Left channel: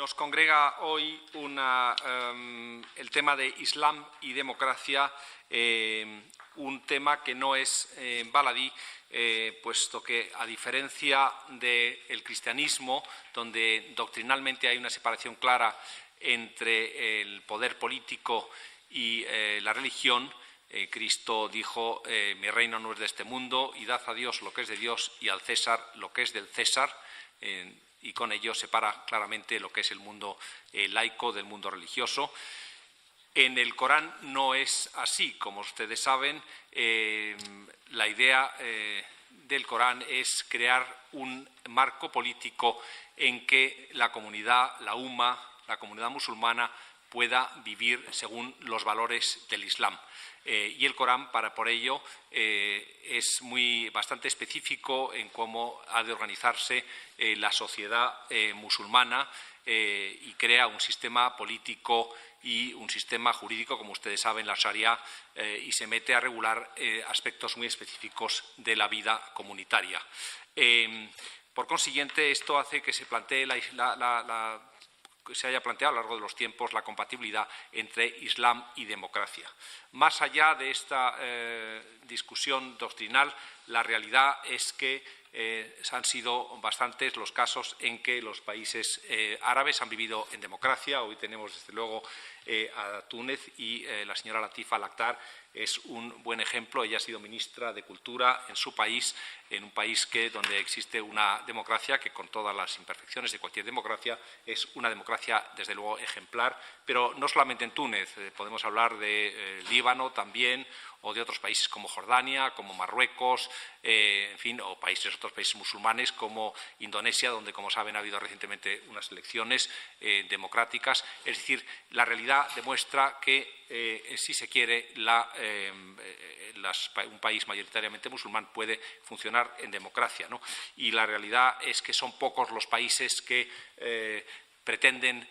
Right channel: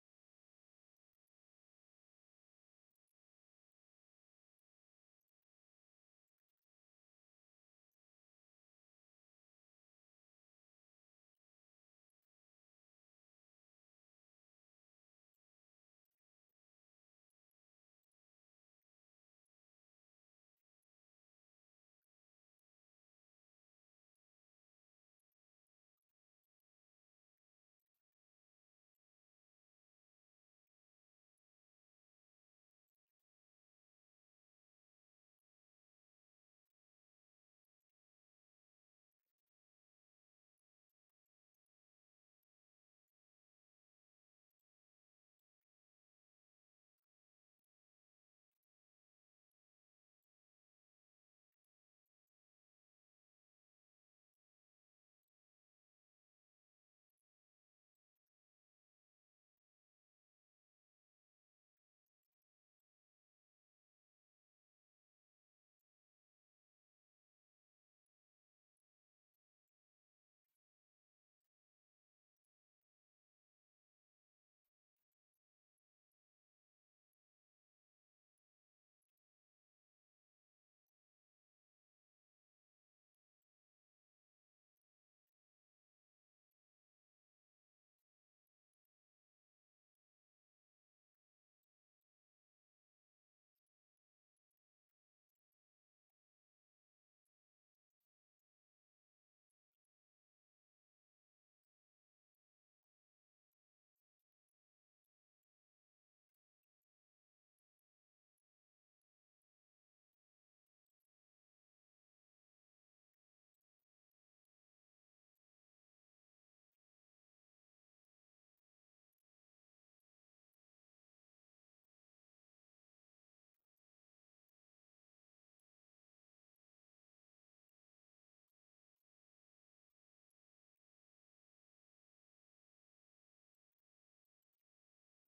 Nos congrega hoy el tema de Islam y democracia, un tema que no es baladí, puesto que, a diferencia del cristianismo, donde doctrinalmente hay una separación clara entre el poder político y la religión, Cristo dijo: mi reino no es de este mundo, y dad a Dios lo que es de Dios y al César lo que es del César, y con ello separa claramente lo que es el mundo laico del mundo religioso. En el Corán no es así. Como ustedes saben, la idea del Corán es crear un marco político en que la comunidad, la Umma, la comunidad musulmana, pueda vivir según los valores del Islam. Y el Corán, por ello, es bastante específico en cómo ha de organizarse la sociedad musulmana, y crea un sistema político y un sistema jurídico, como ustedes saben, la Sharia, y se mete a regular aspectos muy específicos de la vida comunitaria. Por consiguiente, esto hace que se plantee que se haya planteado a lo largo de los tiempos la compatibilidad entre Islam y democracia. Más allá de esta discusión doctrinal, la realidad es que han sido bastantes los casos en que los países árabes han vivido en democracia. Hoy tenemos, desde luego, a Túnez, y la señora Latifa Al-Akhtar es un buen ejemplo. Ella ha sido ministra de Cultura en su país, en un país donde existe una democracia que, con todas las imperfecciones de cualquier democracia, es una democracia, desde luego, ejemplar. Pero no solamente en Túnez, podemos hablar de Líbano también, o de otros países como Jordania, como Marruecos, en fin, o otros países musulmanes como Indonesia, donde, como saben, ha habido recientemente unas elecciones democráticas. Es decir, la realidad demuestra que, si se quiere, un país mayoritariamente musulmán puede funcionar en democracia, ¿no? Y la realidad es que son pocos los países que pretenden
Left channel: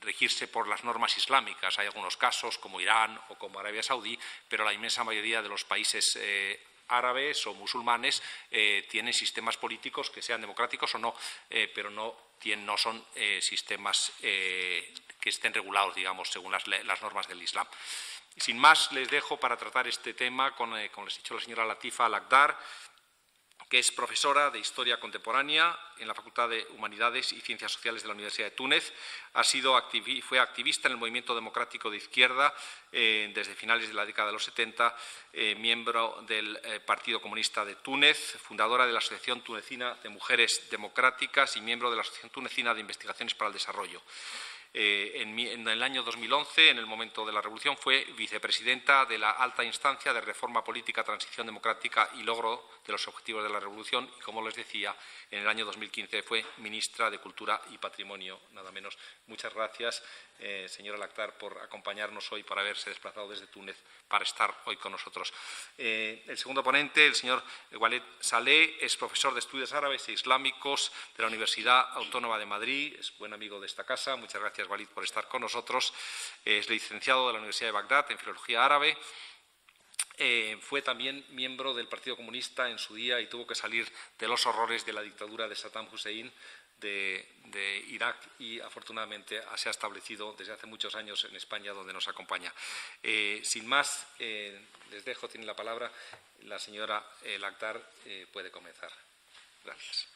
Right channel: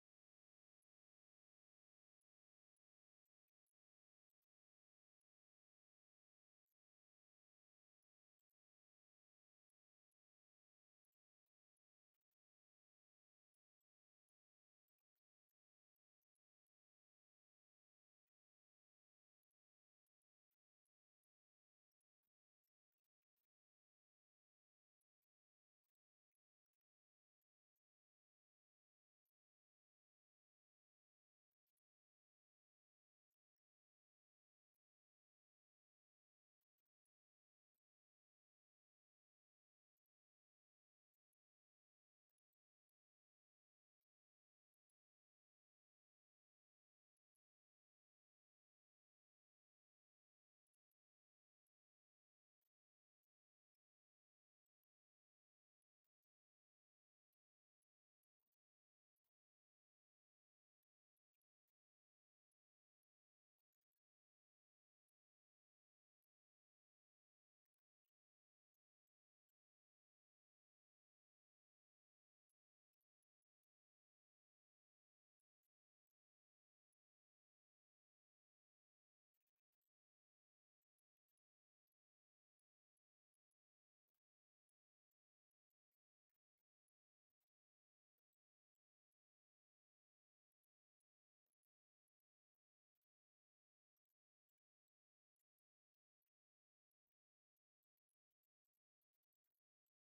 regirse por las normas islámicas. Hay algunos casos, como Irán o como Arabia Saudí, pero la inmensa mayoría de los países árabes o musulmanes tienen sistemas políticos que sean democráticos o no, pero no son sistemas que estén regulados, digamos, según las normas del Islam. Sin más, les dejo para tratar este tema como les he dicho, la señora Latifa Al-Akhtar, que es profesora de Historia Contemporánea en la Facultad de Humanidades y Ciencias Sociales de la Universidad de Túnez. Fue activista en el movimiento democrático de izquierda desde finales de la década de los 70, miembro del Partido Comunista de Túnez, fundadora de la Asociación Tunecina de Mujeres Democráticas y miembro de la Asociación Tunecina de Investigaciones para el Desarrollo. En el año 2011, en el momento de la revolución, fue vicepresidenta de la alta instancia de reforma política, transición democrática y logro de los objetivos de la revolución, y, como les decía, en el año 2015 fue ministra de Cultura y Patrimonio, nada menos. Muchas gracias, señora Al-Akhtar, por acompañarnos hoy, por haberse desplazado desde Túnez para estar hoy con nosotros. El segundo ponente, el señor Walid Saleh, es profesor de Estudios Árabes e Islámicos de la Universidad Autónoma de Madrid, es buen amigo de esta casa. Muchas gracias, Walid, por estar con nosotros. Es licenciado de la Universidad de Bagdad en Filología Árabe. Fue también miembro del Partido Comunista en su día y tuvo que salir de los horrores de la dictadura de Saddam Hussein de Irak, y afortunadamente se ha establecido desde hace muchos años en España, donde nos acompaña. Sin más, les dejo, tiene la palabra la señora Al-Akhtar, puede comenzar. Gracias.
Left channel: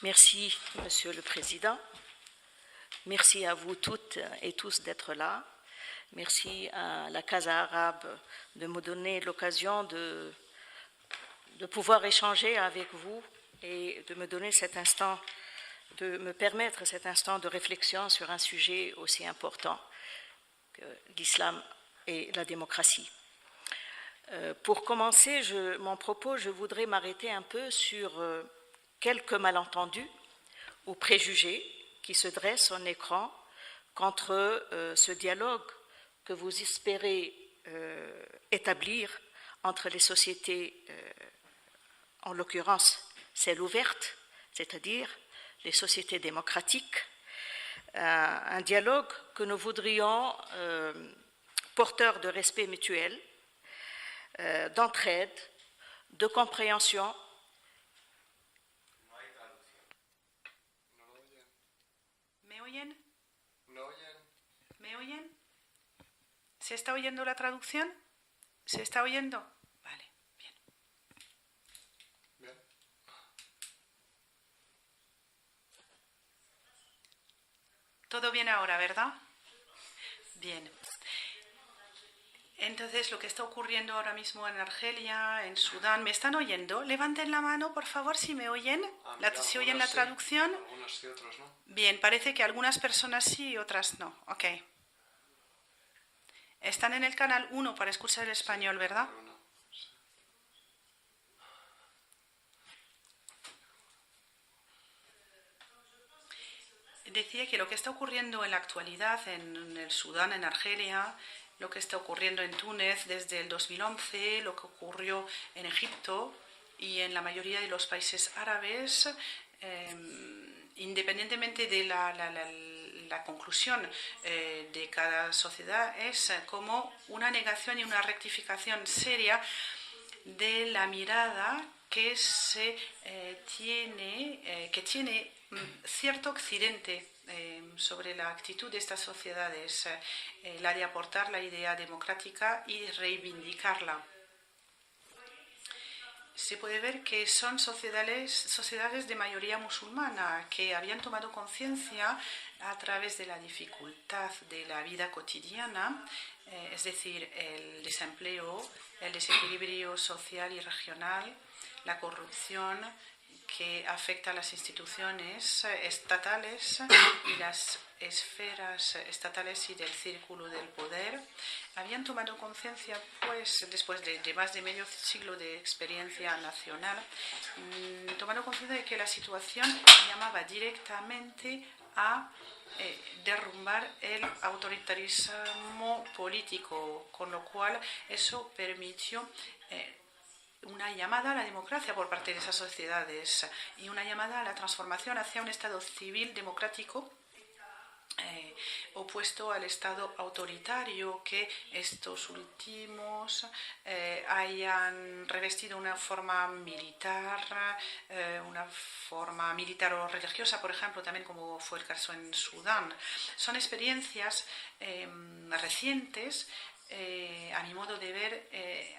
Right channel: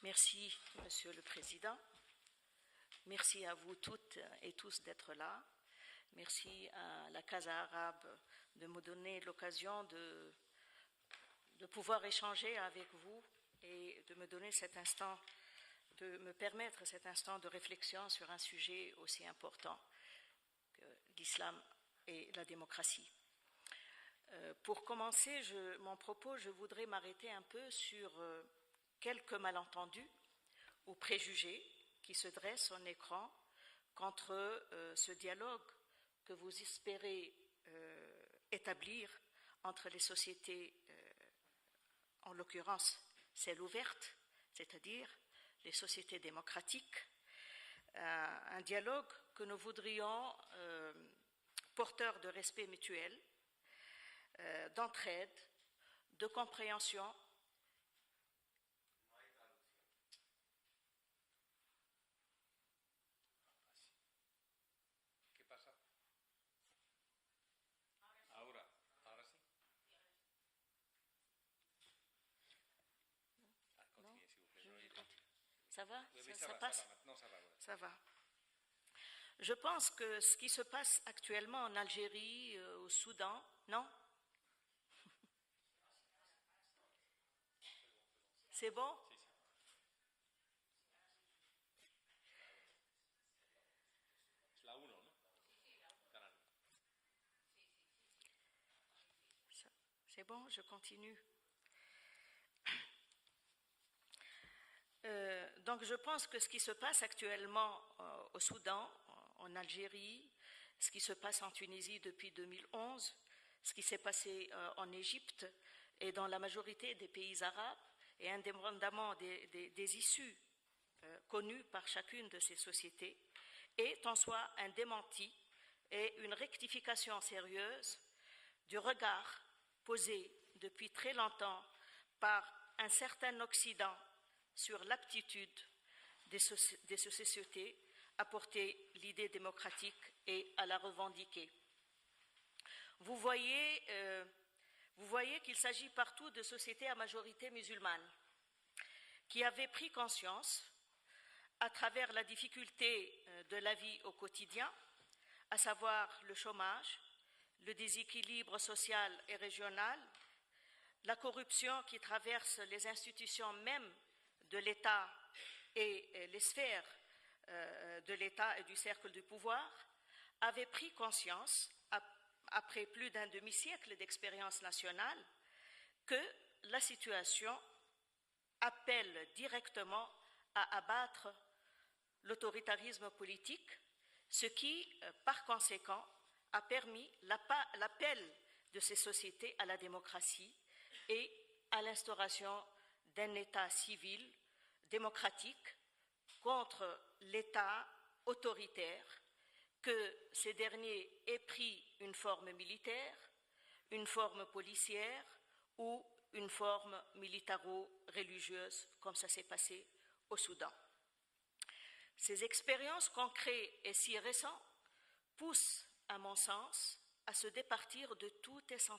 Merci, Monsieur le Président. Merci à vous toutes et tous d'être là. Merci à la Casa Arabe de me donner l'occasion de pouvoir échanger avec vous et de me donner cet instant, de me permettre cet instant de réflexion sur un sujet aussi important que l'islam et la démocratie. Pour commencer mon propos, je voudrais m'arrêter un peu sur quelques malentendus ou préjugés qui se dressent en écran contre ce dialogue que vous espérez établir entre les sociétés, en l'occurrence celles ouvertes, c'est-à-dire les sociétés démocratiques, un dialogue que nous voudrions porteur de respect mutuel, d'entraide, de compréhension ¿Se está oyendo la traducción? ¿Se está oyendo? Vale, bien. Todo bien ahora, ¿verdad? Bien. Entonces, lo que está ocurriendo ahora mismo en Argelia, en Sudán, ¿me están oyendo? Levanten la mano, por favor, si me oyen. ¿Si oyen la traducción? Algunas sí, otras no. Bien, parece que algunas personas sí y otras no. Ok. Están en el canal 1 para escuchar el español, ¿verdad? Decía que lo que está ocurriendo en la actualidad en el Sudán, en Argelia, lo que está ocurriendo en Túnez desde el 2011, lo que ocurrió en Egipto y en la mayoría de los países árabes, independientemente de la conclusión de cada sociedad, es como una negación y una rectificación seria de la mirada que tiene cierto Occidente sobre la actitud de estas sociedades, la de aportar la idea democrática y reivindicarla. Se puede ver que son sociedades de mayoría musulmana que habían tomado conciencia a través de la dificultad de la vida cotidiana, es decir, el desempleo, el desequilibrio social y regional, la corrupción que afecta a las instituciones estatales y las esferas estatales y del círculo del poder. Habían tomado conciencia, pues, después de más de medio siglo de experiencia nacional, tomando conciencia de que la situación llamaba directamente a derrumbar el autoritarismo político, con lo cual eso permitió una llamada a la democracia por parte de esas sociedades y una llamada a la transformación hacia un Estado civil democrático opuesto al Estado autoritario que estos últimos hayan revestido una forma militar o religiosa, por ejemplo, también como fue el caso en Sudán. Son experiencias recientes, a mi modo de ver,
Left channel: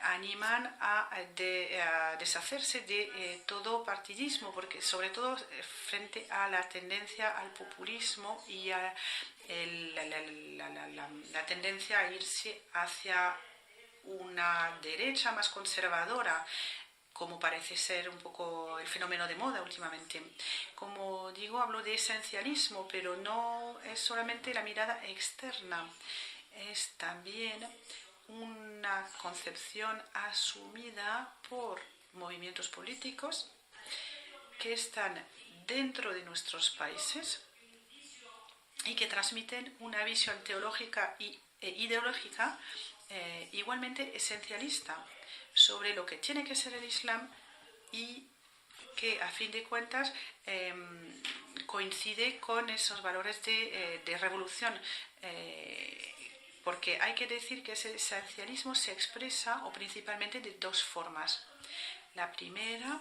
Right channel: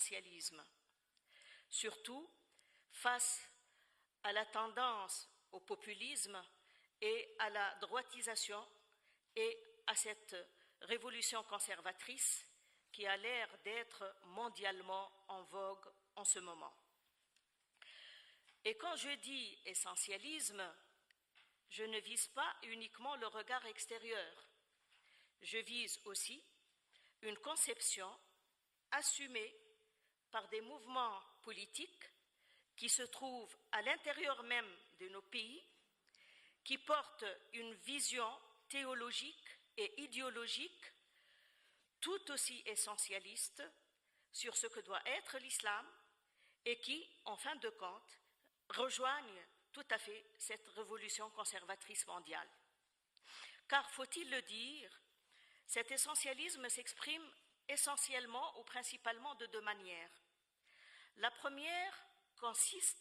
animan a deshacerse de todo partidismo, porque sobre todo frente a la tendencia al populismo y a la tendencia a irse hacia una derecha más conservadora, como parece ser un poco el fenómeno de moda últimamente. Como digo, hablo de esencialismo, pero no es solamente la mirada externa, es también una concepción asumida por movimientos políticos que están dentro de nuestros países y que transmiten una visión teológica e ideológica igualmente esencialista sobre lo que tiene que ser el Islam y que a fin de cuentas coincide con esos valores de revolución, porque hay que decir que ese esencialismo se expresa principalmente de dos formas. La primera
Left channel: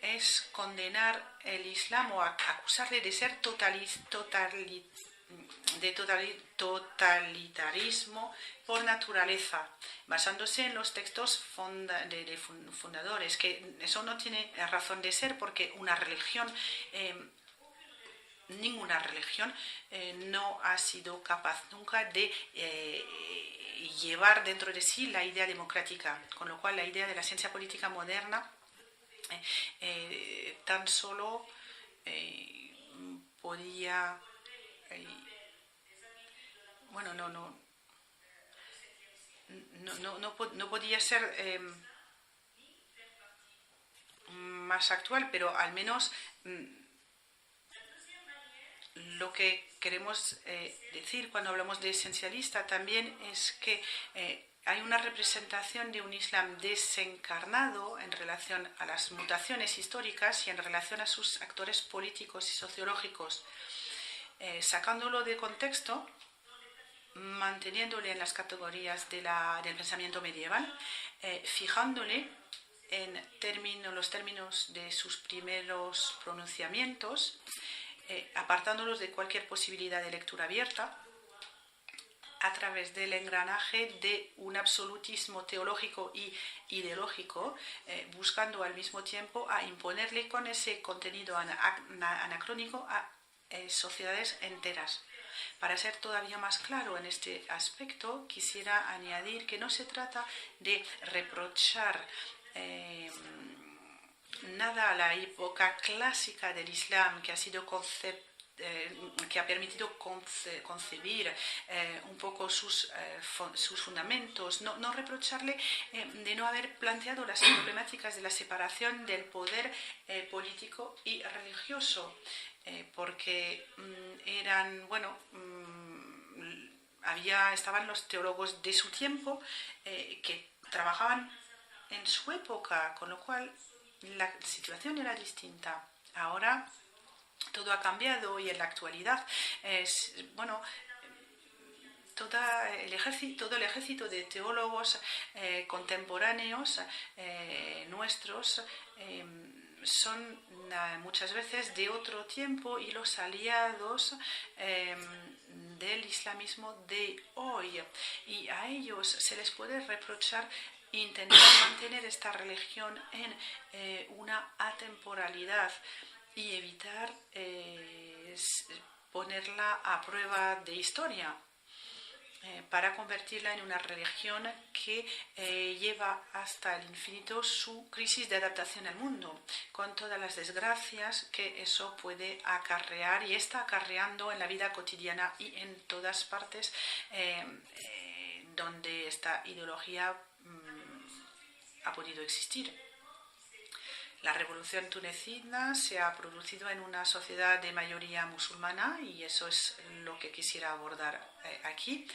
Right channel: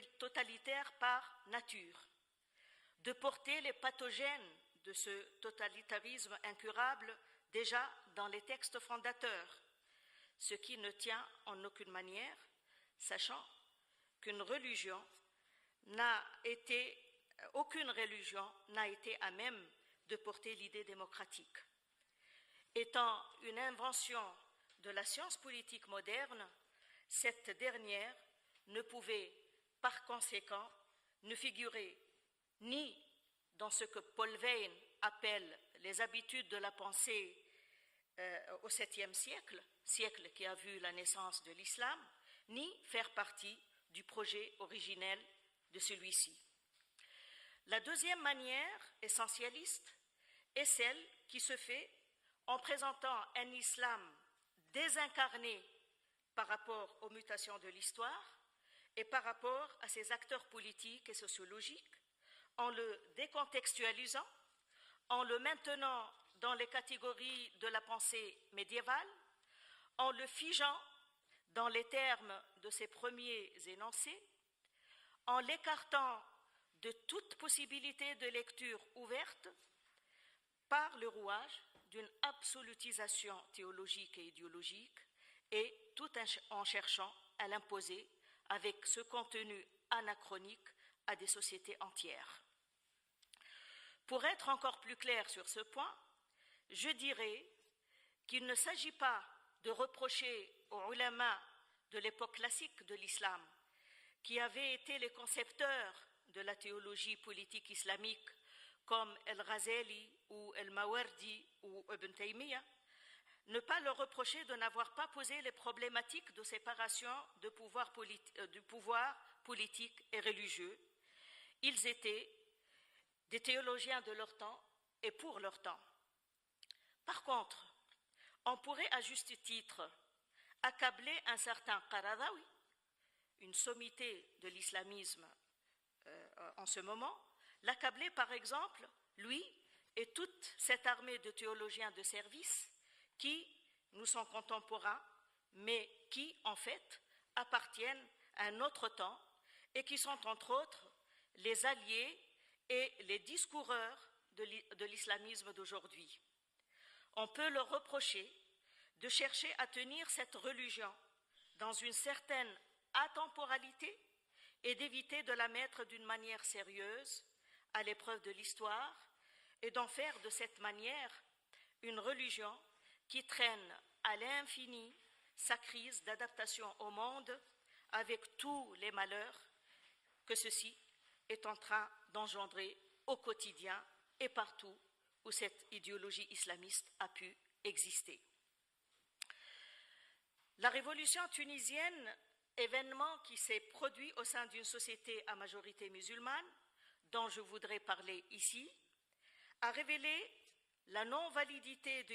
es condenar el Islam o acusarle de ser totalitarismo por naturaleza, basándose en los textos fundadores, que eso no tiene razón de ser porque una religión, ninguna religión no ha sido capaz nunca de llevar dentro de sí la idea democrática, con lo cual la idea de la ciencia política moderna tan solo podía no podía ser más actual, pero al menos lo que queremos decir cuando hablamos de esencialista también es que hay una representación de un Islam desencarnado en relación a las mutaciones históricas y en relación a sus actores políticos y sociológicos. Sacándolo de contexto, manteniéndole en las categorías del pensamiento medieval, fijándole en los términos de sus primeros pronunciamientos, apartándolos de cualquier posibilidad de lectura abierta, a través del engranaje de un absolutismo teológico y ideológico, buscando al mismo tiempo a imponerle con ese contenido anacrónico a sociedades enteras. Para ser todavía más claro en este aspecto, quisiera añadir que no se trata de reprochar nada a la época clásica del Islam, que ha sido que ha permitido concebir un poco sus fundamentos, no reprocharle de no haber planteado las problemáticas de la separación del poder político y religioso, porque eran, estaban los teólogos de su tiempo que trabajaban en su época, con lo cual la situación era distinta. Ahora todo ha cambiado y en la actualidad todo el ejército de teólogos contemporáneos nuestros son muchas veces de otro tiempo y los aliados del islamismo de hoy. Y a ellos se les puede reprochar intentar mantener esta religión en una atemporalidad y evitar ponerla a prueba de historia, para convertirla en una religión que lleva hasta el infinito su crisis de adaptación al mundo, con todas las desgracias que eso puede acarrear y está acarreando en la vida cotidiana y en todas partes donde esta ideología ha podido existir. La revolución tunecina se ha producido en una sociedad de mayoría musulmana y eso es lo que quisiera abordar aquí.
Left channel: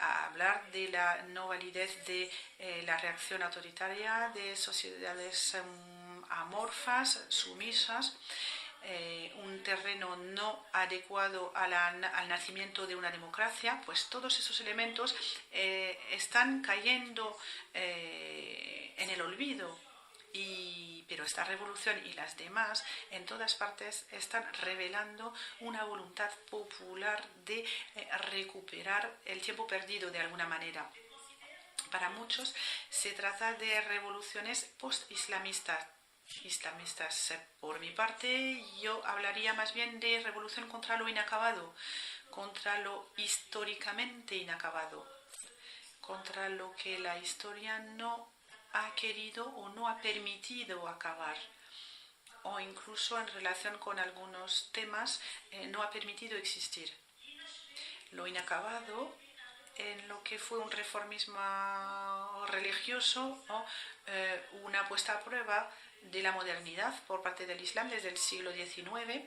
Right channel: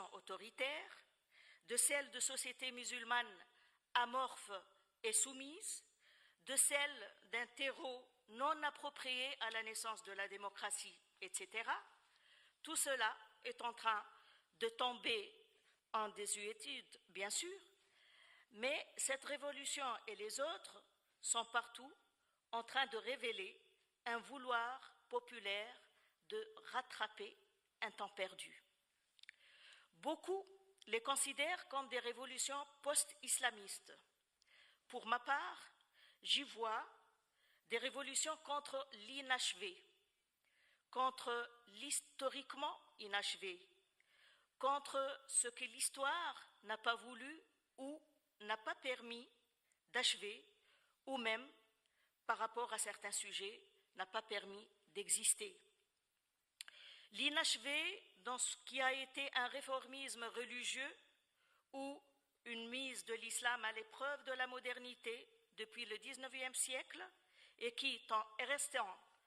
A hablar de la no validez de la reacción autoritaria de sociedades amorfas, sumisas, un terreno no adecuado al nacimiento de una democracia, pues todos esos elementos están cayendo en el olvido. Pero esta revolución y las demás en todas partes están revelando una voluntad popular de recuperar el tiempo perdido de alguna manera. Para muchos se trata de revoluciones post-islamistas. Por mi parte, yo hablaría más bien de revolución contra lo inacabado, contra lo históricamente inacabado, contra lo que la historia no ha querido o no ha permitido acabar, o incluso en relación con algunos temas no ha permitido existir. Lo inacabado, en lo que fue un reformismo religioso o una puesta a prueba de la modernidad por parte del Islam desde el siglo XIX.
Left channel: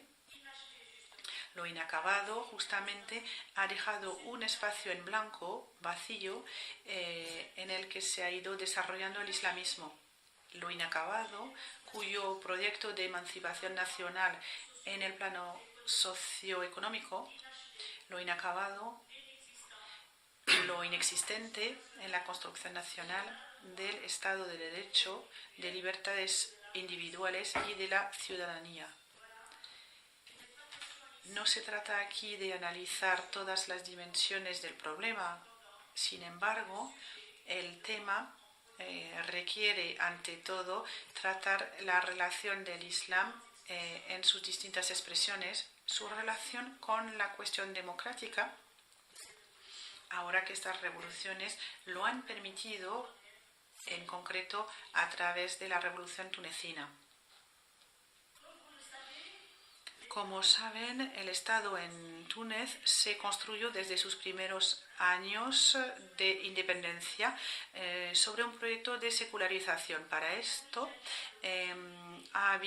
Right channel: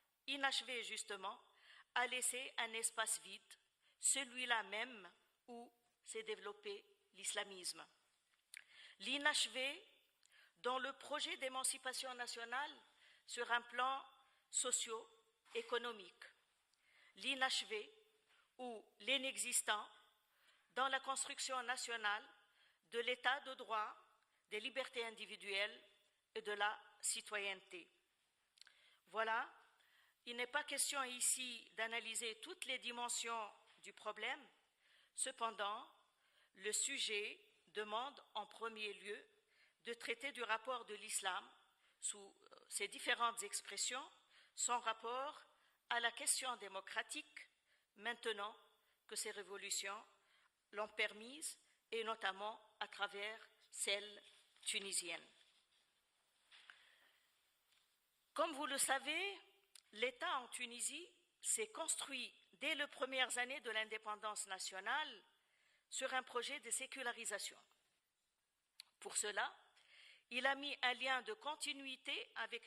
Lo inacabado justamente ha dejado un espacio en blanco, vacío, en el que se ha ido desarrollando el islamismo. Lo inacabado, cuyo proyecto de emancipación nacional en el plano socioeconómico, lo inacabado, lo inexistente en la construcción nacional del Estado de Derecho, de libertades individuales y de la ciudadanía. No se trata aquí de analizar todas las dimensiones del problema. Sin embargo, el tema requiere, ante todo, tratar la relación del Islam en sus distintas expresiones, su relación con la cuestión democrática, ahora que estas revoluciones lo han permitido, en concreto, a través de la revolución tunecina. Como saben, el Estado en Túnez se construyó desde sus primeros años de independencia sobre un proyecto de secularización. Para esto ha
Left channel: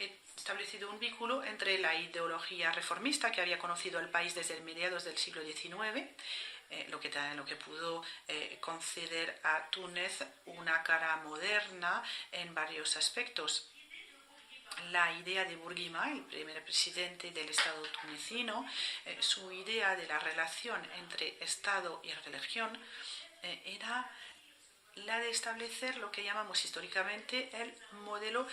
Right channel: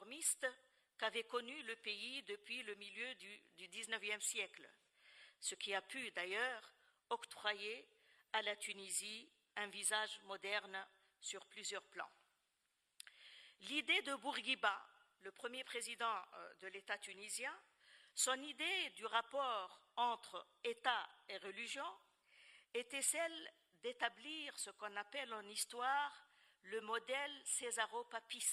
establecido un vínculo entre la ideología reformista que había conocido el país desde mediados del siglo XIX, lo que pudo conceder a Túnez una cara moderna en varios aspectos. La idea de Bourguiba el primer presidente del Estado tunecino, su idea de la relación entre Estado y religión era la de establecer lo que llamamos históricamente el modelo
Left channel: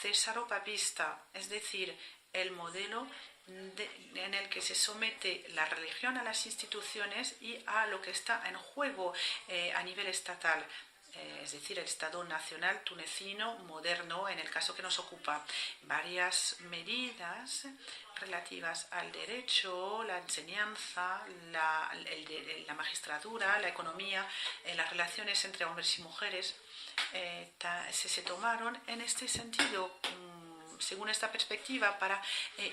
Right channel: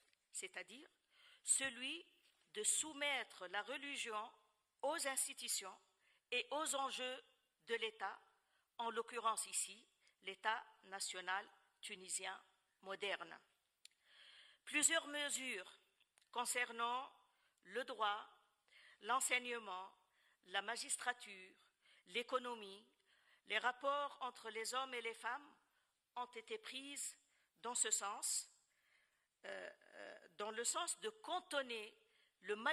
césaropapista, es decir, el modelo en el que se somete la religión a las instituciones y a lo que está en juego a nivel estatal, es decir, el Estado nacional tunecino moderno, en el caso que nos ocupa. Varias medidas relativas al derecho, la enseñanza, la magistratura, la economía, las relaciones entre hombres y mujeres, se tomaron en este sentido, según esta perspectiva, para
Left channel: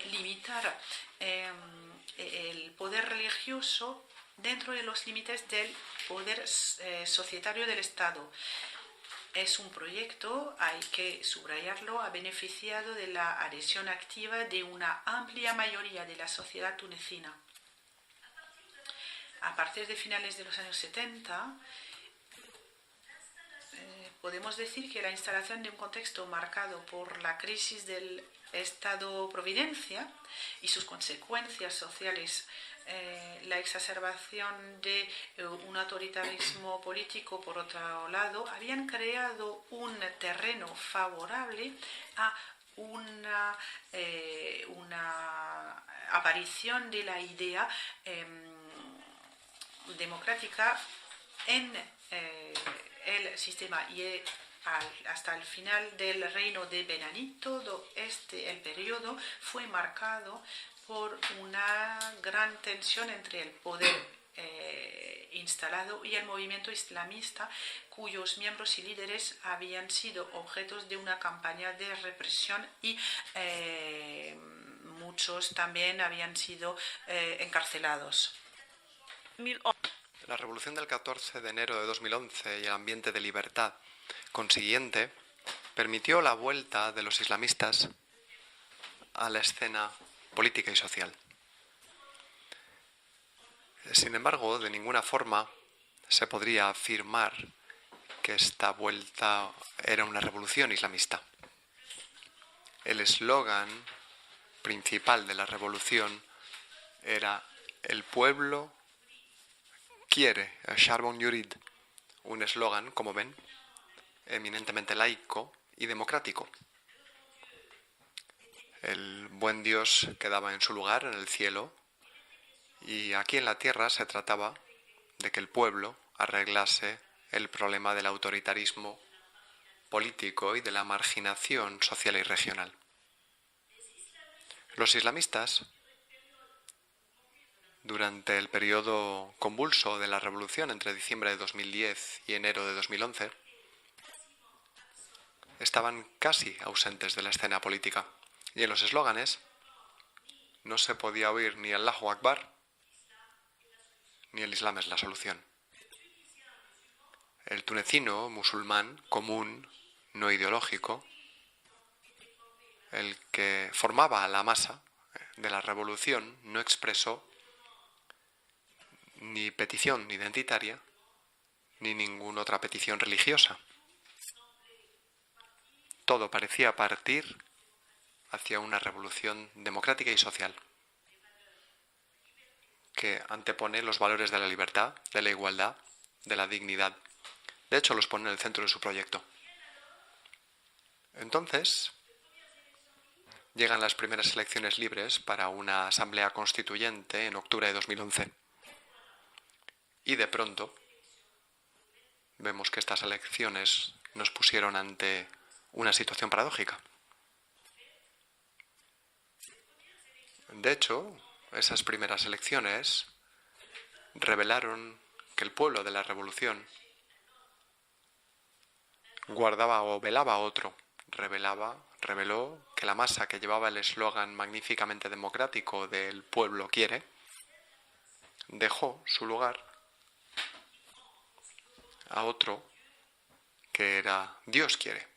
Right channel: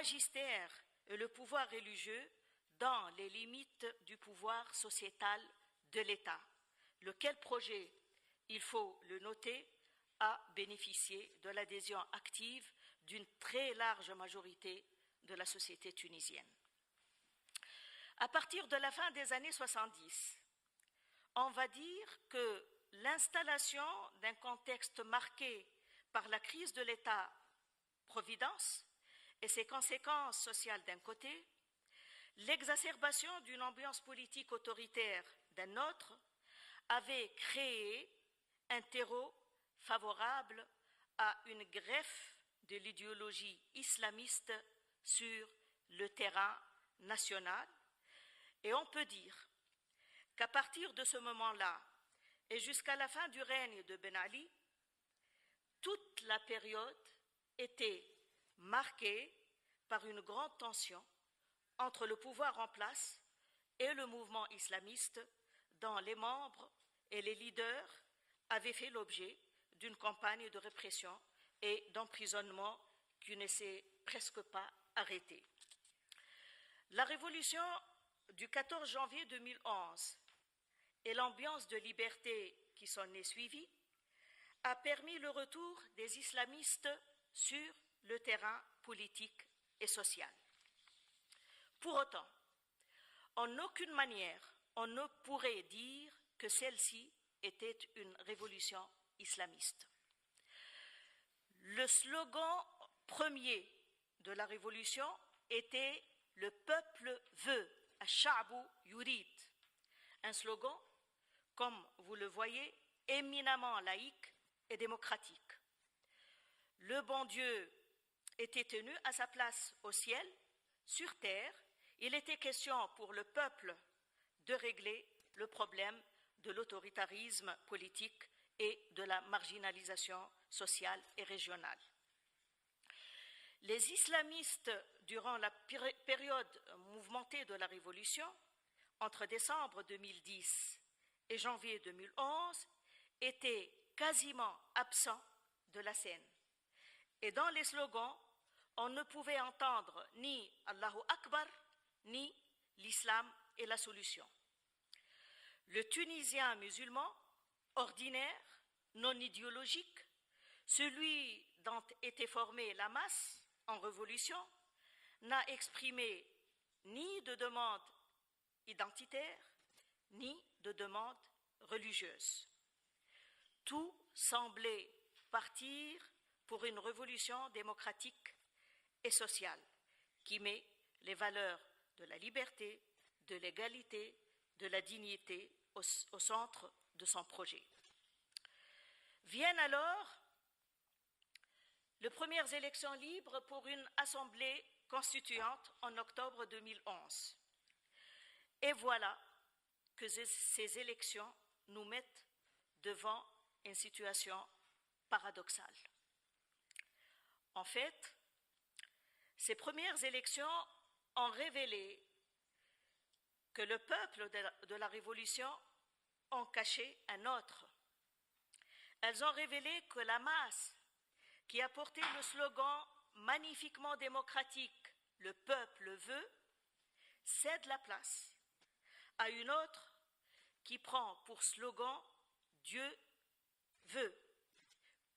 limitar el poder religioso dentro de los límites del poder societario del Estado. Es un proyecto, hay que subrayarlo, ha beneficiado de la adhesión activa de una amplia mayoría de la sociedad tunecina. A partir de finales de los años 70, podemos decir que la instalación de un contexto marcado por la crisis del Estado-Providencia y sus consecuencias sociales, la exacerbación de un autoritarismo político, por otro lado, habían creado un terreno favorable a una aparición de la idea democrática en el sistema, y hasta el final del reino de Ben Ali, todo el periodo fue marcado por una gran tensión entre el poder instalado y el movimiento islamista, cuyos miembros y líderes habían sido objetos de una campaña de represión y muchos también habían sido encarcelados. La revolución del 14 de enero de 2011 y el ambiente de libertad consiguiente permitió la vuelta de los islamistas a la escena política y social. Sin embargo, de ninguna forma se podría afirmar que esta vuelta era una revolución islamista. El eslogan principal de la revolución era "El pueblo quiere", Charbon Yurid, un eslogan, como ven, eminentemente laico y democrático. El buen Dios quedaba en su lugar, en el cielo, y aquí en la tierra se trataba de que el pueblo arreglase el problema del autoritarismo político y de la marginación social y regional. Los islamistas, durante el periodo convulso de la revolución entre diciembre de 2010 y enero de 2011, estaban casi ausentes de la escena política. Y en los eslóganes no se podía oír ni Allahu Akbar ni el Islam es la solución. El tunecino musulmán común, no ideológico, el que formaba la masa de la revolución, no expresó ni petición identitaria ni ninguna otra petición religiosa. Todo parecía partir hacia una revolución democrática y social que antepone los valores de la libertad, de la igualdad, de la dignidad. De hecho, los pone en el centro de su proyecto. Entonces, llegan las primeras elecciones libres para una asamblea constituyente en octubre de 2011. Y de pronto vemos que estas elecciones nos pusieron ante una situación paradójica. De hecho, esas primeras elecciones revelaron que el pueblo de la revolución guardaba o velaba a otro. Reveló que la masa que llevaba el eslogan magníficamente democrático del pueblo quiere, dejó su lugar a otro que era Dios quiere,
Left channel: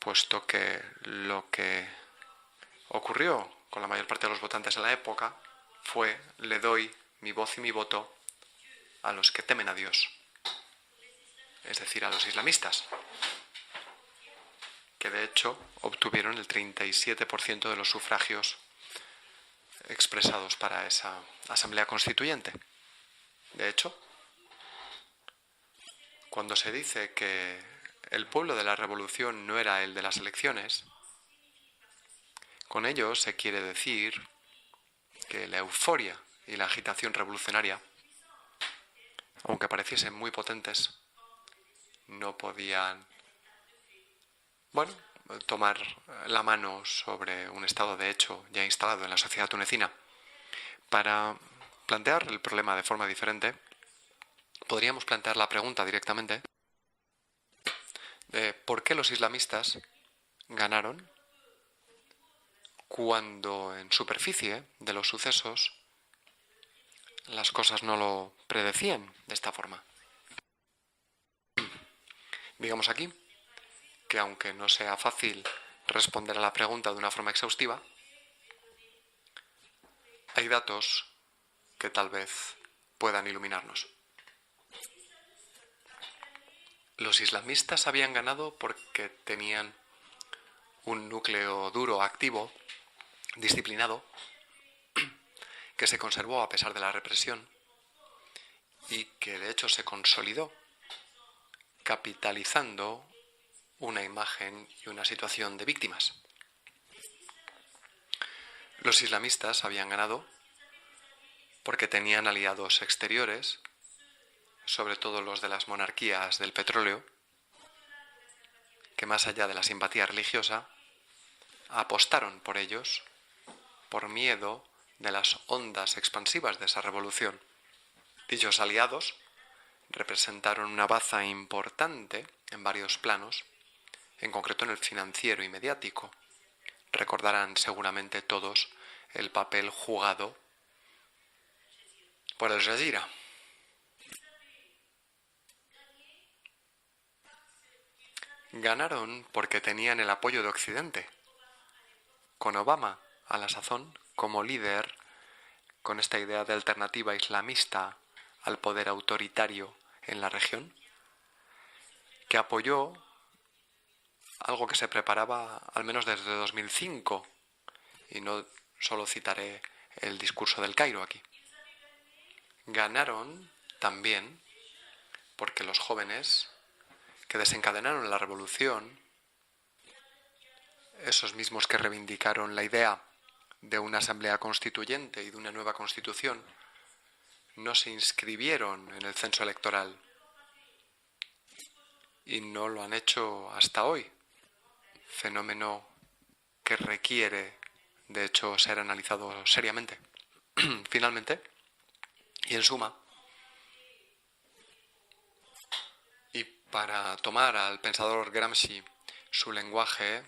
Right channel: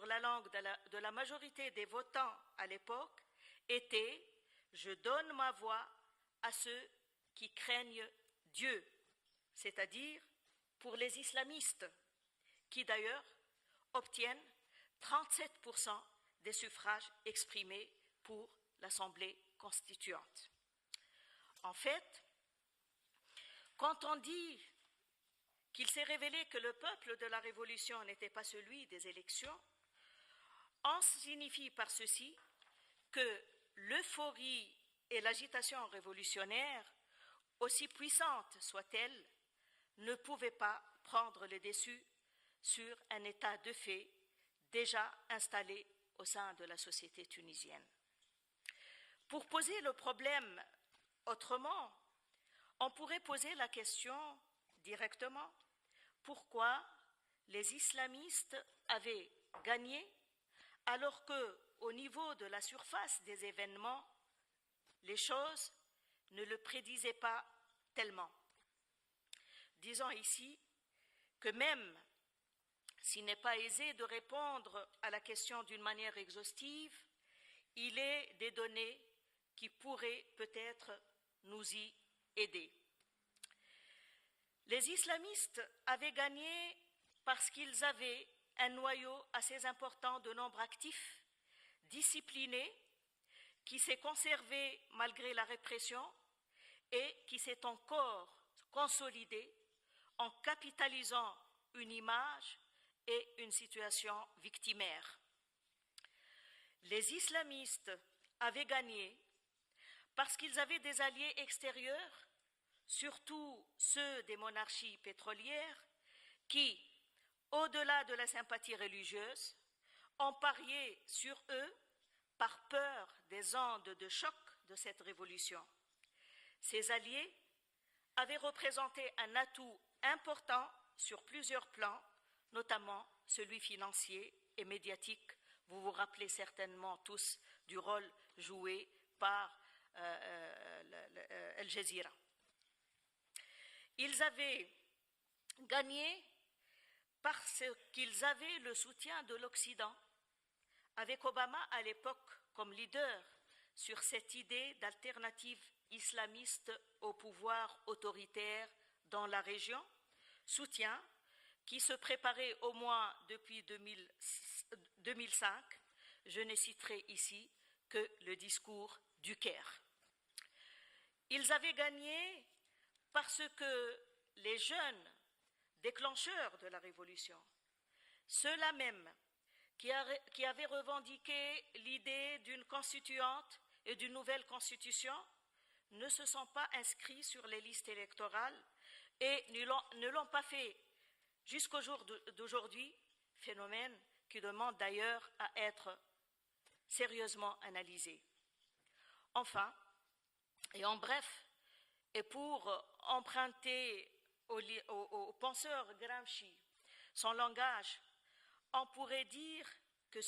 puesto que lo que ocurrió con la mayor parte de los votantes en la época fue: le doy mi voz y mi voto a los que temen a Dios, es decir, a los islamistas, que de hecho obtuvieron el 37% de los sufragios expresados para esa Asamblea Constituyente. De hecho, cuando se dice que el pueblo de la revolución no era el de las elecciones, con ello se quiere decir que la euforia y la agitación revolucionaria, aunque pareciesen muy potentes, no podían tomar la mano sobre un estado de hecho ya instalado en la sociedad tunecina. Para plantear el problema de forma diferente, podríamos plantear la pregunta directamente de por qué los islamistas ganaron cuando en superficie de los sucesos las cosas no lo predecían de esta forma. Digamos aquí que aunque no sea fácil responder a la pregunta de una forma exhaustiva, hay datos que tal vez puedan iluminarnos. Los islamistas habían ganado porque tenían un núcleo duro, activo, disciplinado, que se conservó a pesar de la represión y que de hecho se consolidó capitalizando una imagen y una situación de víctimas. Los islamistas habían ganado porque tenían aliados exteriores, sobre todo los de las monarquías del petróleo, que más allá de la simpatía religiosa, apostaron por ellos por miedo de las ondas expansivas de esa revolución. Dichos aliados representaron una baza importante en varios planos, en concreto en el financiero y mediático. Recordarán seguramente todos el papel jugado por Al Jazeera. Ganaron porque tenían el apoyo de Occidente, con Obama a la sazón como líder, con esta idea de alternativa islamista al poder autoritario en la región, que apoyó algo que se preparaba al menos desde 2005, y no solo citaré el discurso del Cairo aquí. Ganaron también porque los jóvenes que desencadenaron la revolución, esos mismos que reivindicaron la idea de una asamblea constituyente y de una nueva constitución, no se inscribieron en el censo electoral y no lo han hecho hasta hoy, fenómeno que requiere, de hecho, ser analizado seriamente. Finalmente, y en suma, y para tomar al pensador Gramsci su lenguaje,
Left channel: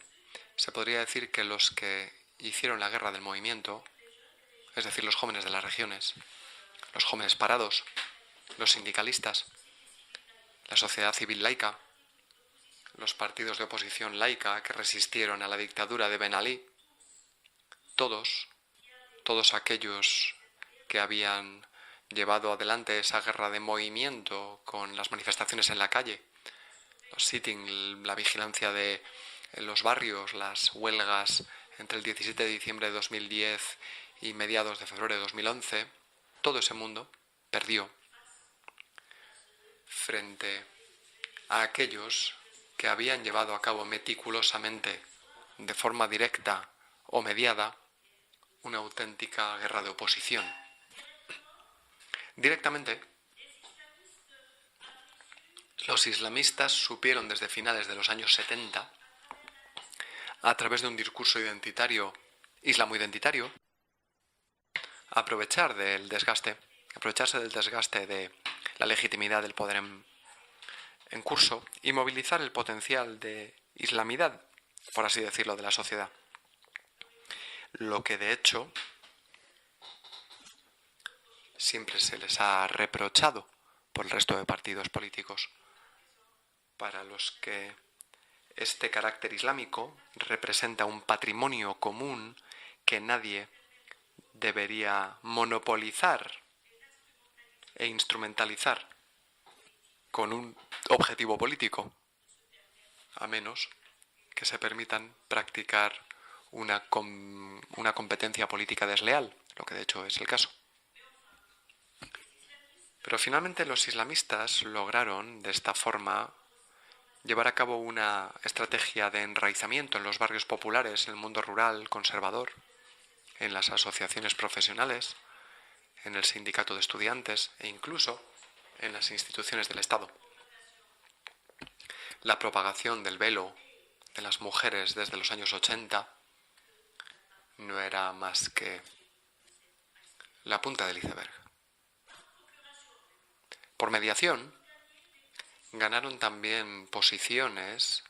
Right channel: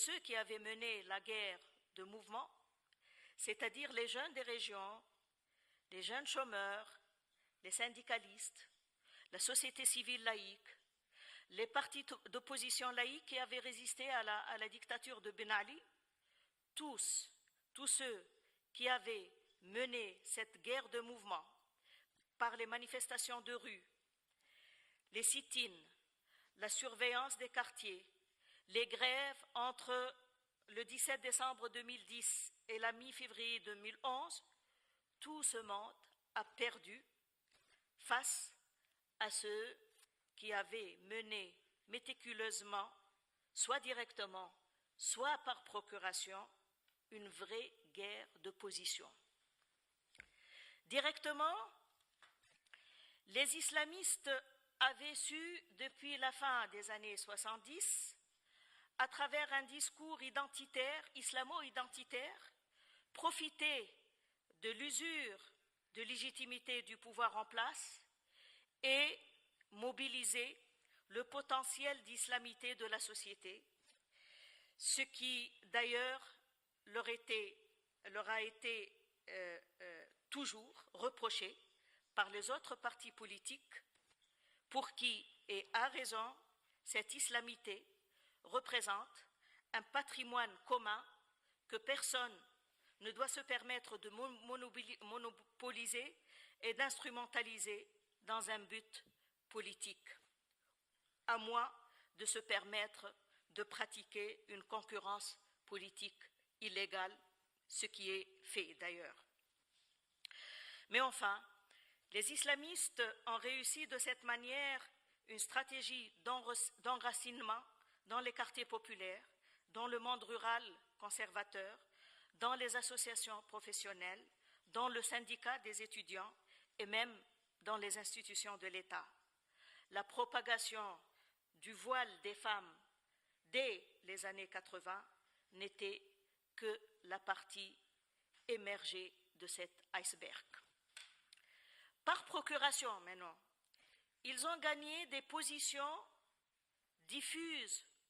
se podría decir que los que hicieron la guerra del movimiento, es decir, los jóvenes de las regiones, los jóvenes parados, los sindicalistas, la sociedad civil laica, los partidos de oposición laica que resistieron a la dictadura de Ben Ali, todos aquellos que habían llevado adelante esa guerra de movimiento con las manifestaciones en la calle, los sitting, la vigilancia de los barrios, las huelgas entre el 17 de diciembre de 2010 y mediados de febrero de 2011, todo ese mundo perdió frente a aquellos que habían llevado a cabo meticulosamente, de forma directa o mediada, una auténtica guerra de oposición. Directamente, los islamistas supieron desde finales de los años 70, a través de un discurso identitario, islamo-identitario, aprovecharse del desgaste de la legitimidad del poder en curso y movilizar el potencial de islamidad, por así decirlo, de la sociedad. Lo que de hecho siempre se les ha reprochado por el resto de partidos políticos, para los que este carácter islámico representa un patrimonio común que nadie debería monopolizar e instrumentalizar con un objetivo político, a menos que se permitan practicar una competencia política desleal, lo que de hecho es el caso. Pero finalmente los islamistas lograron, de esta forma, llevar a cabo una estrategia de enraizamiento en los barrios populares, en el mundo rural, conservador, en las asociaciones profesionales, en el sindicato de estudiantes e incluso en las instituciones del Estado. La propagación del velo de las mujeres desde los años 80 no era más que la punta del iceberg. Por mediación, ganaron también posiciones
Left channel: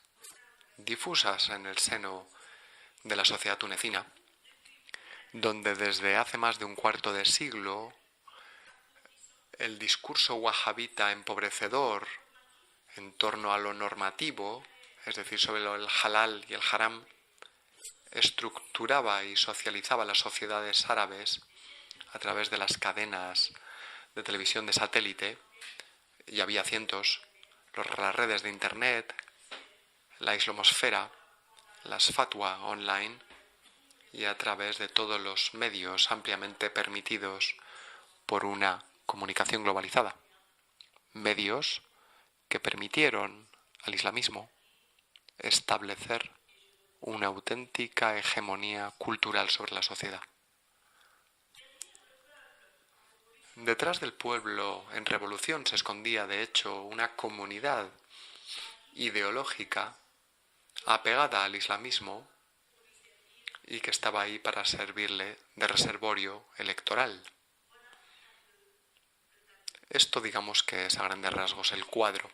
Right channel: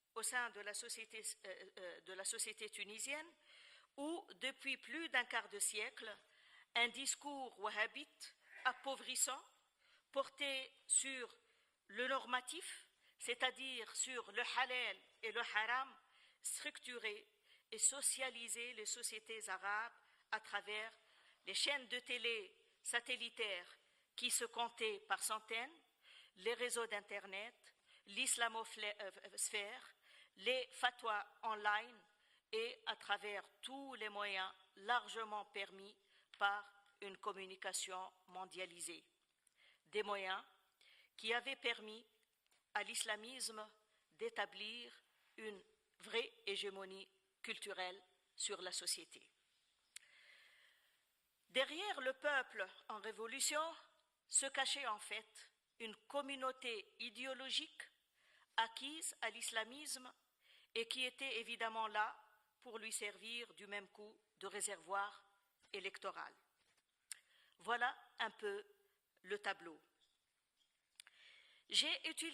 difusas en el seno de la sociedad tunecina, donde desde hace más de un cuarto de siglo el discurso wahabita empobrecedor en torno a lo normativo, es decir, sobre el halal y el haram, estructuraba y socializaba las sociedades árabes a través de las cadenas de televisión de satélite, y había cientos, las redes de Internet, la islamosfera, las fatwa online, y a través de todos los medios ampliamente permitidos por una comunicación globalizada. Medios que permitieron al islamismo establecer una auténtica hegemonía cultural sobre la sociedad. Detrás del pueblo en revolución se escondía, de hecho, una comunidad ideológica apegada al islamismo y que estaba ahí para servirle de reservorio electoral. Esto, digamos que es a grandes rasgos el cuadro.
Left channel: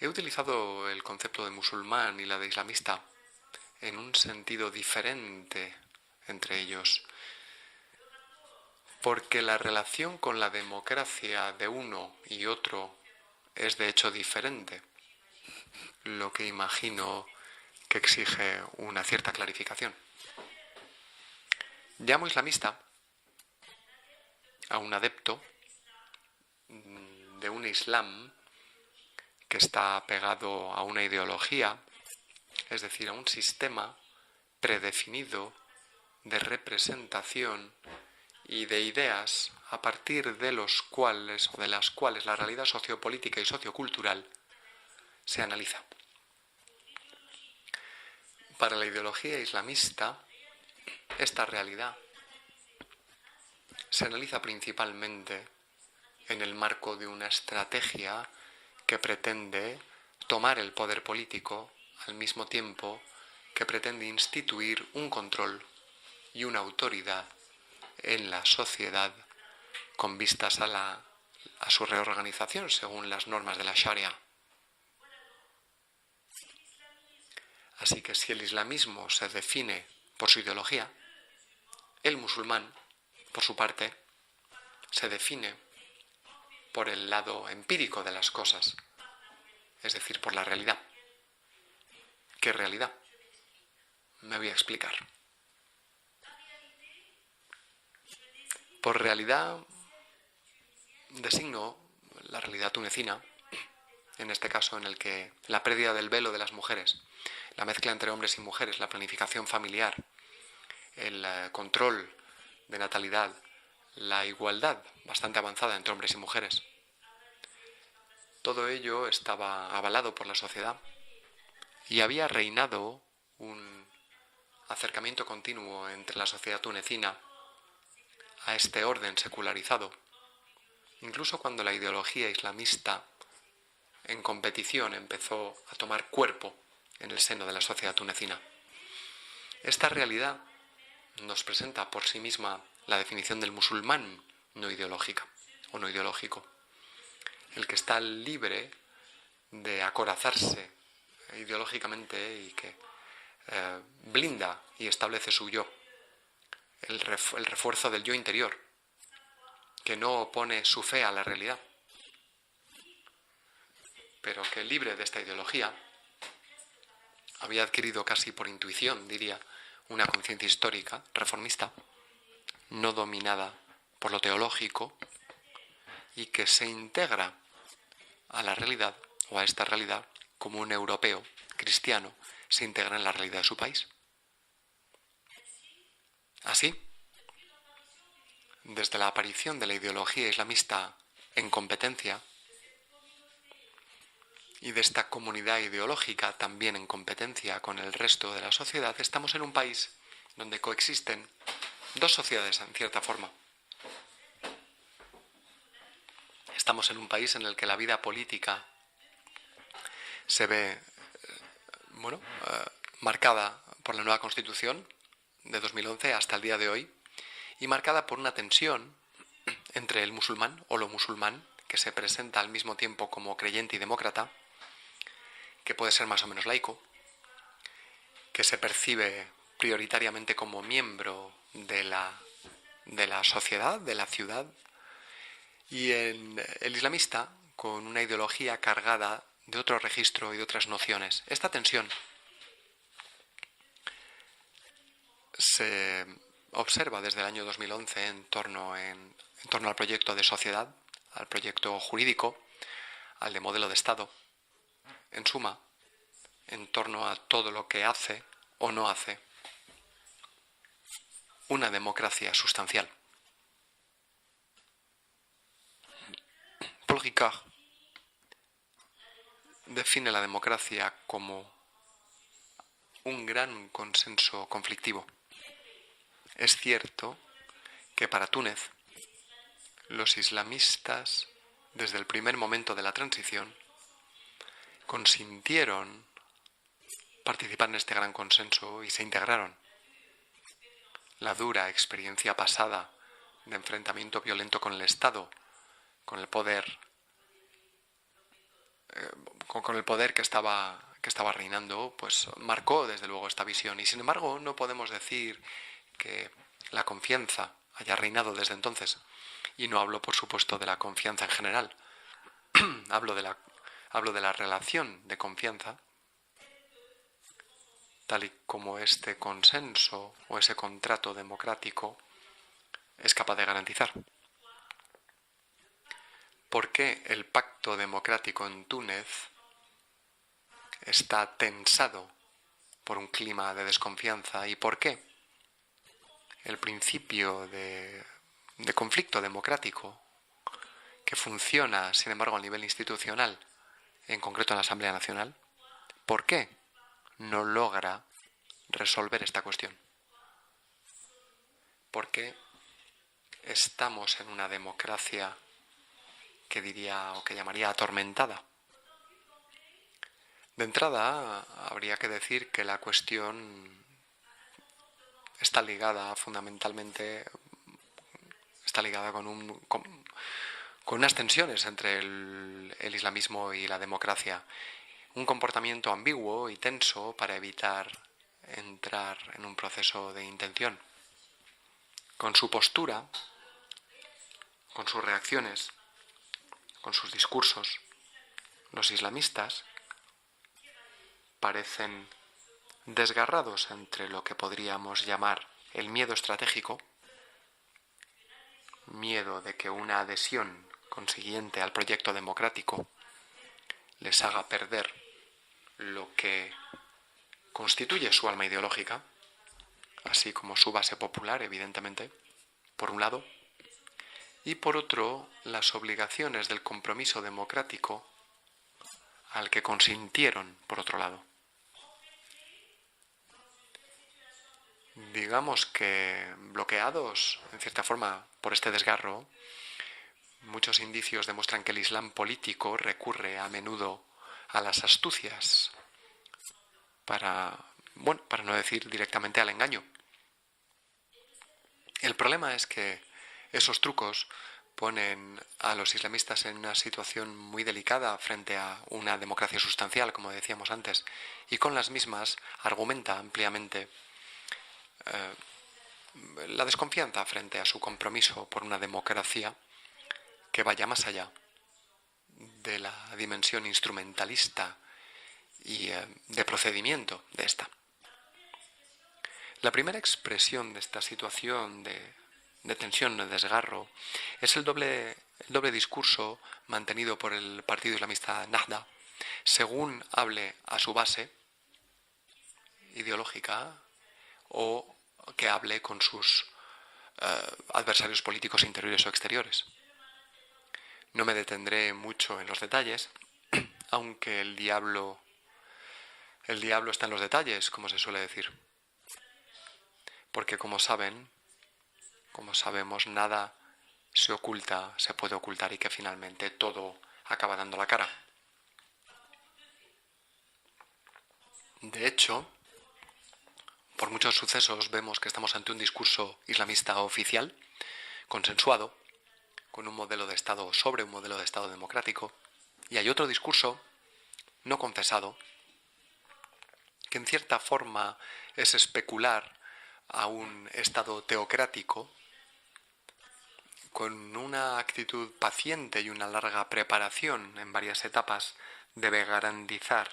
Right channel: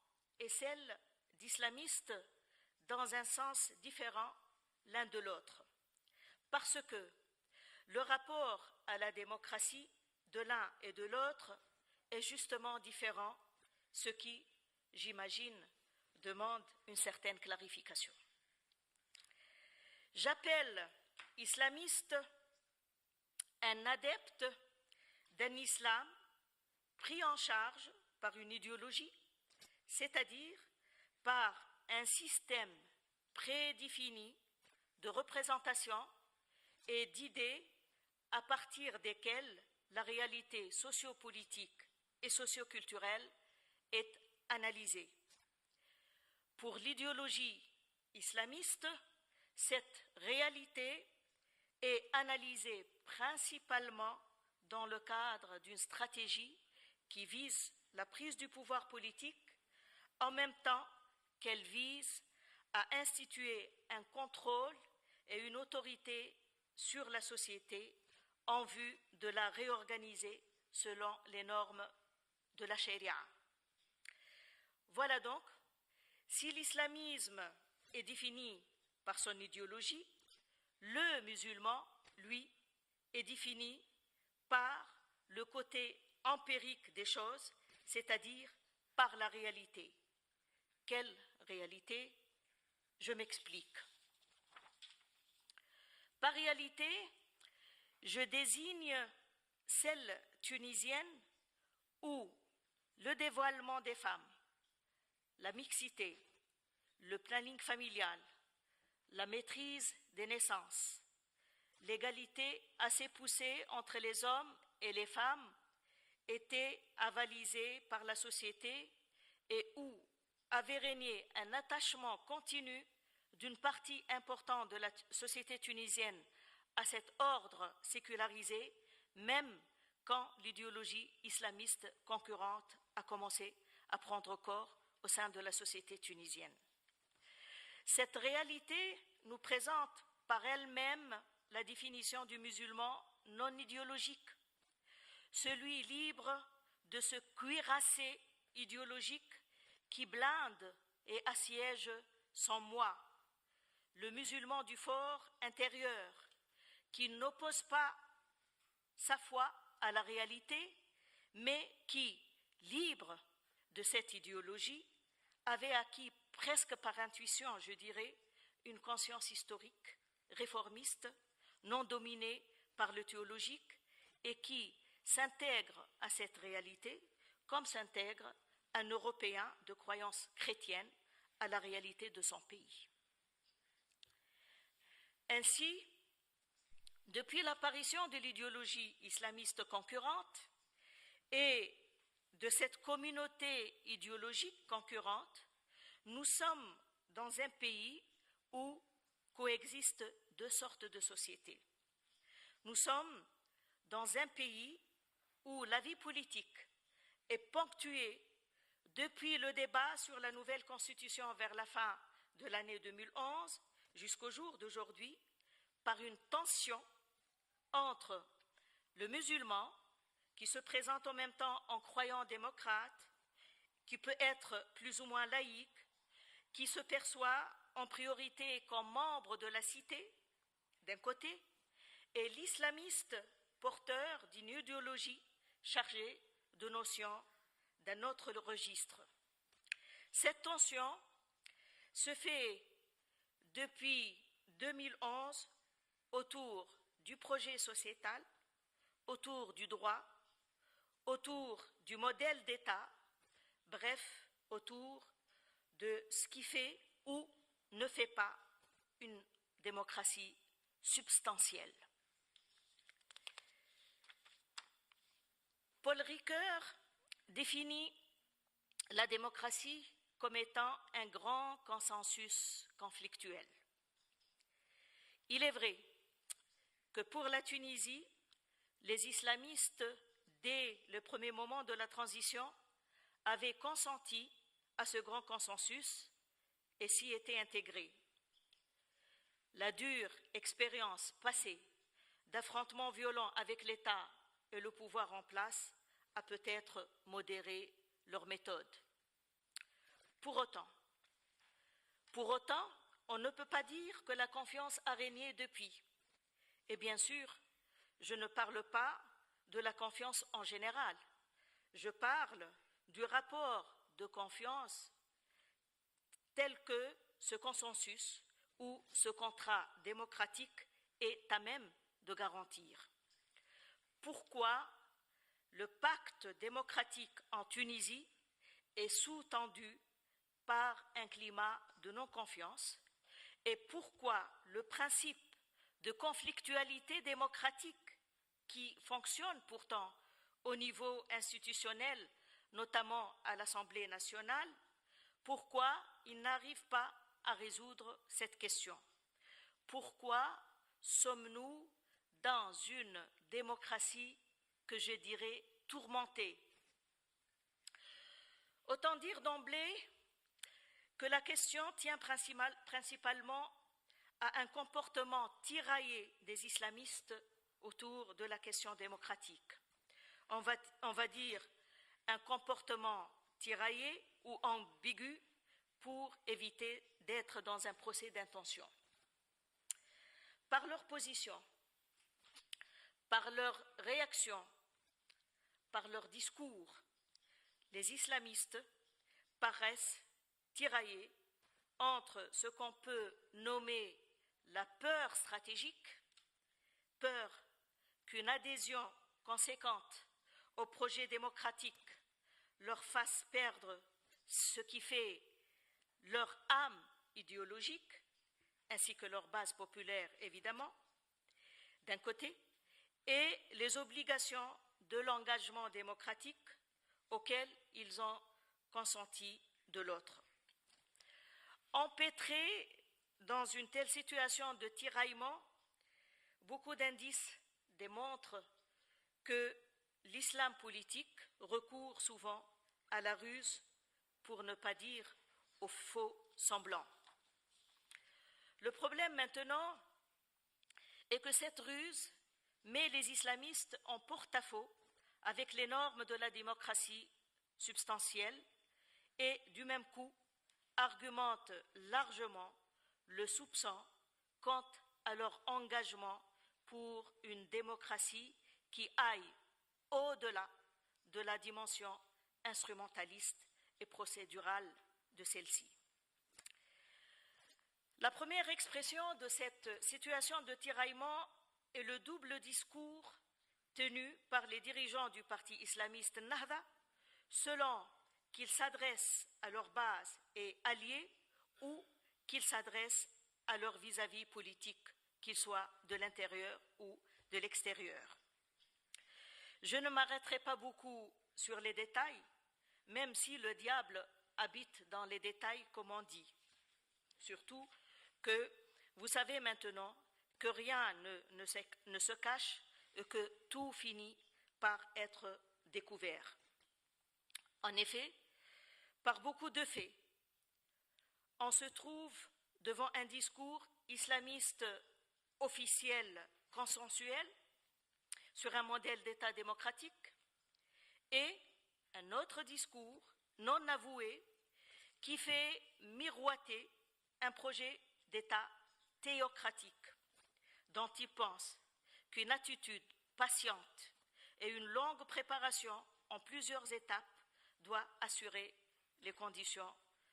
He utilizado el concepto de musulmán y la de islamista en un sentido diferente entre ellos, porque la relación con la democracia de uno y otro es de hecho diferente, lo que imagino que exige una cierta clarificación. Llamo islamista a un adepto de un islam que está pegado a una ideología, es decir, a un sistema predefinido de representación y de ideas a partir de los cuales o de las cuales la realidad sociopolítica y sociocultural se analiza. Para la ideología islamista, esta realidad se analiza principalmente en el marco de una estrategia que pretende tomar el poder político al mismo tiempo que pretende instituir un control y una autoridad en la sociedad con vistas a su reorganización según las normas de la Sharia. Así que si el islamismo se define por su ideología, el musulmán, por su parte, se define por el lado empírico de las cosas, es decir, por la realidad. ¿Qué realidad? Me voy a explicar. Por realidad designo la realidad tunecina, en este caso en el que la pérdida del velo de las mujeres, la mezcla entre hombres y mujeres, la planificación familiar, el control de natalidad, la igualdad bastante avanzada entre hombres y mujeres. Todo ello estaba avalado por la sociedad y había reinado un acercamiento continuo entre la sociedad tunecina a este orden secularizado, incluso cuando la ideología islamista en competición empezó a tomar cuerpo en el seno de la sociedad tunecina. Esta realidad nos presenta por sí misma la definición del musulmán no ideológica o no ideológico, el que está libre de acorazarse ideológicamente y que blinda y establece su yo, el refuerzo del yo interior, que no opone su fe a la realidad, pero que libre de esta ideología había adquirido casi por intuición, diría, una conciencia histórica reformista, no dominada por lo teológico y que se integra a la realidad o a esta realidad como un europeo cristiano se integra en la realidad de su país. Así, desde la aparición de la ideología islamista en competencia y de esta comunidad ideológica también en competencia con el resto de la sociedad, estamos en un país donde coexisten dos sociedades en cierta forma. Estamos en un país en el que la vida política se ve marcada por la nueva Constitución de 2011 hasta el día de hoy y marcada por una tensión entre el musulmán o lo musulmán, que se presenta al mismo tiempo como creyente y demócrata, que puede ser más o menos laico, que se percibe prioritariamente como miembro de la sociedad, de la ciudad, y el islamista con una ideología cargada de otro registro y de otras nociones. Esta tensión se observa desde el año 2011 en torno al proyecto de sociedad, al proyecto jurídico, al de modelo de Estado, en suma, en torno a todo lo que hace o no hace una democracia sustancial. Paul Ricard define la democracia como un gran consenso conflictivo. Es cierto que para Túnez, los islamistas, desde el primer momento de la transición, consintieron participar en este gran consenso y se integraron. La dura experiencia pasada de enfrentamiento violento con el Estado, con el poder que estaba reinando, pues marcó desde luego esta visión. Y sin embargo, no podemos decir que la confianza haya reinado desde entonces. Y no hablo, por supuesto, de la confianza en general. Hablo de la relación de confianza, tal y como este consenso o ese contrato democrático es capaz de garantizar. ¿Por qué el pacto democrático en Túnez está tensado por un clima de desconfianza? ¿Y por qué el principio de conflicto democrático, que funciona, sin embargo, a nivel institucional, en concreto en la Asamblea Nacional, por qué no logra resolver esta cuestión? ¿Por qué estamos en una democracia que diría o que llamaría atormentada? De entrada, habría que decir que la cuestión está ligada fundamentalmente, con unas tensiones entre el islamismo y la democracia. Un comportamiento ambiguo y tenso para evitar entrar en un proceso de intención. Con su postura, con sus reacciones, con sus discursos, los islamistas parecen desgarrados entre lo que podríamos llamar el miedo estratégico, miedo de que una adhesión consiguiente al proyecto democrático les haga perder lo que constituye su alma ideológica, así como su base popular, evidentemente, por un lado, y por otro, las obligaciones del compromiso democrático al que consintieron, por otro lado. Digamos que bloqueados, en cierta forma, por este desgarro, muchos indicios demuestran que el Islam político recurre a menudo a las astucias para no decir directamente al engaño. El problema es que esos trucos ponen a los islamistas en una situación muy delicada frente a una democracia sustancial, como decíamos antes, y con las mismas argumenta ampliamente la desconfianza frente a su compromiso por una democracia que vaya más allá de la dimensión instrumentalista y de procedimiento de esta. La primera expresión de esta situación de tensión, de desgarro, es el doble discurso mantenido por el partido islamista Nahda, según hable a su base ideológica o que hable con sus adversarios políticos interiores o exteriores. No me detendré mucho en los detalles, aunque el diablo está en los detalles, como se suele decir. Porque como sabemos, nada se oculta, se puede ocultar y que finalmente todo acaba dando la cara. De hecho, por muchos sucesos vemos que estamos ante un discurso islamista oficial, consensuado, con un modelo de Estado sobre un modelo de Estado democrático, y hay otro discurso no confesado, que en cierta forma es especular a un Estado teocrático con una actitud paciente y una larga preparación en varias etapas debe garantizar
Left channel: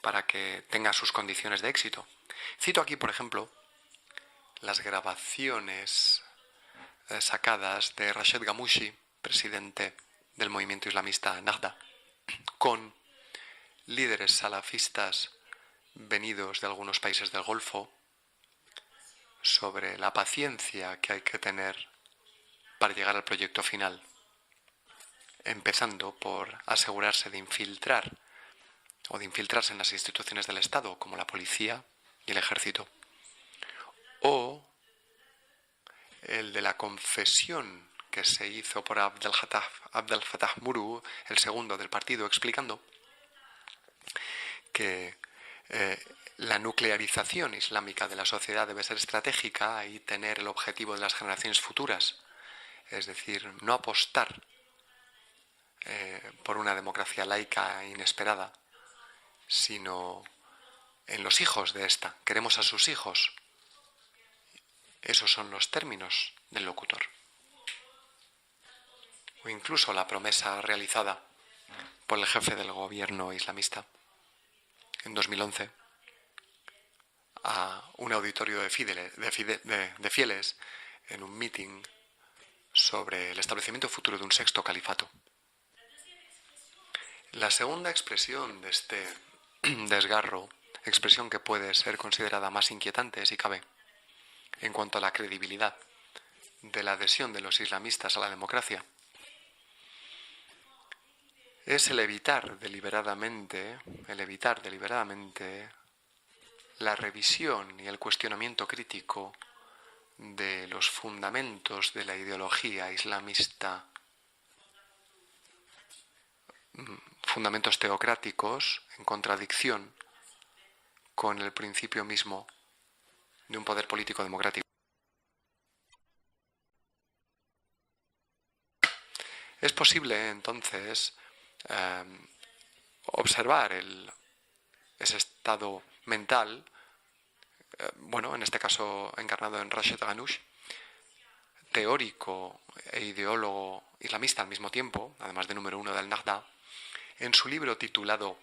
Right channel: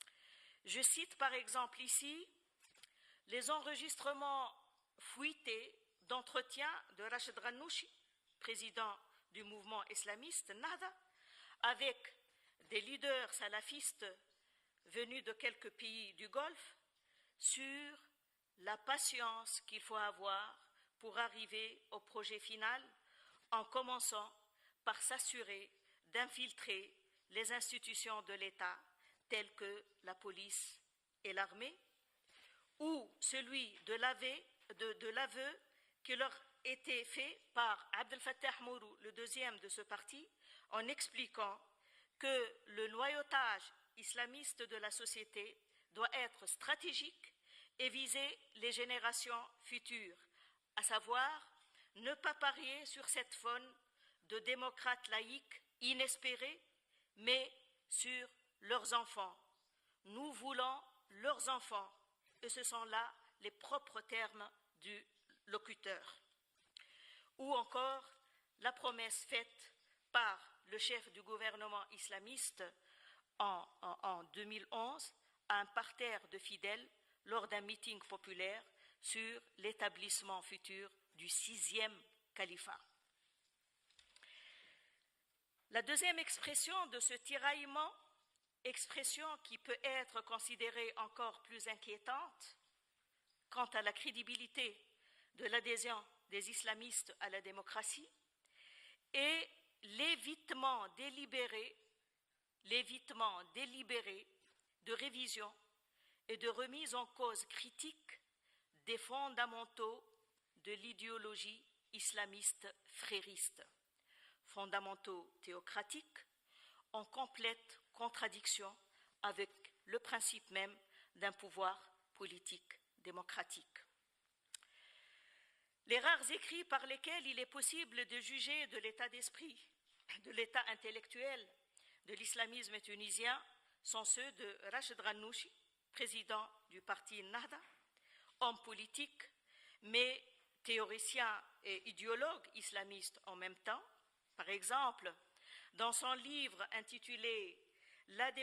para que tenga sus condiciones de éxito. Cito aquí, por ejemplo, las grabaciones sacadas de Rashid Ghannouchi, presidente del movimiento islamista Nahda, con líderes salafistas venidos de algunos países del Golfo, sobre la paciencia que hay que tener para llegar al proyecto final, empezando por asegurarse de infiltrar o de infiltrarse en las instituciones del Estado, como la policía y el ejército, o el de la confesión que se hizo por Abdel Fattah Muru, el segundo del partido, explicando que la nuclearización islámica de la sociedad debe ser estratégica y tener el objetivo de las generaciones futuras, es decir, no apostar por una democracia laica inesperada, sino en los hijos de esta. Queremos a sus hijos. Esos son los términos del locutor. O incluso la promesa realizada por el jefe del gobierno islamista en 2011 a un auditorio de fieles en un meeting sobre el establecimiento futuro de un sexto califato. La segunda expresión de este desgarro, expresión que puede ser considerada más inquietante, si cabe, en cuanto a la credibilidad de la adhesión de los islamistas a la democracia, es el evitar deliberadamente la revisión y el cuestionamiento crítico de los fundamentos de la ideología islamista, fundamentos teocráticos en contradicción con el principio mismo de un poder político democrático. Es posible, entonces, observar ese estado mental, en este caso encarnado en Rashid Ghannouchi, teórico e ideólogo islamista al mismo tiempo, además de número uno del Nahda, en su libro titulado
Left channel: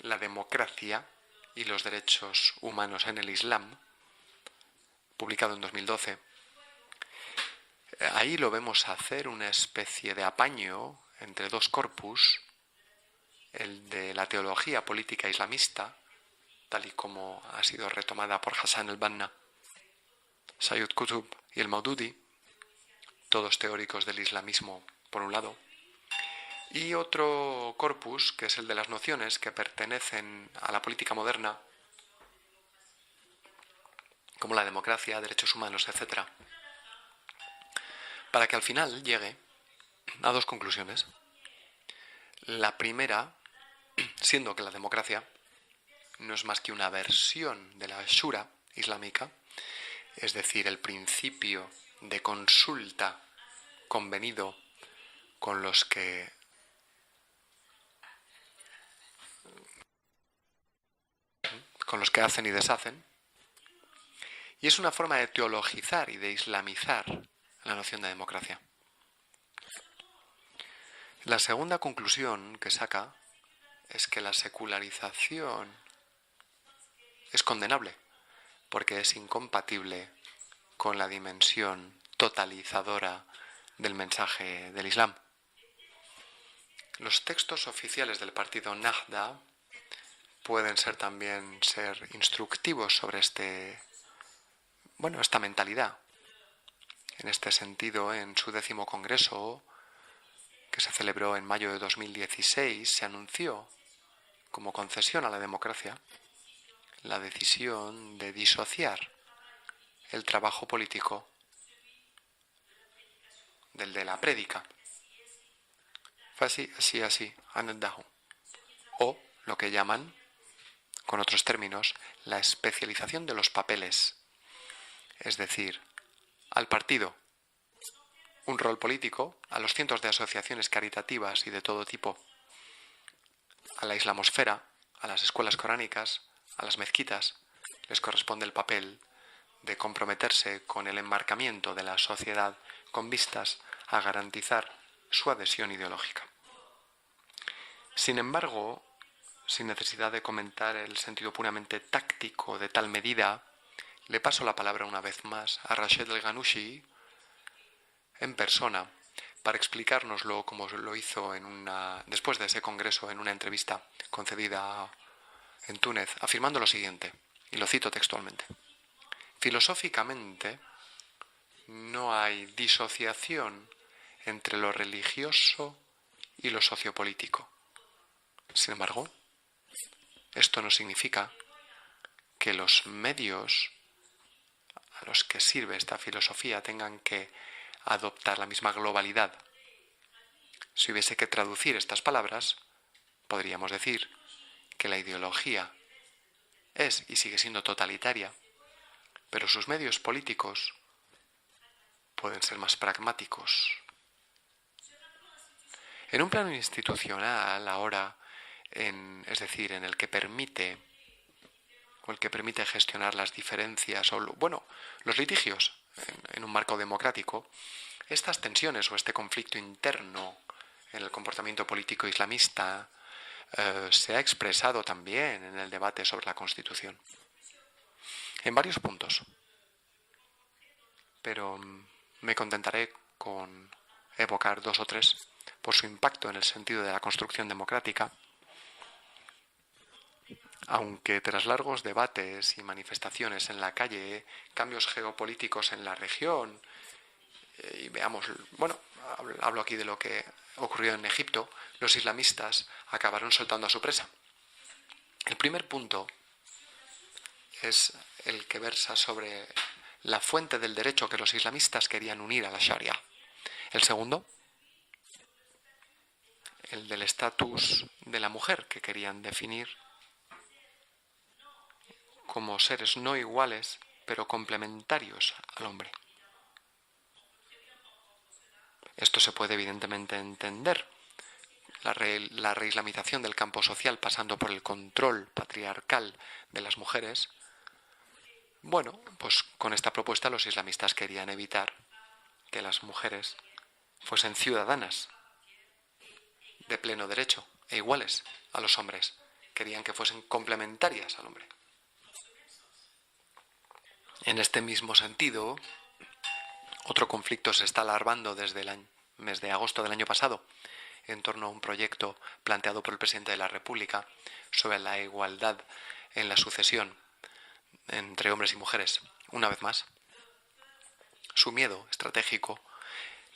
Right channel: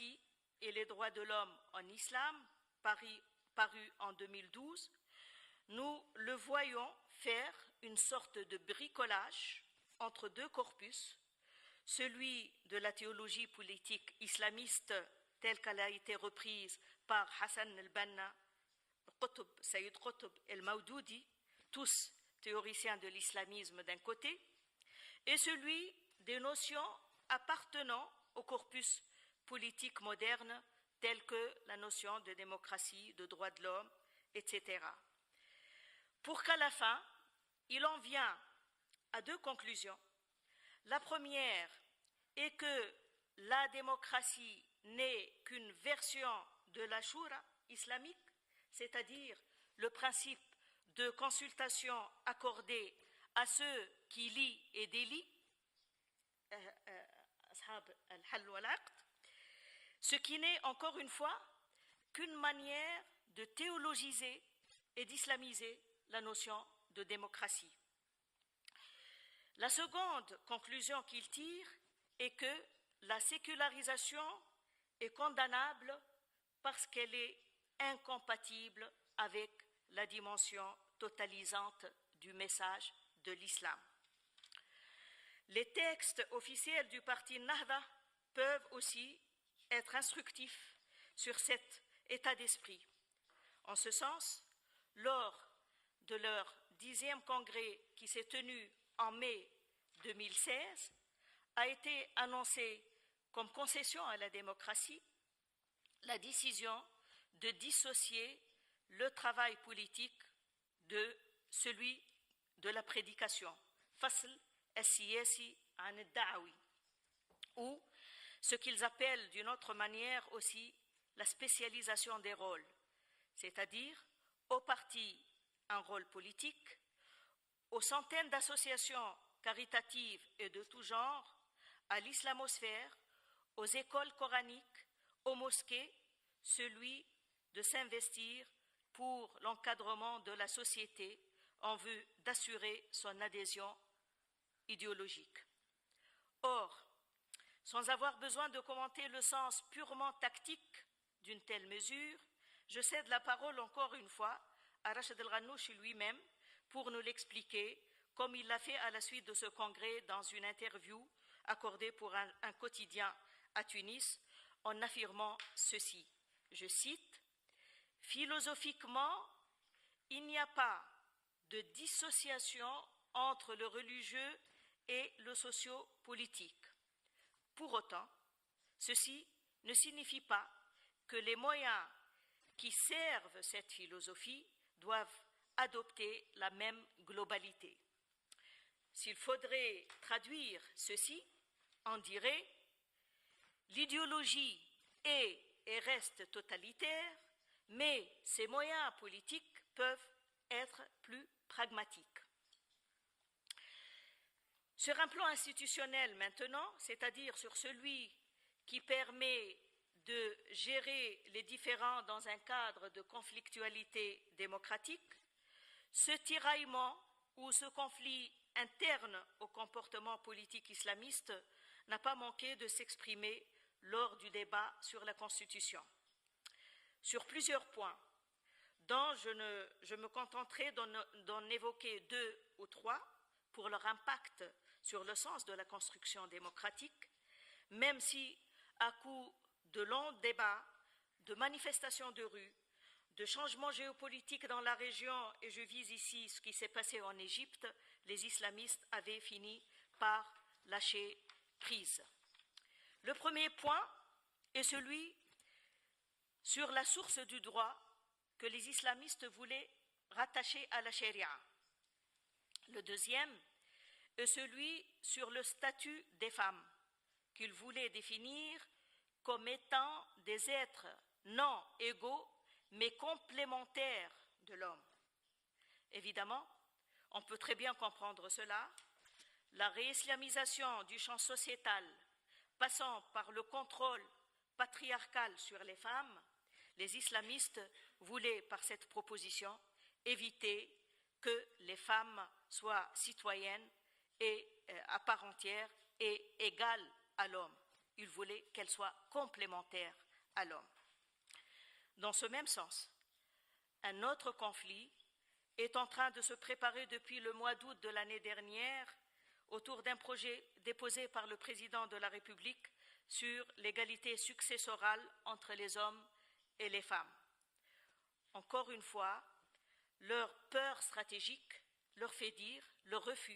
La democracia y los derechos humanos en el Islam, publicado en 2012, ahí lo vemos hacer una especie de apaño entre dos corpus, el de la teología política islamista, tal y como ha sido retomada por Hassan el-Banna, Sayyid Qutb y el Maududi, todos teóricos del islamismo, por un lado, y otro corpus, que es el de las nociones que pertenecen a la política moderna, como la democracia, derechos humanos, etc., para que al final llegue a dos conclusiones. La primera, siendo que la democracia no es más que una versión de la shura islámica, es decir, el principio de consulta convenido con los que hacen y deshacen, y es una forma de teologizar y de islamizar la noción de democracia. La segunda conclusión que saca es que la secularización es condenable porque es incompatible con la dimensión totalizadora del mensaje del Islam. Los textos oficiales del partido Nahda pueden también ser instructivos sobre esta mentalidad. En este sentido, en su 10º congreso, que se celebró en mayo de 2016, se anunció como concesión a la democracia la decisión de disociar el trabajo político del de la prédica, o lo que llaman, con otros términos, la especialización de los papeles, es decir, al partido un rol político, a los cientos de asociaciones caritativas y de todo tipo, a la islamosfera, a las escuelas coránicas, a las mezquitas, les corresponde el papel de comprometerse con el enmarcamiento de la sociedad con vistas a garantizar su adhesión ideológica. Sin embargo, sin necesidad de comentar el sentido puramente táctico de tal medida, le paso la palabra una vez más a Rached El Ghannouchi en persona para explicárnoslo como lo hizo después de ese congreso en una entrevista concedida en Túnez, afirmando lo siguiente, y lo cito textualmente: filosóficamente, no hay disociación entre lo religioso y lo sociopolítico. Sin embargo, esto no significa que los medios a los que sirve esta filosofía tengan que adoptar la misma globalidad. Si hubiese que traducir estas palabras, podríamos decir que la ideología es y sigue siendo totalitaria, pero sus medios políticos pueden ser más pragmáticos. En un plano institucional, ahora, es decir, en el que permite gestionar las diferencias o los litigios en un marco democrático, estas tensiones o este conflicto interno en el comportamiento político islamista se ha expresado también en el debate sobre la Constitución, en varios puntos. Pero me contentaré con evocar 2 o 3 por su impacto en el sentido de la construcción democrática, aunque tras largos debates y manifestaciones en la calle, cambios geopolíticos en la región, y veamos, hablo aquí de lo que ocurrió en Egipto, los islamistas acabaron soltando a su presa. El primer punto es el que versa sobre la fuente del derecho que los islamistas querían unir a la Sharia. El segundo, el del estatus de la mujer, que querían definir como seres no iguales, pero complementarios al hombre. Esto se puede evidentemente entender. La reislamización del campo social pasando por el control patriarcal de las mujeres. Pues con esta propuesta los islamistas querían evitar que las mujeres fuesen ciudadanas de pleno derecho e iguales a los hombres. Querían que fuesen complementarias al hombre. En este mismo sentido, otro conflicto se está alarmando desde el mes de agosto del año pasado en torno a un proyecto planteado por el presidente de la República sobre la igualdad en la sucesión entre hombres y mujeres. Una vez más, su miedo estratégico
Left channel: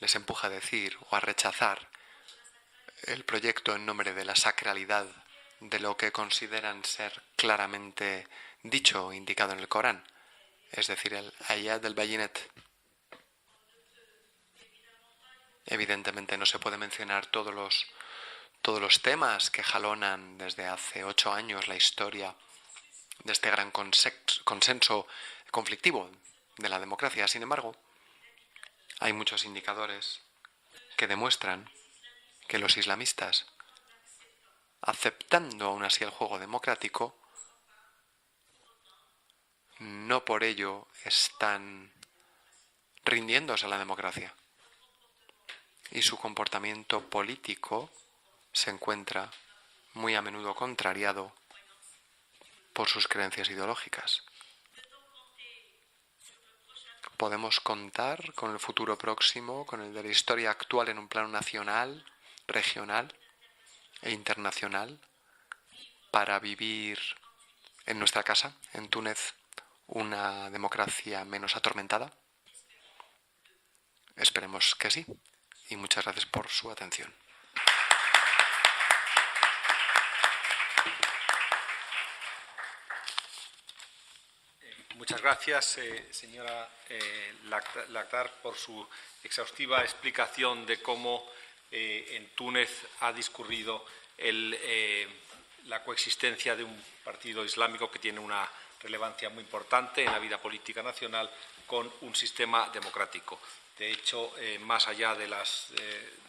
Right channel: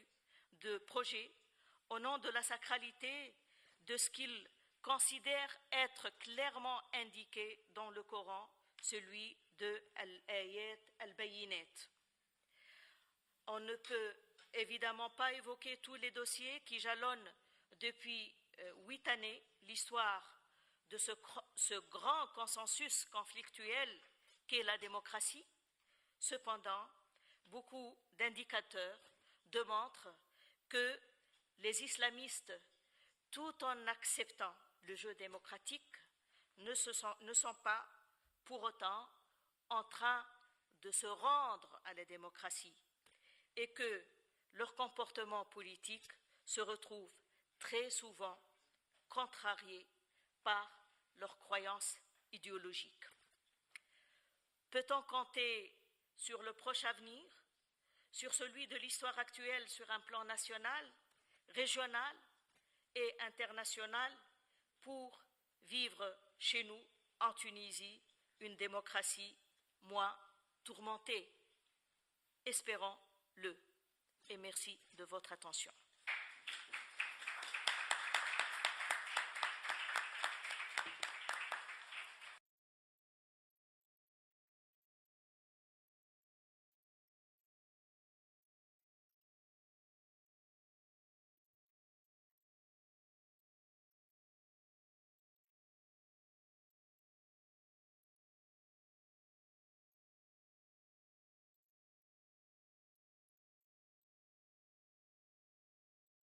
les empuja a decir o a rechazar el proyecto en nombre de la sacralidad de lo que consideran ser claramente dicho o indicado en el Corán, es decir, el ayat del Bayinet. Evidentemente no se puede mencionar todos los temas que jalonan desde hace 8 años la historia de este gran consenso conflictivo de la democracia. Sin embargo, hay muchos indicadores que demuestran que los islamistas, aceptando aún así el juego democrático, no por ello están rindiéndose a la democracia. Y su comportamiento político se encuentra muy a menudo contrariado por sus creencias ideológicas. Podemos contar con el futuro próximo, con el de la historia actual en un plano nacional, regional e internacional, para vivir en nuestra casa, en Túnez, una democracia menos atormentada. Esperemos que sí. Y muchas gracias por su atención. Muchas gracias, señora Lakhdar, por su exhaustiva explicación de cómo en Túnez ha discurrido la coexistencia de un partido islámico que tiene una relevancia muy importante en la vida política nacional con un sistema democrático. De hecho, más allá de las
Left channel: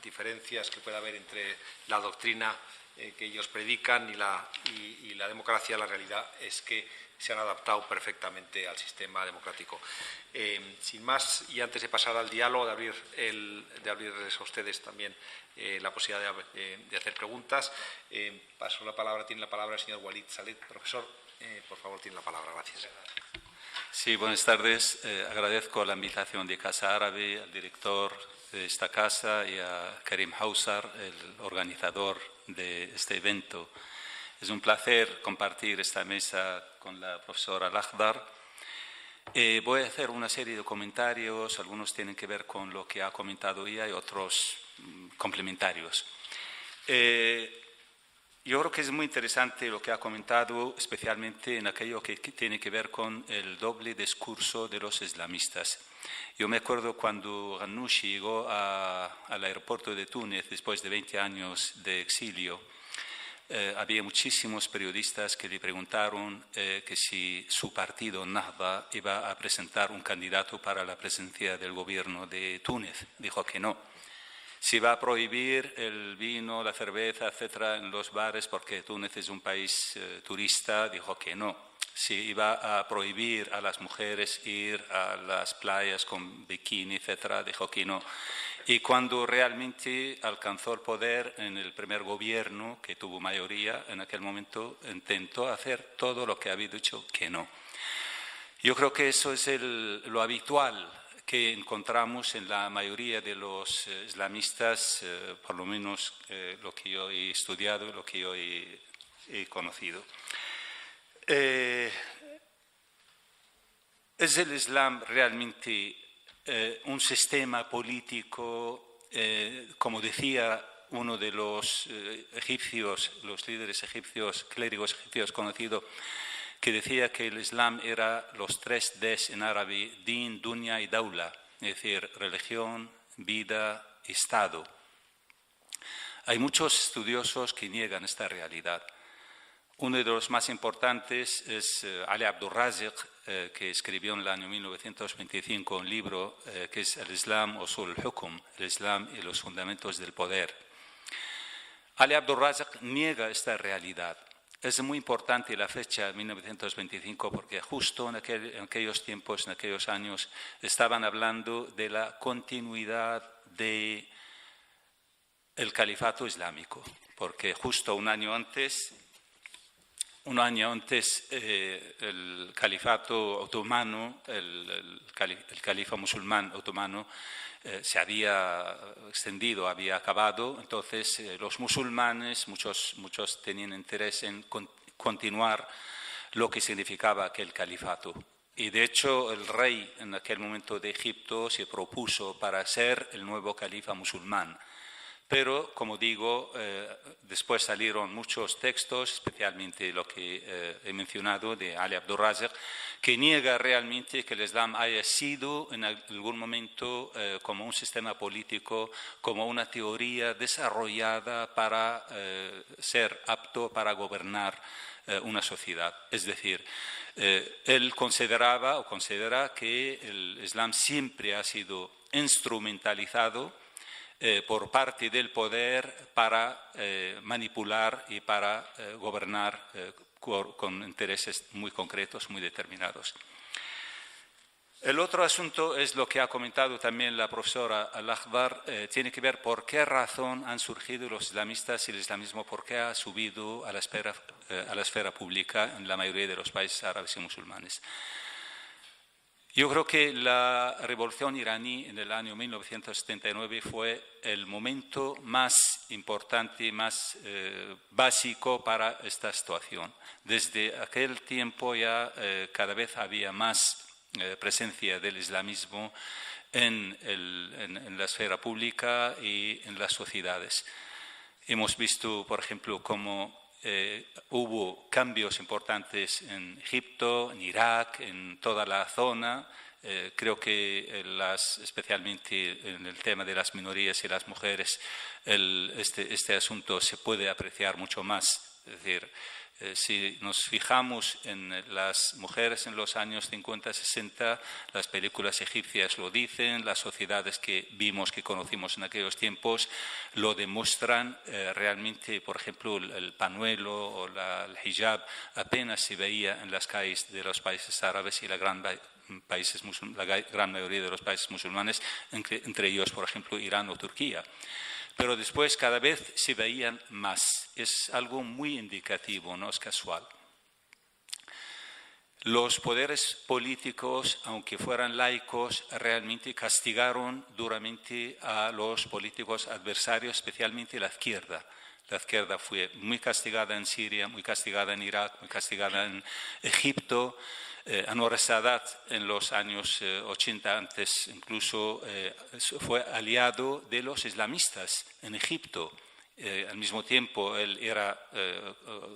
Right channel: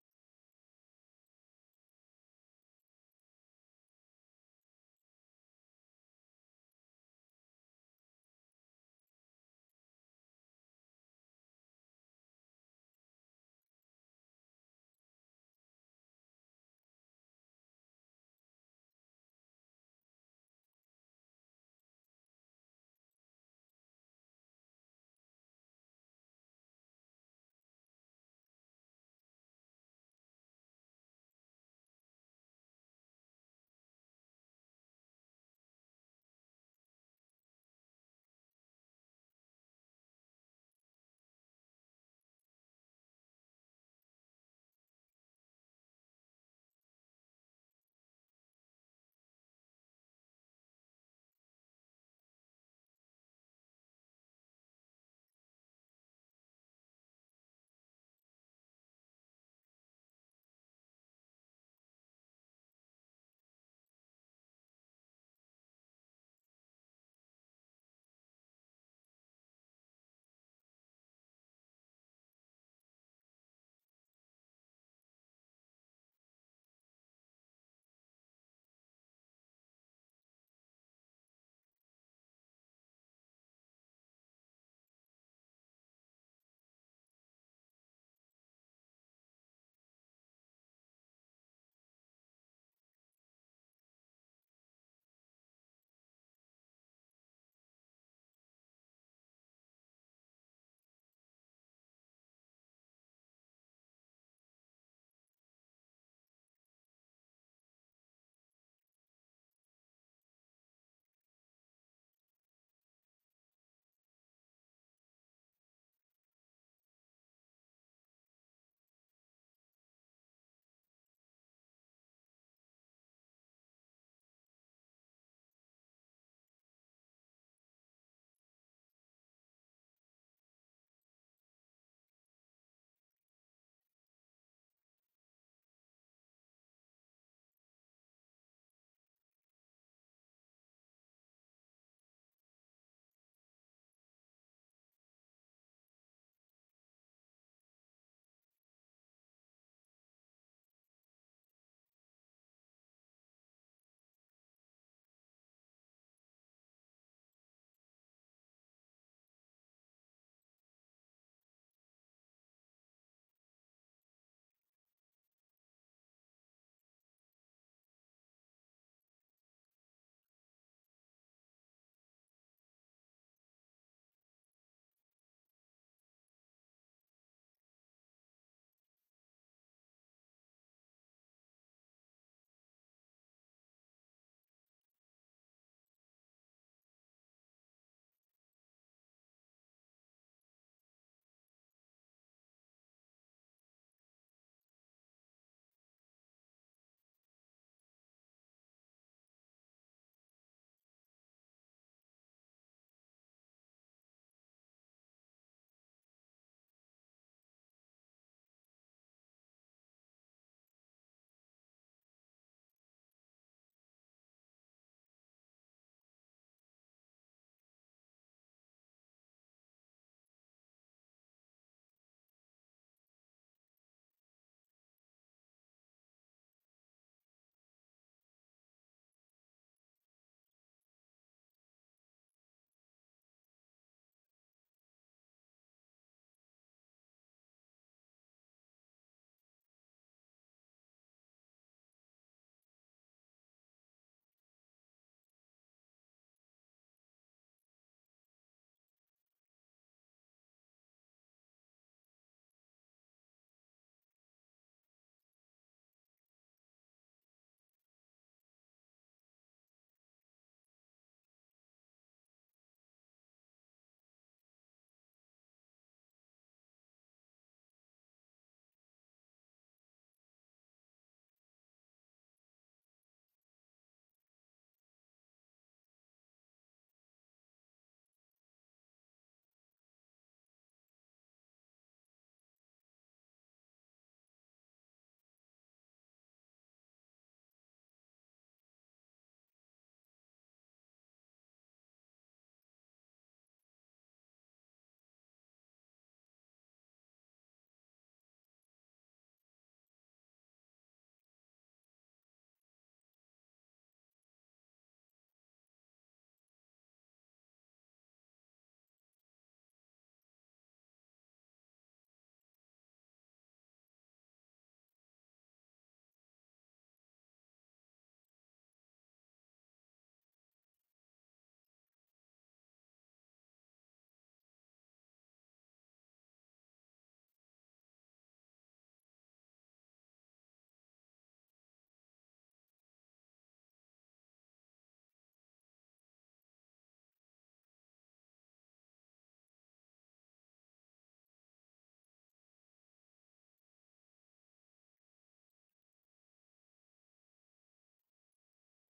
diferencias que pueda haber entre la doctrina que ellos predican y la democracia, la realidad es que se han adaptado perfectamente al sistema democrático. Sin más, y antes de pasar al diálogo, de abrirles a ustedes también la posibilidad de hacer preguntas, tiene la palabra el señor Walid Salet. Profesor, por favor, tiene la palabra. Gracias. Sí, buenas tardes. Agradezco la invitación de Casa Árabe, al director de esta casa y a Karim Hawsar, el organizador de este evento. Es un placer compartir esta mesa con la profesora Lakhdar. Voy a hacer una serie de comentarios, algunos tienen que ver con lo que ha comentado ella y otros complementarios. Yo creo que es muy interesante lo que ha comentado, especialmente en aquello que tiene que ver con el doble discurso de los islamistas. Yo me acuerdo cuando Ghannouchi llegó al aeropuerto de Túnez después de 20 años de exilio. Había muchísimos periodistas que le preguntaron que si su partido, Nahda, iba a presentar un candidato para la presidencia del gobierno de Túnez. Dijo que no. Si va a prohibir el vino, la cerveza, etcétera, en los bares, porque Túnez es un país turista, dijo que no. Si iba a prohibir a las mujeres ir a las playas con bikini, etcétera, dijo que no. Y cuando realmente alcanzó el poder en el primer gobierno, que tuvo mayoría, en aquel momento intentó hacer todo lo que había dicho que no. Yo creo que eso es lo habitual que encontramos en la mayoría de los islamistas, por lo menos lo que yo he estudiado, lo que yo he conocido. ¿Es el Islam realmente un sistema político, como decía uno de los egipcios, los líderes egipcios, clérigos egipcios conocidos, que decía que el Islam era los 3 Ds en árabe, din, dunya y daula, es decir, religión, vida, Estado. Hay muchos estudiosos que niegan esta realidad. Uno de los más importantes es Ali Abdurrazik, que escribió en el año 1925 un libro que es El Islam Usul al-Hukm, el Islam y los fundamentos del poder. Ali Abdurrazik niega esta realidad. Es muy importante la fecha de 1925 porque justo en aquellos tiempos, en aquellos años, estaban hablando de la continuidad del califato islámico, porque justo un año antes el califato otomano, el califa musulmán otomano, se había extendido, había acabado. Entonces los musulmanes, muchos tenían interés en continuar lo que significaba aquel califato. Y de hecho el rey en aquel momento de Egipto se propuso para ser el nuevo califa musulmán. Pero, como digo, después salieron muchos textos, especialmente lo que he mencionado de Ali Abdurrazik, que niega realmente que el Islam haya sido en algún momento como un sistema político, como una teoría desarrollada para ser apto para gobernar una sociedad. Es decir, él consideraba o considera que el Islam siempre ha sido instrumentalizado por parte del poder para manipular y para gobernar con intereses muy concretos, muy determinados. El otro asunto es lo que ha comentado también la profesora Al-Akhdar, tiene que ver por qué razón han surgido los islamistas y el islamismo, por qué ha subido a la esfera pública en la mayoría de los países árabes y musulmanes. Yo creo que la revolución iraní en el año 1979 fue el momento más importante, más básico para esta situación. Desde aquel tiempo ya cada vez había más presencia del islamismo en la esfera pública y en las sociedades. Hemos visto, por ejemplo, cómo hubo cambios importantes en Egipto, en Irak, en toda la zona. Creo que especialmente en el tema de las minorías y las mujeres, este asunto se puede apreciar mucho más. Es decir, si nos fijamos en las mujeres en los años 50-60, las películas egipcias lo dicen, las sociedades que vimos, que conocimos en aquellos tiempos, lo demuestran. Realmente, por ejemplo, el pañuelo o el hijab apenas se veía en las calles de los países árabes y la gran mayoría de los países musulmanes, entre ellos, por ejemplo, Irán o Turquía. Pero después cada vez se veían más. Es algo muy indicativo, no es casual. Los poderes políticos, aunque fueran laicos, realmente castigaron duramente a los políticos adversarios, especialmente la izquierda. La izquierda fue muy castigada en Siria, muy castigada en Irak, muy castigada en Egipto. Anwar Sadat en los años 80, antes incluso, fue aliado de los islamistas en Egipto. Al mismo tiempo, él era,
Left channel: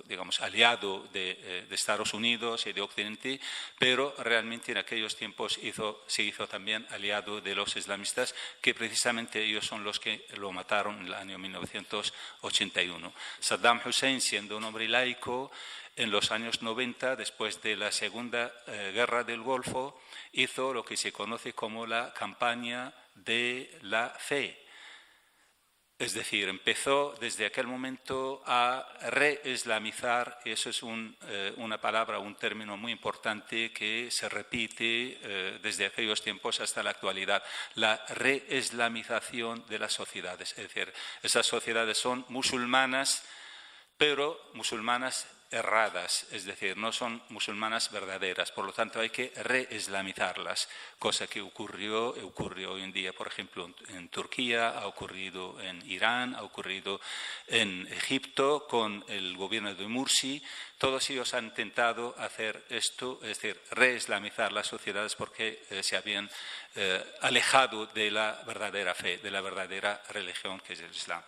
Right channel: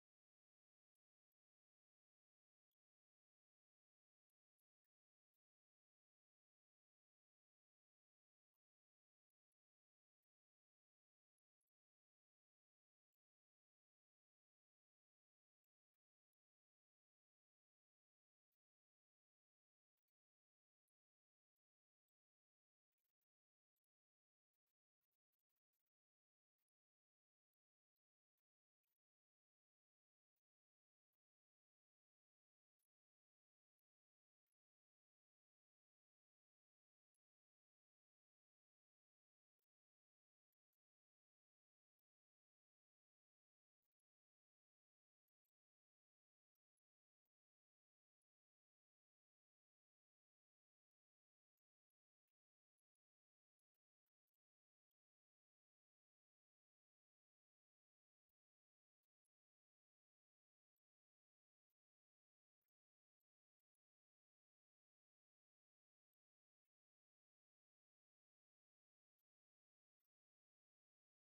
digamos, aliado de Estados Unidos y de Occidente, pero realmente en aquellos tiempos se hizo también aliado de los islamistas, que precisamente ellos son los que lo mataron en el año 1981. Saddam Hussein, siendo un hombre laico, en los años 90, después de la Segunda Guerra del Golfo, hizo lo que se conoce como la campaña de la fe. Es decir, empezó desde aquel momento a reislamizar, y eso es una palabra, un término muy importante que se repite desde aquellos tiempos hasta la actualidad, la reislamización de las sociedades. Es decir, esas sociedades son musulmanas, pero musulmanas erradas, es decir, no son musulmanas verdaderas, por lo tanto hay que reislamizarlas, cosa que ocurrió hoy en día, por ejemplo, en Turquía, ha ocurrido en Irán, ha ocurrido en Egipto con el gobierno de Mursi. Todos ellos han intentado hacer esto, es decir, reislamizar las sociedades porque se habían alejado de la verdadera fe, de la verdadera religión que es el Islam.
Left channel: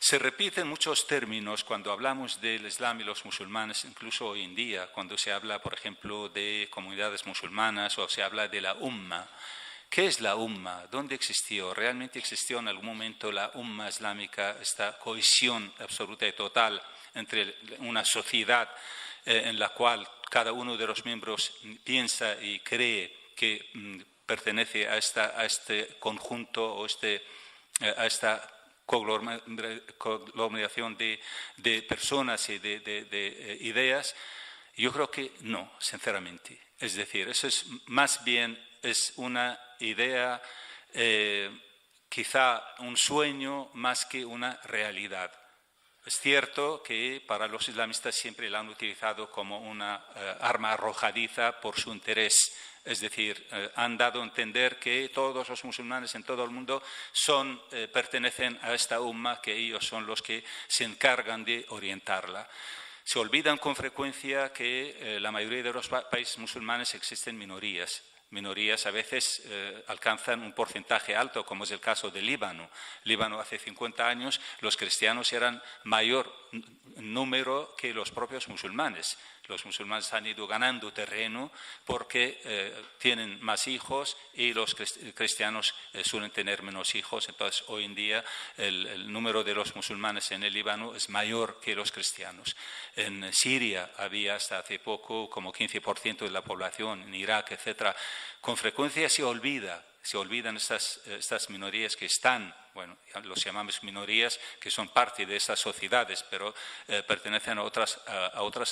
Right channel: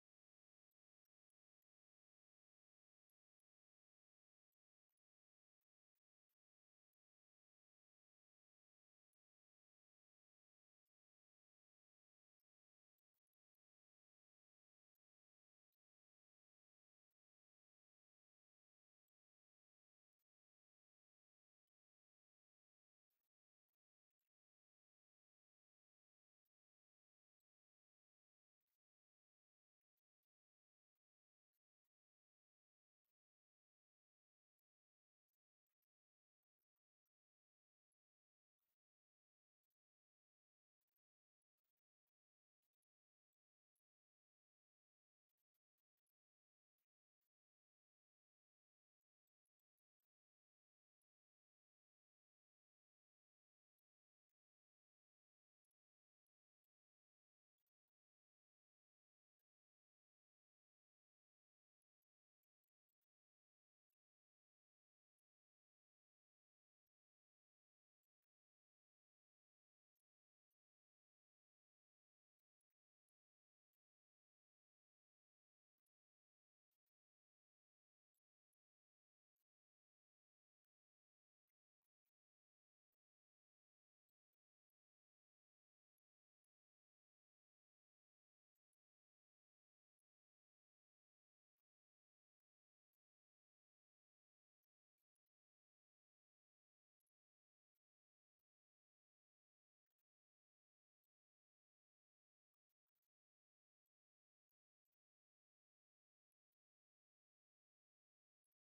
Se repiten muchos términos cuando hablamos del Islam y los musulmanes, incluso hoy en día, cuando se habla, por ejemplo, de comunidades musulmanas o se habla de la Umma. ¿Qué es la Umma? ¿Dónde existió? ¿Realmente existió en algún momento la Umma islámica, esta cohesión absoluta y total entre una sociedad en la cual cada uno de los miembros piensa y cree que pertenece a este conjunto o a esta conglomeración de personas y de ideas? Yo creo que no, sinceramente. Es decir, eso es más bien una idea, quizá un sueño más que una realidad. Es cierto que para los islamistas siempre la han utilizado como una arma arrojadiza por su interés. Es decir, han dado a entender que todos los musulmanes en todo el mundo pertenecen a esta umma, que ellos son los que se encargan de orientarla. Se olvidan con frecuencia que la mayoría de los países musulmanes existen minorías. Minorías a veces alcanzan un porcentaje alto, como es el caso de Líbano. Líbano hace 50 años los cristianos eran mayor número que los propios musulmanes. Los musulmanes han ido ganando terreno porque tienen más hijos y los cristianos suelen tener menos hijos. Entonces, hoy en día el número de los musulmanes en el Líbano es mayor que los cristianos. En Siria había hasta hace poco como 15% de la población, en Irak, etc. Con frecuencia se olvida Se olvidan estas minorías que están, bueno, los llamamos minorías, que son parte de estas sociedades, pero pertenecen a otras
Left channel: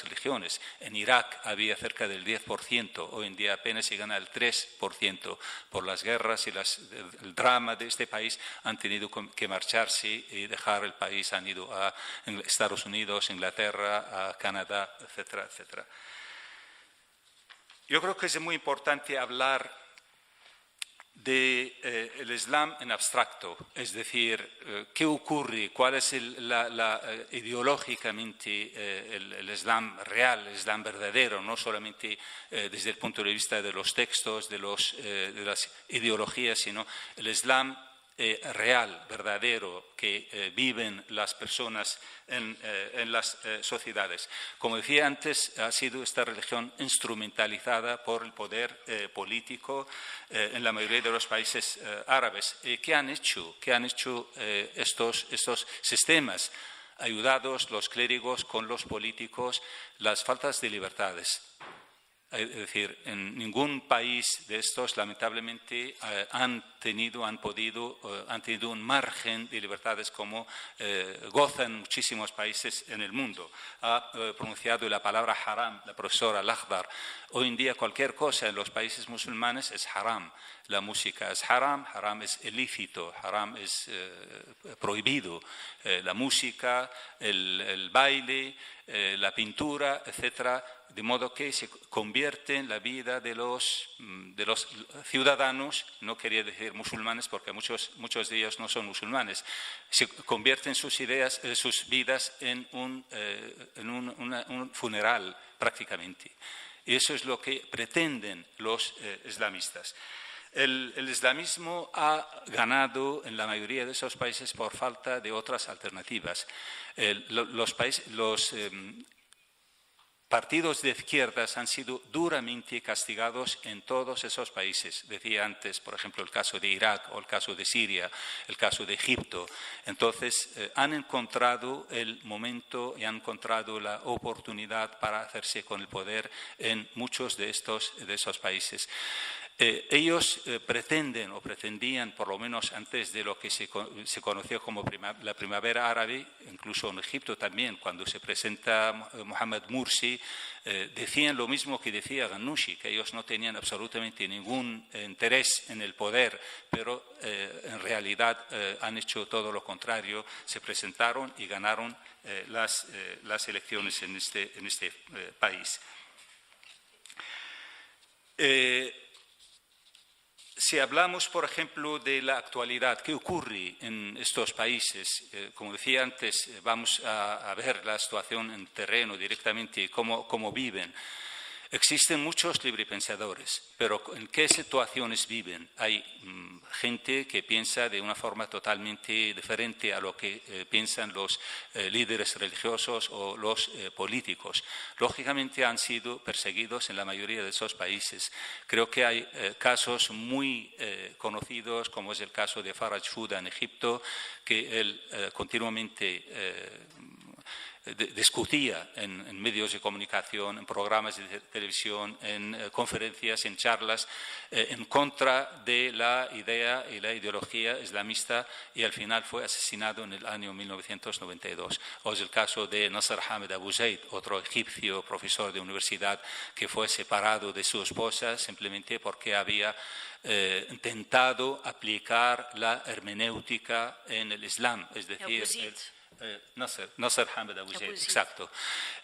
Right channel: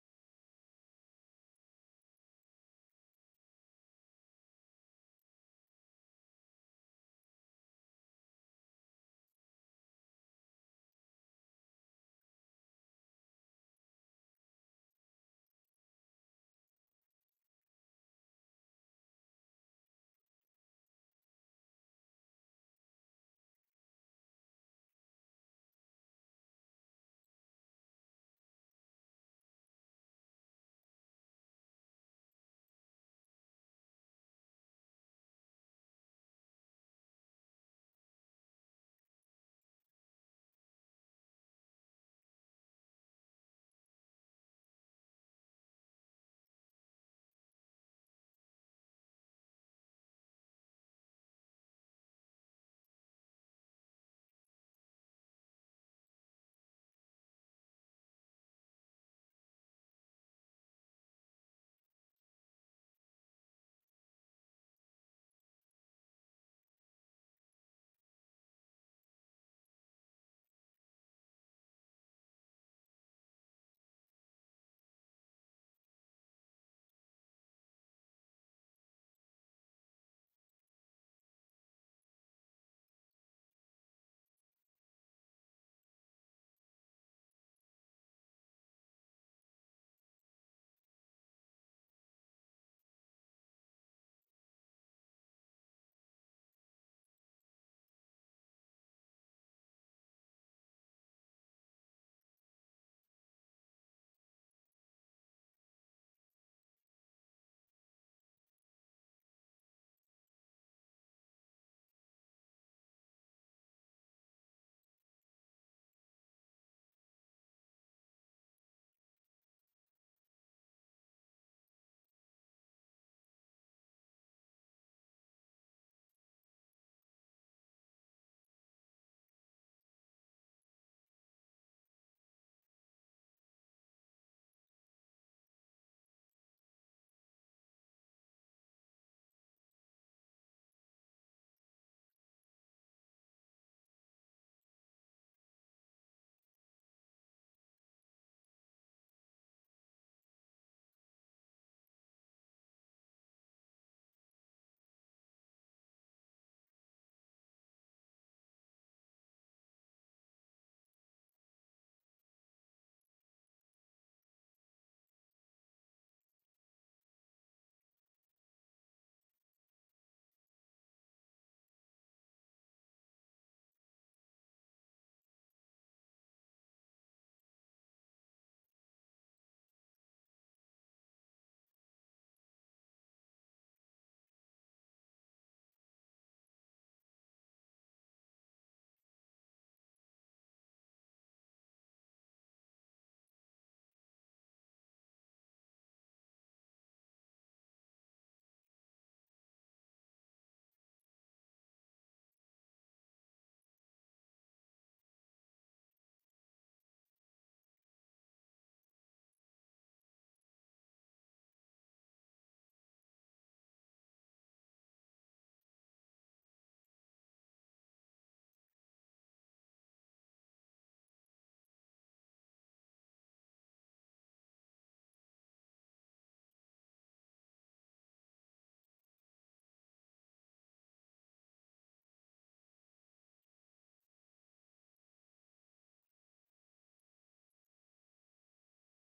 religiones. En Irak había cerca del 10%, hoy en día apenas llegan al 3%. Por las guerras y el drama de este país han tenido que marcharse y dejar el país, han ido a Estados Unidos, Inglaterra, a Canadá, etcétera, etcétera. Yo creo que es muy importante hablar del Islam en abstracto, es decir, qué ocurre, cuál es ideológicamente el Islam real, el Islam verdadero, no solamente desde el punto de vista de los textos, de las ideologías, sino el Islam real, verdadero, que viven las personas en las sociedades. Como decía antes, ha sido esta religión instrumentalizada por el poder político en la mayoría de los países árabes. ¿Qué han hecho estos sistemas? Ayudados los clérigos con los políticos, las faltas de libertades. Es decir, en ningún país de estos, lamentablemente, han tenido un margen de libertades como gozan muchísimos países en el mundo. Ha pronunciado la palabra haram la profesora Al-Akhdar. Hoy en día cualquier cosa en los países musulmanes es haram. La música es haram, haram es ilícito, haram es prohibido. La música, el baile, la pintura, etcétera, de modo que se convierte en la vida de los ciudadanos, no quería decir musulmanes porque muchos de ellos no son musulmanes, se convierten sus vidas en un funeral prácticamente. Y eso es lo que pretenden los islamistas. El islamismo ha ganado en la mayoría de esos países por falta de otras alternativas. Los partidos de izquierdas han sido duramente castigados en todos esos países. Decía antes, por ejemplo, el caso de Irak o el caso de Siria, el caso de Egipto. Entonces, han encontrado el momento y han encontrado la oportunidad para hacerse con el poder en muchos de esos países. Ellos pretenden o pretendían, por lo menos antes de lo que se conoció como la primavera árabe, incluso en Egipto también, cuando se presenta Mohamed Mursi, decían lo mismo que decía Ghannouchi, que ellos no tenían absolutamente ningún interés en el poder, pero en realidad han hecho todo lo contrario, se presentaron y ganaron las elecciones en este país. Si hablamos, por ejemplo, de la actualidad, ¿qué ocurre en estos países? Como decía antes, vamos a ver la situación en terreno directamente, cómo viven. Existen muchos librepensadores, pero ¿en qué situaciones viven? Hay gente que piensa de una forma totalmente diferente a lo que piensan los líderes religiosos o los políticos. Lógicamente han sido perseguidos en la mayoría de esos países. Creo que hay casos muy conocidos, como es el caso de Faraj Fouda en Egipto, que él continuamente discutía en medios de comunicación, en programas de televisión, en conferencias, en charlas, en contra de la idea y la ideología islamista, y al final fue asesinado en el año 1992. O es el caso de Nasser Hamed Abu Zaid, otro egipcio profesor de universidad que fue separado de su esposa simplemente porque había intentado aplicar la hermenéutica en el Islam, es decir, Nasser Hamed Abu Zaid, exacto.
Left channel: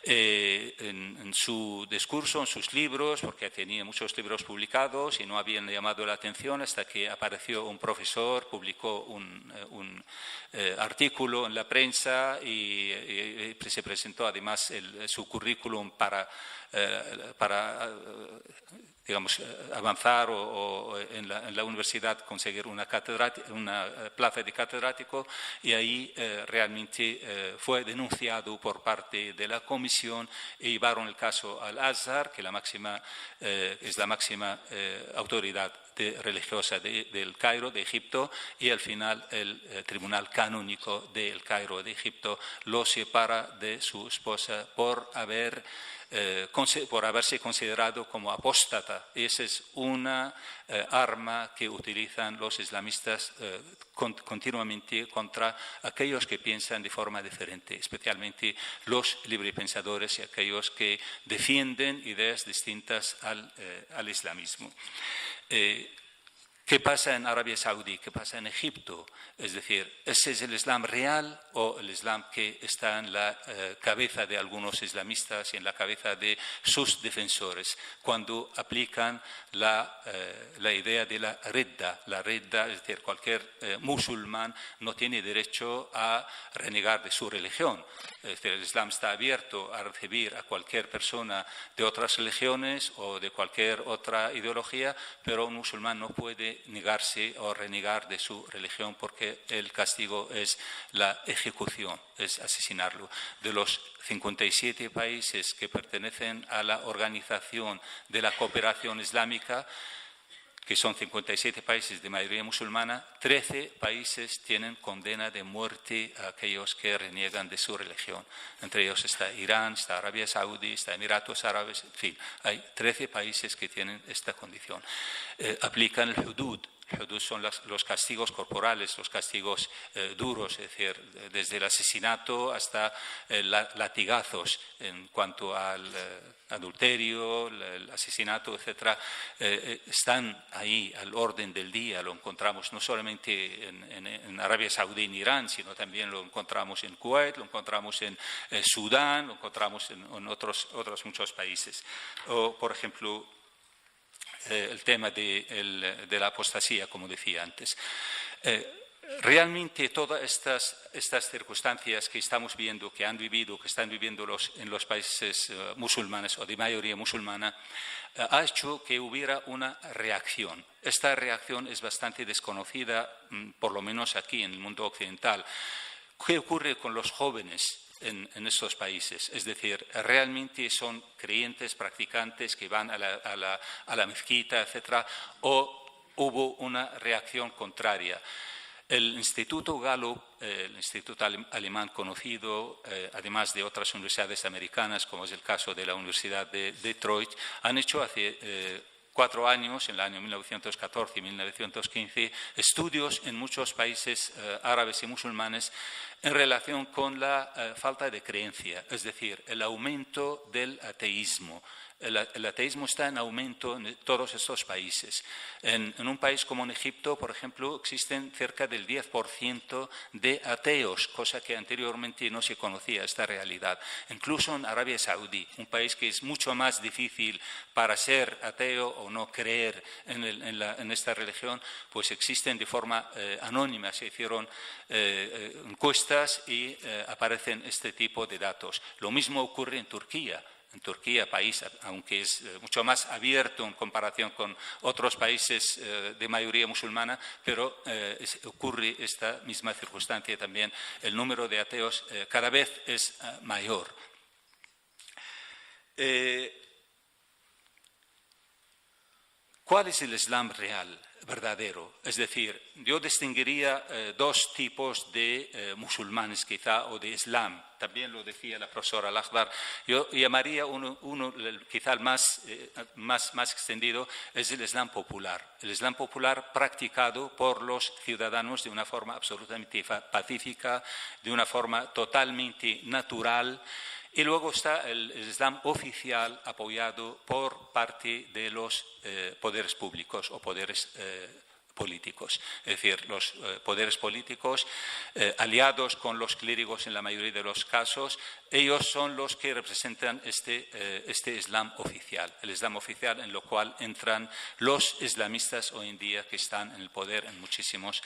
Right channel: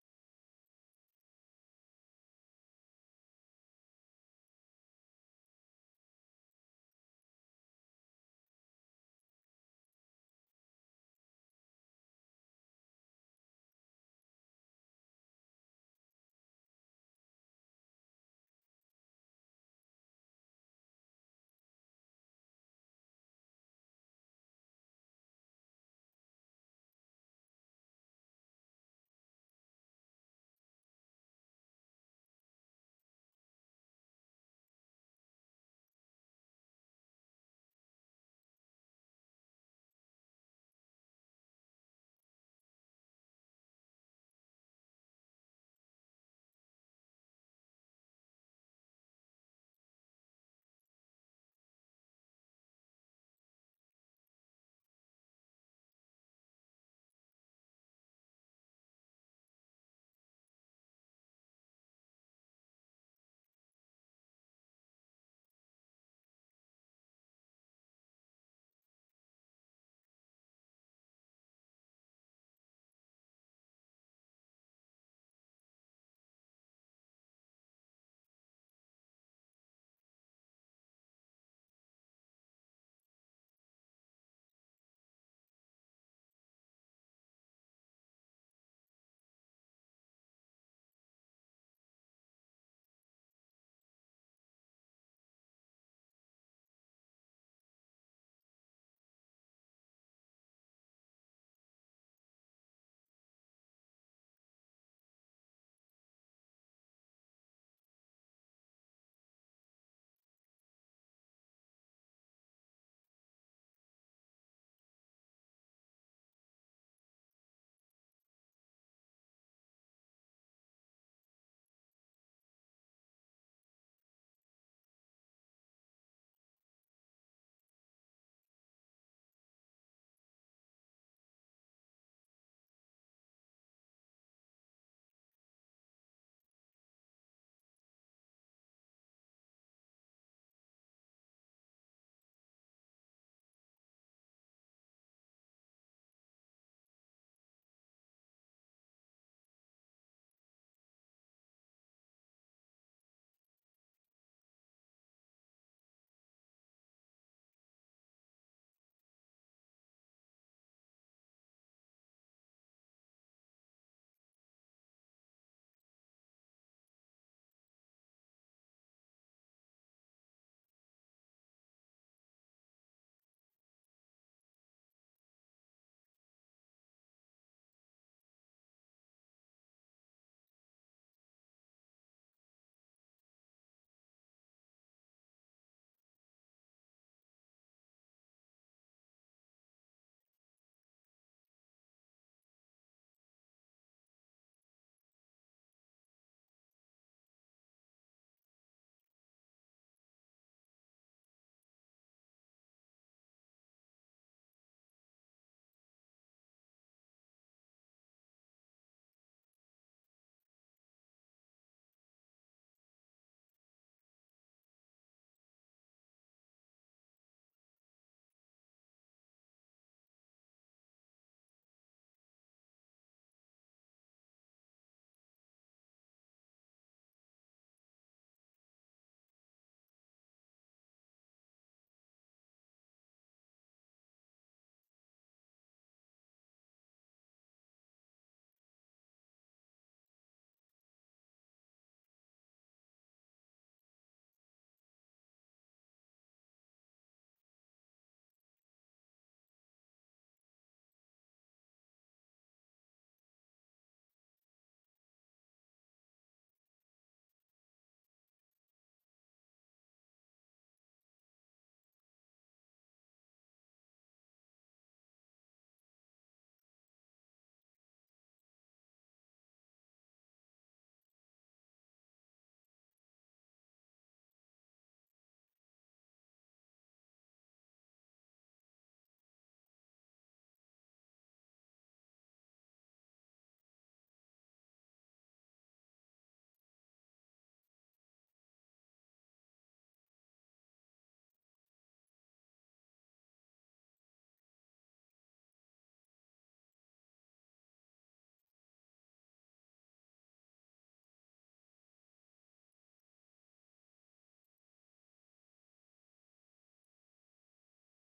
En su discurso, en sus libros, porque tenía muchos libros publicados y no habían llamado la atención hasta que apareció un profesor, publicó un artículo en la prensa y se presentó además su currículum para digamos, avanzar o en la universidad conseguir una plaza de catedrático, y ahí realmente fue denunciado por parte de la comisión y llevaron el caso al Azhar, que es la máxima autoridad religiosa del Cairo, de Egipto, y al final el Tribunal Canónico del Cairo, de Egipto, lo separa de su esposa por haber por haberse considerado como apóstata. Esa es una arma que utilizan los islamistas continuamente contra aquellos que piensan de forma diferente, especialmente los librepensadores y aquellos que defienden ideas distintas al islamismo. ¿Qué pasa en Arabia Saudí? ¿Qué pasa en Egipto? Es decir, ¿ese es el Islam real o el Islam que está en la cabeza de algunos islamistas y en la cabeza de sus defensores cuando aplican la idea de la ridda? La ridda, es decir, cualquier musulmán no tiene derecho a renegar de su religión. Es decir, el Islam está abierto a recibir a cualquier persona de otras religiones o de cualquier otra ideología, pero un musulmán no puede negarse o renegar de su religión porque el castigo es la ejecución, es asesinarlo. De los 57 países que pertenecen a la Organización de la Cooperación Islámica, que son 57 países de mayoría musulmana, 13 países tienen condena de muerte a aquellos que reniegan de su religión. Entre ellos está Irán, está Arabia Saudí, está Emiratos Árabes, en fin, hay 13 países que tienen esta condición. Aplican el hudud. Hudud son los castigos corporales, los castigos duros, es decir, desde el asesinato hasta latigazos en cuanto al adulterio, el asesinato, etc. Están ahí al orden del día, lo encontramos no solamente en Arabia Saudí, en Irán, sino también lo encontramos en Kuwait, lo encontramos en Sudán, lo encontramos en otros muchos países. O, por ejemplo, el tema de la apostasía, como decía antes. Realmente todas estas circunstancias que estamos viendo, que han vivido, que están viviendo en los países musulmanes o de mayoría musulmana, ha hecho que hubiera una reacción. Esta reacción es bastante desconocida, por lo menos aquí en el mundo occidental. ¿Qué ocurre con los jóvenes en estos países? Es decir, realmente son creyentes, practicantes que van a la mezquita, etc., o hubo una reacción contraria. El Instituto Gallup, el instituto alemán conocido, además de otras universidades americanas, como es el caso de la Universidad de Detroit, han hecho hace 4 años, en el año 1914 y 1915, estudios en muchos países árabes y musulmanes en relación con la falta de creencia, es decir, el aumento del ateísmo. El ateísmo está en aumento en todos estos países. En un país como en Egipto, por ejemplo, existen cerca del 10% de ateos, cosa que anteriormente no se conocía, esta realidad. Incluso en Arabia Saudí, un país que es mucho más difícil para ser ateo o no creer en esta religión, pues existen de forma anónima. Se hicieron encuestas y aparecen este tipo de datos. Lo mismo ocurre en Turquía. En Turquía, país, aunque es mucho más abierto en comparación con otros países de mayoría musulmana, pero ocurre esta misma circunstancia también. El número de ateos cada vez es mayor. ¿Cuál es el Islam real, verdadero? Es decir, yo distinguiría 2 tipos de musulmanes quizá, o de Islam. También lo decía la profesora Al-Akhdar. Yo llamaría uno quizá el más extendido, es el Islam popular. El Islam popular practicado por los ciudadanos de una forma absolutamente pacífica, de una forma totalmente natural. Y luego está el Islam oficial apoyado por parte de los poderes públicos o poderes políticos, es decir, los poderes políticos aliados con los clérigos en la mayoría de los casos, ellos son los que representan este Islam oficial, el Islam oficial en lo cual entran los islamistas hoy en día que están en el poder en muchísimos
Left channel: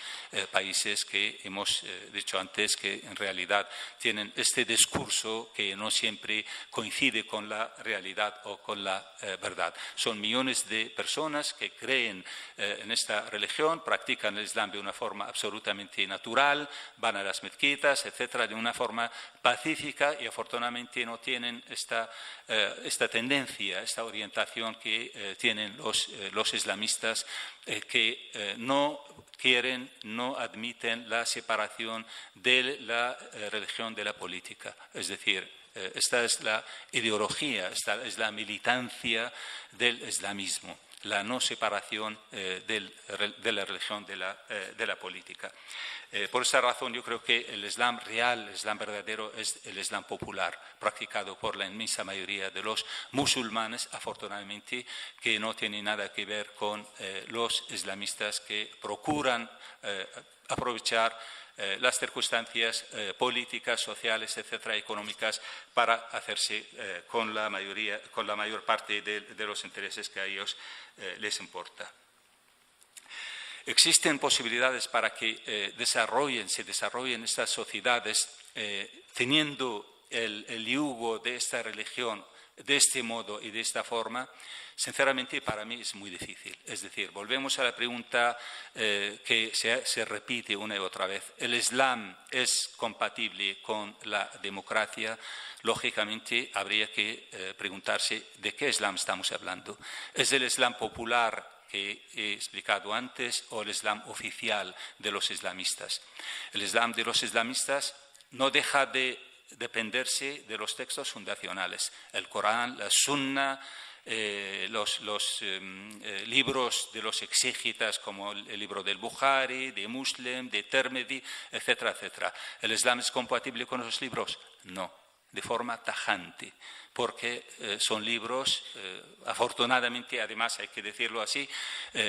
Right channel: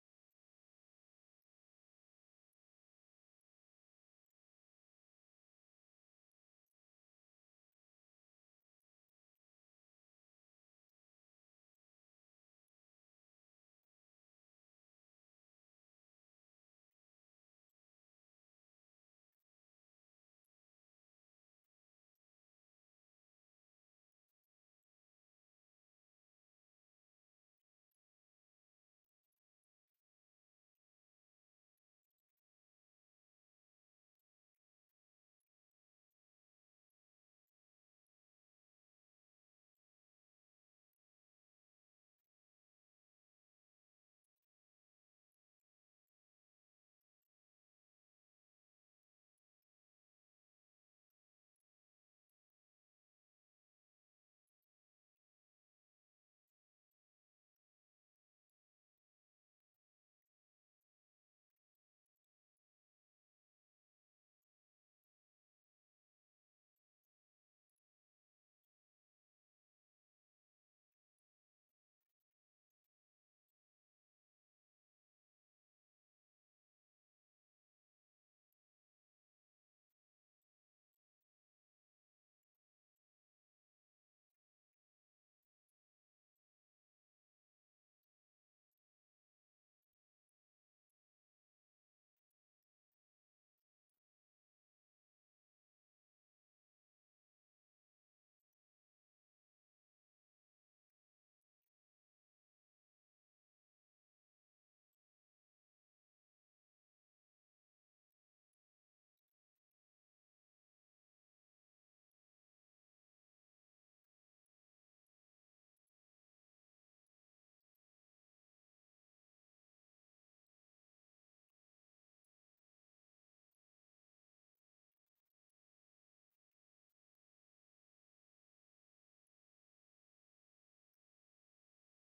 países que hemos dicho antes que en realidad tienen este discurso que no siempre coincide con la realidad o con la verdad. Son millones de personas que creen en esta religión, practican el Islam de una forma absolutamente natural, van a las mezquitas, etcétera, de una forma pacífica y afortunadamente no tienen esta tendencia, esta orientación que tienen los islamistas que no no admiten la separación de la religión de la política. Es decir, esta es la ideología, esta es la militancia del islamismo, la no separación de la religión de la política. Por esa razón yo creo que el Islam real, el Islam verdadero, es el Islam popular, practicado por la inmensa mayoría de los musulmanes, afortunadamente, que no tiene nada que ver con los islamistas que procuran aprovechar las circunstancias políticas, sociales, etcétera, económicas, para hacerse con la mayor parte de los intereses que a ellos les importa. Existen posibilidades para que se desarrollen estas sociedades teniendo el yugo de esta religión de este modo y de esta forma. Sinceramente, para mí es muy difícil. Es decir, volvemos a la pregunta que se repite una y otra vez. ¿El Islam es compatible con la democracia? Lógicamente, habría que preguntarse de qué Islam estamos hablando. ¿Es el Islam popular que he explicado antes o el Islam oficial de los islamistas? El Islam de los islamistas no deja de dependerse de los textos fundacionales, el Corán, la Sunna, los libros de los exégetas como el libro del Bukhari, de Muslim, de Tirmidhi, etcétera, etcétera. ¿El Islam es compatible con esos libros? No, de forma tajante, porque son libros, afortunadamente, además hay que decirlo así,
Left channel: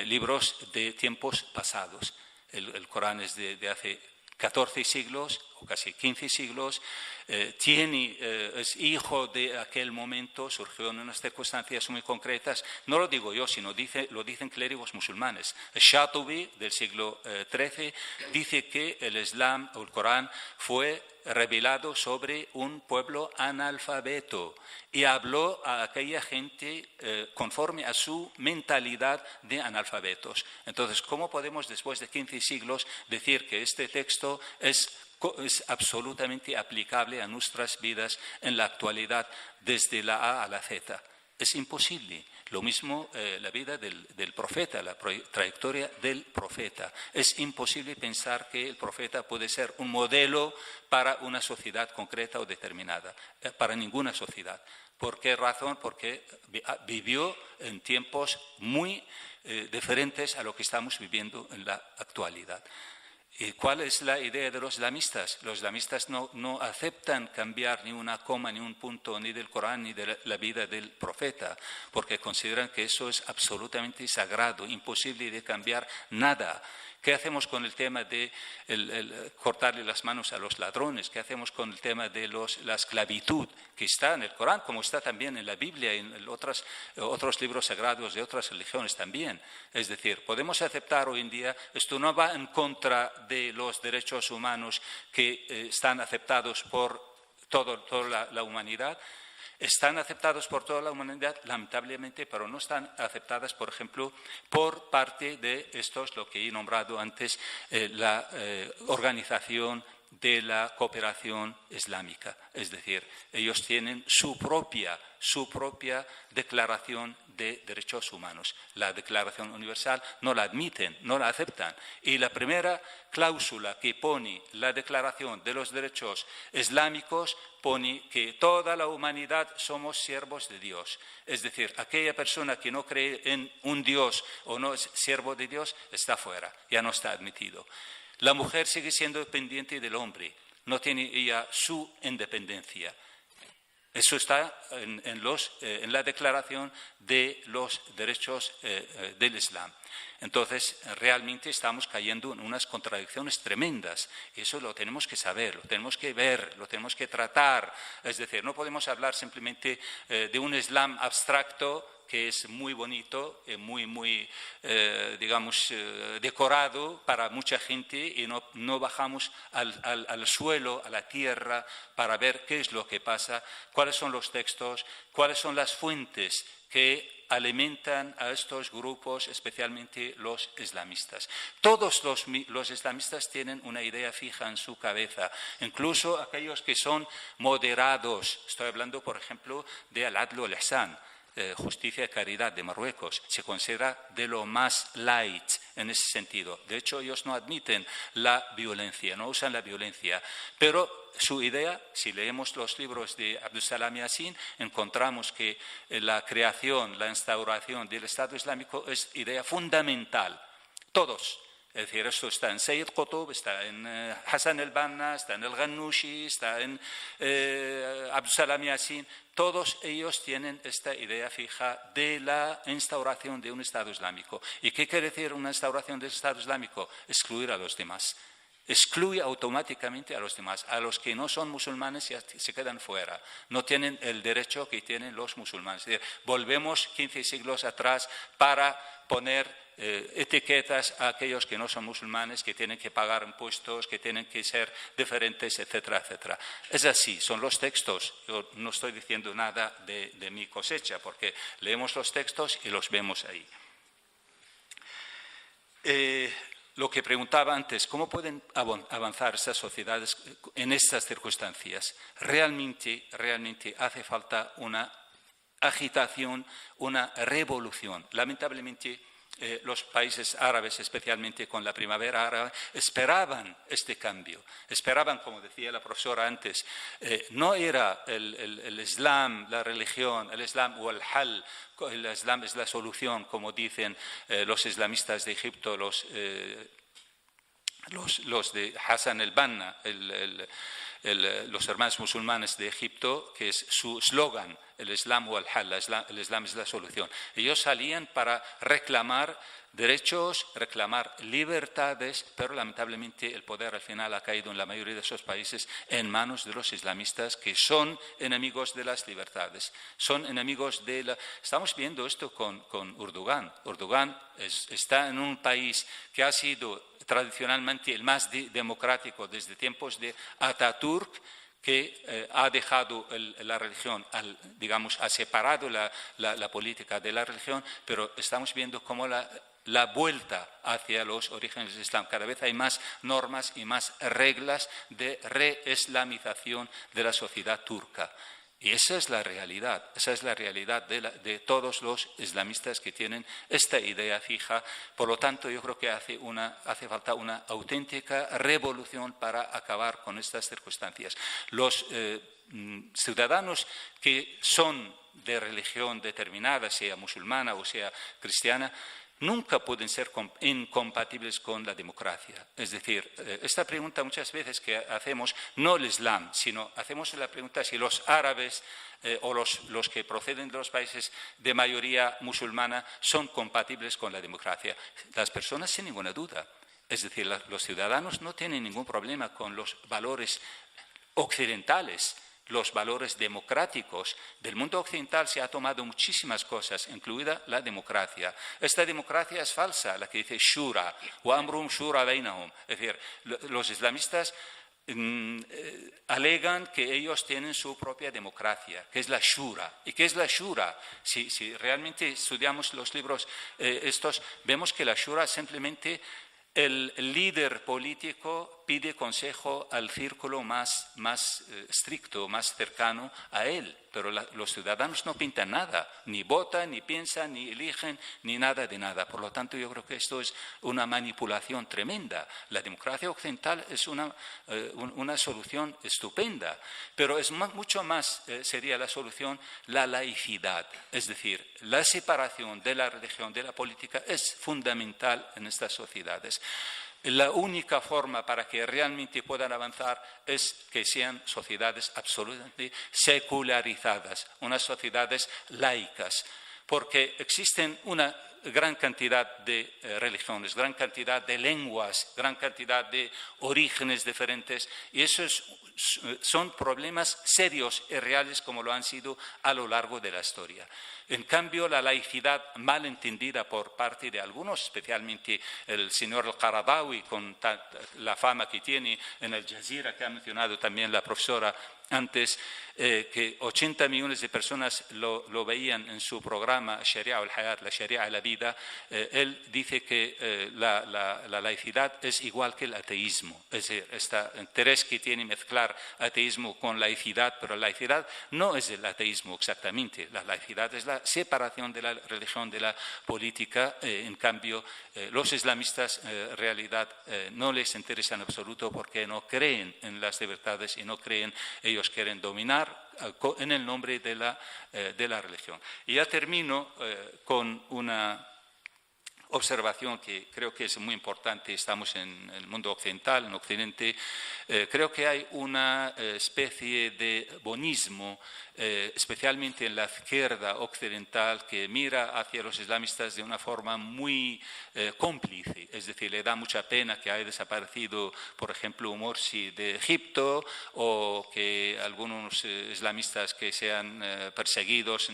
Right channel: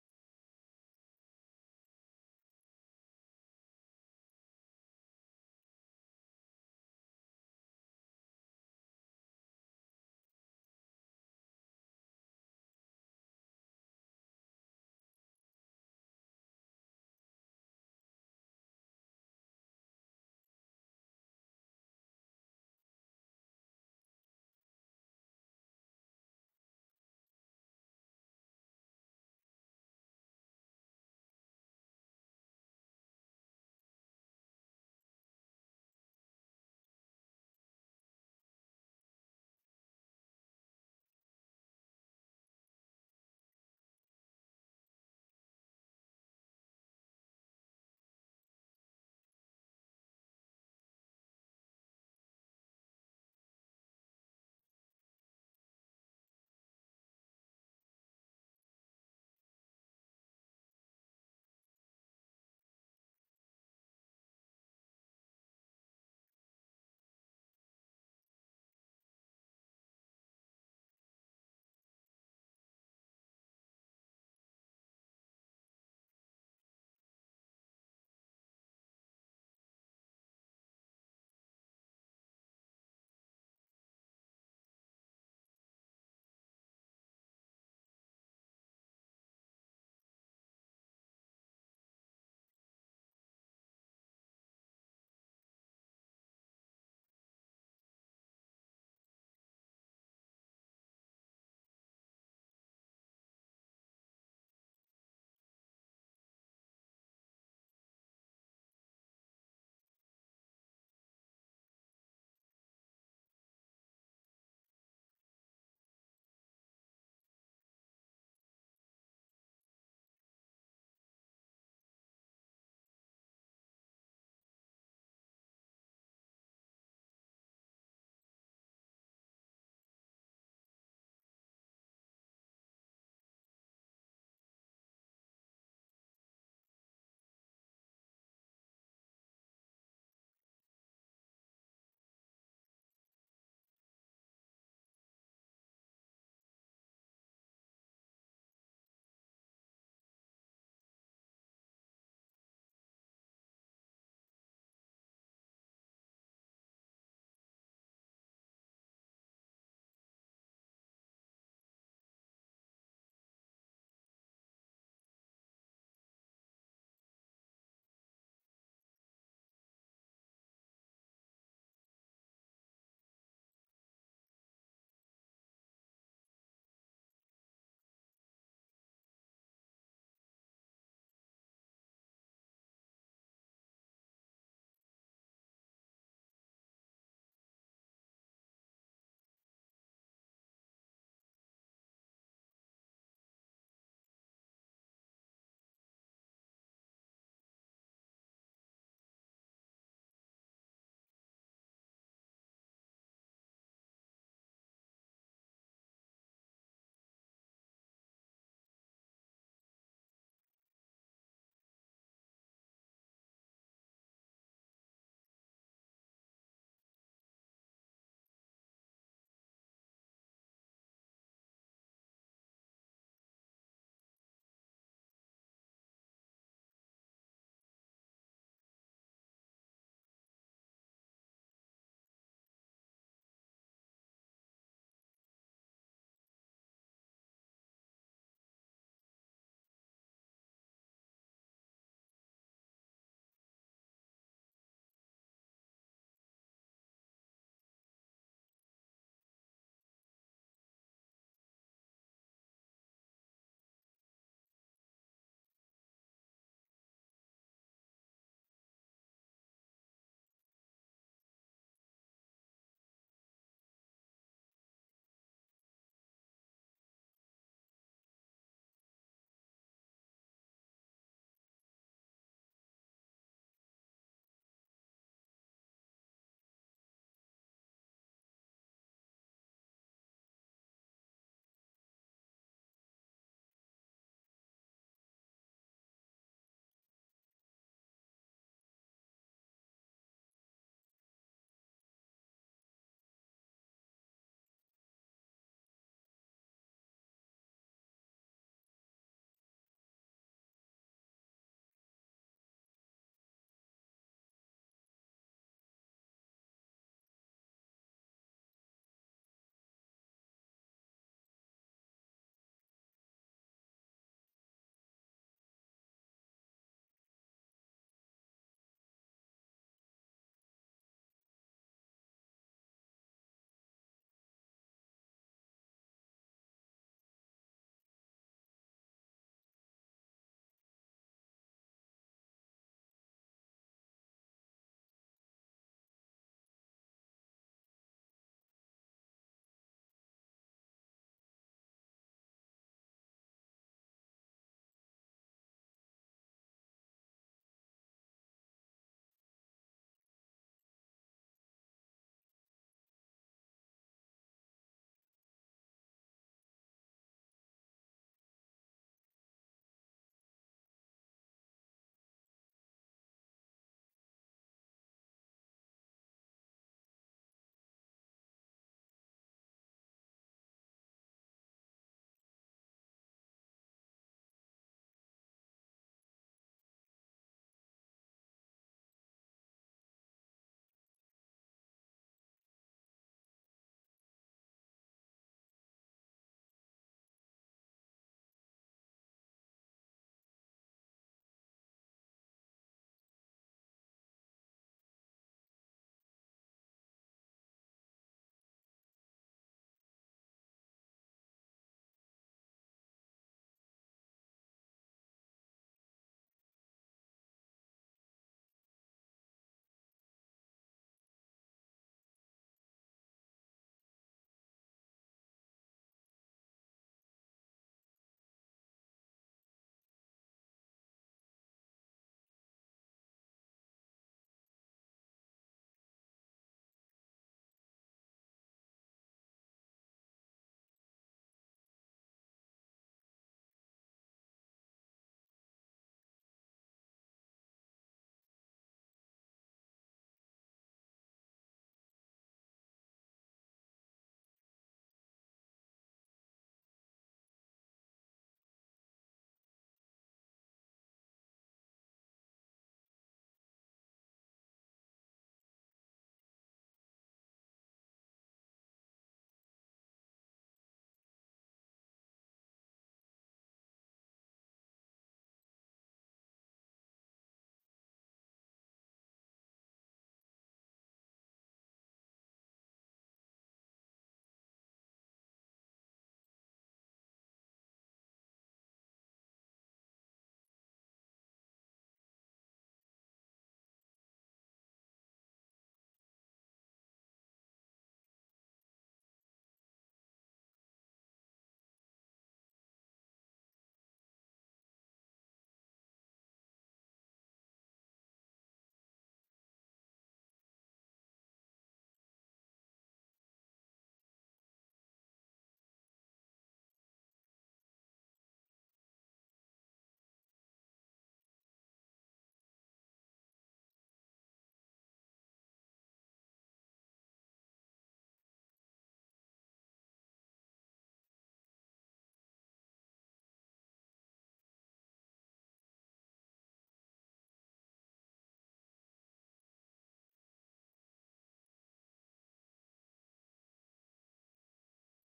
libros de tiempos pasados. El Corán es de hace 14 siglos o casi 15 siglos, es hijo de aquel momento, surgió en unas circunstancias muy concretas. No lo digo yo, sino lo dicen clérigos musulmanes. Shatubi, del siglo XIII, dice que el Islam o el Corán fue revelado sobre un pueblo analfabeto y habló a aquella gente conforme a su mentalidad de analfabetos. Entonces, ¿cómo podemos después de 15 siglos decir que este texto es absolutamente aplicable a nuestras vidas en la actualidad desde la A a la Z? Es imposible. Lo mismo la vida del profeta, la trayectoria del profeta. Es imposible pensar que el profeta puede ser un modelo para una sociedad concreta o determinada, para ninguna sociedad. ¿Por qué razón? Porque vivió en tiempos muy diferentes a lo que estamos viviendo en la actualidad. ¿Y cuál es la idea de los islamistas? Los islamistas no aceptan cambiar ni una coma, ni un punto, ni del Corán, ni de la vida del profeta, porque consideran que eso es absolutamente sagrado, imposible de cambiar nada. ¿Qué hacemos con el tema de cortarle las manos a los ladrones? ¿Qué hacemos con el tema de la esclavitud, que está en el Corán, como está también en la Biblia y en otros libros sagrados de otras religiones también? Es decir, podemos aceptar hoy en día, esto no va en contra de los derechos humanos que están aceptados por toda la humanidad. Están aceptados por toda la humanidad, lamentablemente, pero no están aceptadas, por ejemplo, por parte de estos, lo que he nombrado antes, la Organización de la Cooperación Islámica. Es decir, ellos tienen su propia declaración de derechos humanos. La Declaración Universal no la admiten, no la aceptan. Y la primera cláusula que pone la Declaración de los Derechos Islámicos pone que toda la humanidad somos siervos de Dios. Es decir, aquella persona que no cree en un Dios o no es siervo de Dios está fuera, ya no está admitido. La mujer sigue siendo dependiente del hombre, no tiene ella su independencia. Eso está en la Declaración de los Derechos del Islam. Entonces, realmente estamos cayendo en unas contradicciones tremendas. Eso lo tenemos que saber, lo tenemos que ver, lo tenemos que tratar. Es decir, no podemos hablar simplemente de un Islam abstracto que es muy bonito, muy decorado para mucha gente, y no bajamos al suelo, a la tierra, para ver qué es lo que pasa, cuáles son los textos, cuáles son las fuentes que alimentan a estos grupos, especialmente los islamistas. Todos los islamistas tienen una idea fija en su cabeza, incluso aquellos que son moderados. Estoy hablando, por ejemplo, de al-adl wal-ihsan. Justicia y Caridad de Marruecos. Se considera de lo más light en ese sentido. De hecho, ellos no admiten la violencia, no usan la violencia. Pero su idea, si leemos los libros de Abdussalam Yassin, encontramos que la creación, la instauración del Estado Islámico es idea fundamental. Todos. Es decir, esto está en Sayyid Qutb, está en Hassan el-Banna, está en el-Ghannouchi, está en Abdussalam Yassin. Todos ellos tienen esta idea fija de la instauración de un Estado Islámico. ¿Y qué quiere decir una instauración del Estado Islámico? Excluir a los demás. Excluye automáticamente a los demás. A los que no son musulmanes ya se quedan fuera. No tienen el derecho que tienen los musulmanes. Es decir, volvemos 15 siglos atrás para poner etiquetas a aquellos que no son musulmanes, que tienen que pagar impuestos, que tienen que ser diferentes, etcétera, etcétera. Es así, son los textos. Yo no estoy diciendo nada de mi cosecha, porque leemos los textos y los vemos ahí. Lo que preguntaba antes, ¿cómo pueden avanzar estas sociedades en estas circunstancias? Realmente hace falta una agitación, una revolución. Lamentablemente, los países árabes, especialmente con la primavera árabe, esperaban este cambio. Esperaban, como decía la profesora antes, no era el Islam, la religión, el Islam o el hal, el Islam es la solución, como dicen los islamistas de Egipto, los de Hassan el-Banna, los hermanos musulmanes de Egipto, que es su eslogan, el Islam o al-Hal, el Islam es la solución. Ellos salían para reclamar derechos, reclamar libertades, pero lamentablemente el poder al final ha caído en la mayoría de esos países en manos de los islamistas, que son enemigos de las libertades, son enemigos de la... Estamos viendo esto con Erdogan. Erdogan está en un país que ha sido tradicionalmente el más democrático desde tiempos de Atatürk, que ha dejado la religión, digamos, ha separado la política de la religión, pero estamos viendo cómo la vuelta hacia los orígenes del Islam. Cada vez hay más normas y más reglas de reislamización de la sociedad turca. Y esa es la realidad de todos los islamistas que tienen esta idea fija. Por lo tanto, yo creo que hace falta una auténtica revolución para acabar con estas circunstancias. Los ciudadanos que son de religión determinada, sea musulmana o sea cristiana, nunca pueden ser incompatibles con la democracia. Es decir, esta pregunta muchas veces que hacemos, no el Islam, sino hacemos la pregunta si los árabes o los que proceden de los países de mayoría musulmana son compatibles con la democracia. Las personas sin ninguna duda. Es decir, los ciudadanos no tienen ningún problema con los valores occidentales, los valores democráticos. Del mundo occidental se ha tomado muchísimas cosas, incluida la democracia. Esta democracia es falsa, la que dice Shura, wa amrum shura bainahum. Es decir, los islamistas alegan que ellos tienen su propia democracia, que es la Shura. ¿Y qué es la Shura? Si realmente estudiamos los libros estos, vemos que la Shura es simplemente el líder político pide consejo al círculo más estricto, más cercano a él. Pero los ciudadanos no pintan nada, ni votan, ni piensan, ni eligen, ni nada de nada. Por lo tanto, yo creo que esto es una manipulación tremenda. La democracia occidental es una solución estupenda, pero es mucho más, sería la solución, la laicidad. Es decir, la separación de la religión de la política es fundamental en estas sociedades. La única forma para que realmente puedan avanzar es que sean sociedades absolutamente secularizadas, unas sociedades laicas, porque existen una gran cantidad de religiones, gran cantidad de lenguas, gran cantidad de orígenes diferentes, y esos son problemas serios y reales como lo han sido a lo largo de la historia. En cambio, la laicidad mal entendida por parte de algunos, especialmente el señor al-Qaradawi, con la fama que tiene en Al Jazeera, que ha mencionado también la profesora antes, que 80 millones de personas lo veían en su programa Sharia al-Hayat, la Sharia a la vida. Él dice que la laicidad es igual que el ateísmo. Es decir, este interés que tiene mezclar ateísmo con laicidad, pero la laicidad no es el ateísmo exactamente. La laicidad es la esta separación de la religión de la política. En cambio, los islamistas en realidad no les interesa en absoluto porque no creen en las libertades y no creen, ellos quieren dominar en el nombre de la religión. Y ya termino con una observación que creo que es muy importante. Estamos en el mundo occidental, en Occidente. Creo que hay una especie de bonismo, especialmente en la izquierda occidental, que mira hacia los islamistas de una forma muy cómplice. Es decir, le da mucha pena que haya desaparecido, por ejemplo, Morsi de Egipto, o que algunos islamistas que sean perseguidos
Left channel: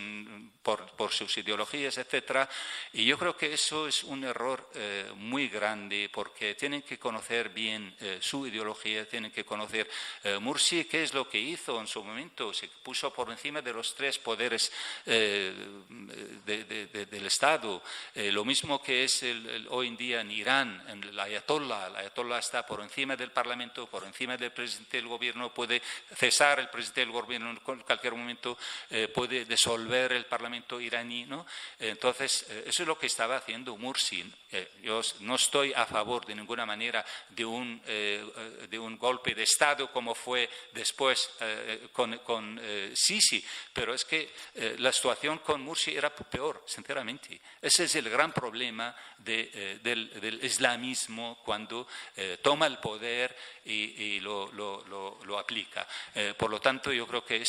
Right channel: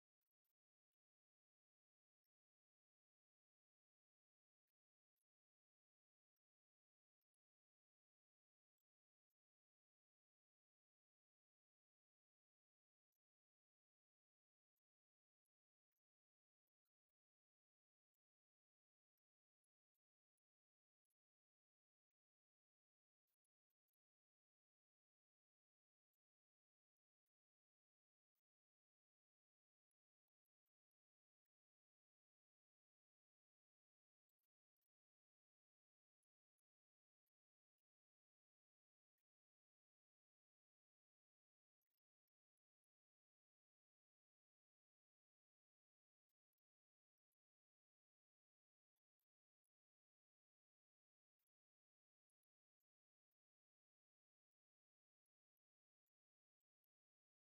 por sus ideologías, etc. Y yo creo que eso es un error muy grande, porque tienen que conocer bien su ideología, tienen que conocer Morsi, qué es lo que hizo en su momento. Se puso por encima de los tres poderes del Estado. Lo mismo que es hoy en día en Irán, el ayatollah. El ayatollah está por encima del Parlamento, por encima del presidente del gobierno, puede cesar el presidente del gobierno en cualquier momento, puede disolver el Parlamento iraní, ¿no? Entonces, eso es lo que estaba haciendo Morsi. Yo no estoy a favor de ninguna manera de un golpe de Estado como fue después con Sisi, pero es que la situación con Morsi era peor, sinceramente. Ese es el gran problema del islamismo cuando toma el poder y lo aplica. Por lo tanto, yo creo que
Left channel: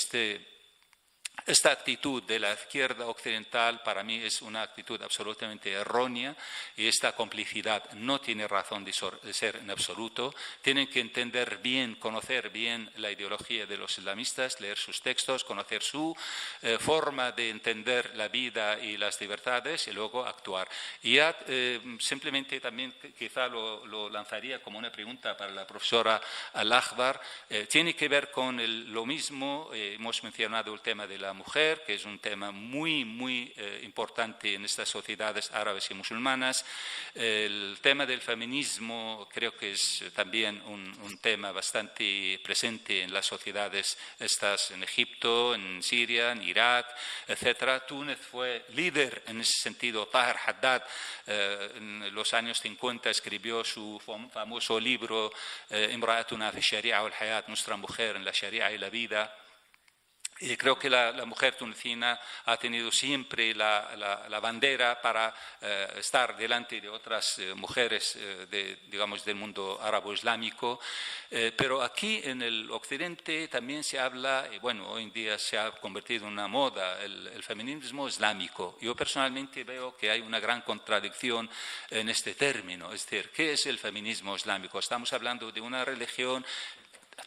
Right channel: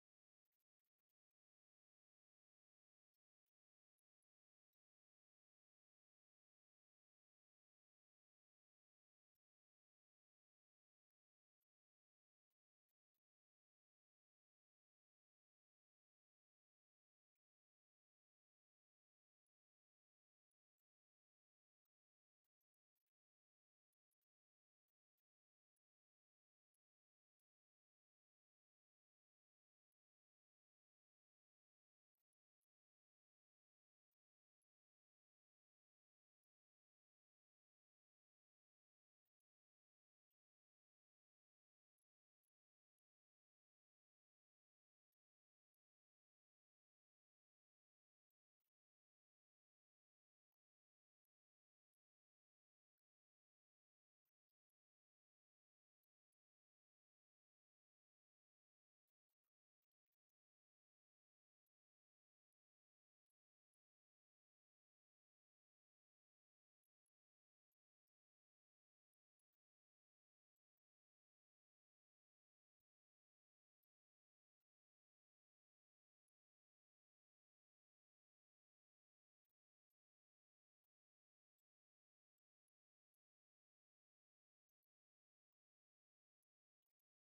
esta actitud de la izquierda occidental para mí es una actitud absolutamente errónea, y esta complicidad no tiene razón de ser en absoluto. Tienen que entender bien, conocer bien la ideología de los islamistas, leer sus textos, conocer su forma de entender la vida y las libertades y luego actuar. Y ya simplemente también quizá lo lanzaría como una pregunta para la profesora Al-Akhbar. Tiene que ver con lo mismo. Hemos mencionado el tema de la mujer, que es un tema muy, muy importante en estas sociedades árabes y musulmanas. El tema del feminismo creo que es también un tema bastante presente en las sociedades estas en Egipto, en Siria, en Irak, etc. Túnez fue líder en ese sentido. Tahir Haddad en los años 50 escribió su famoso libro Imra'atuna fi Sharia wal Hayat, nuestra mujer en la Sharia y la vida. Y creo que la mujer tunecina ha tenido siempre la bandera para estar delante de otras mujeres digamos, del mundo árabe-islámico. Pero aquí en el occidente también se habla, y bueno, hoy en día se ha convertido en una moda, el feminismo islámico. Yo personalmente veo que hay una gran contradicción en este término. Es decir, ¿qué es el feminismo islámico? Estamos hablando de una religión.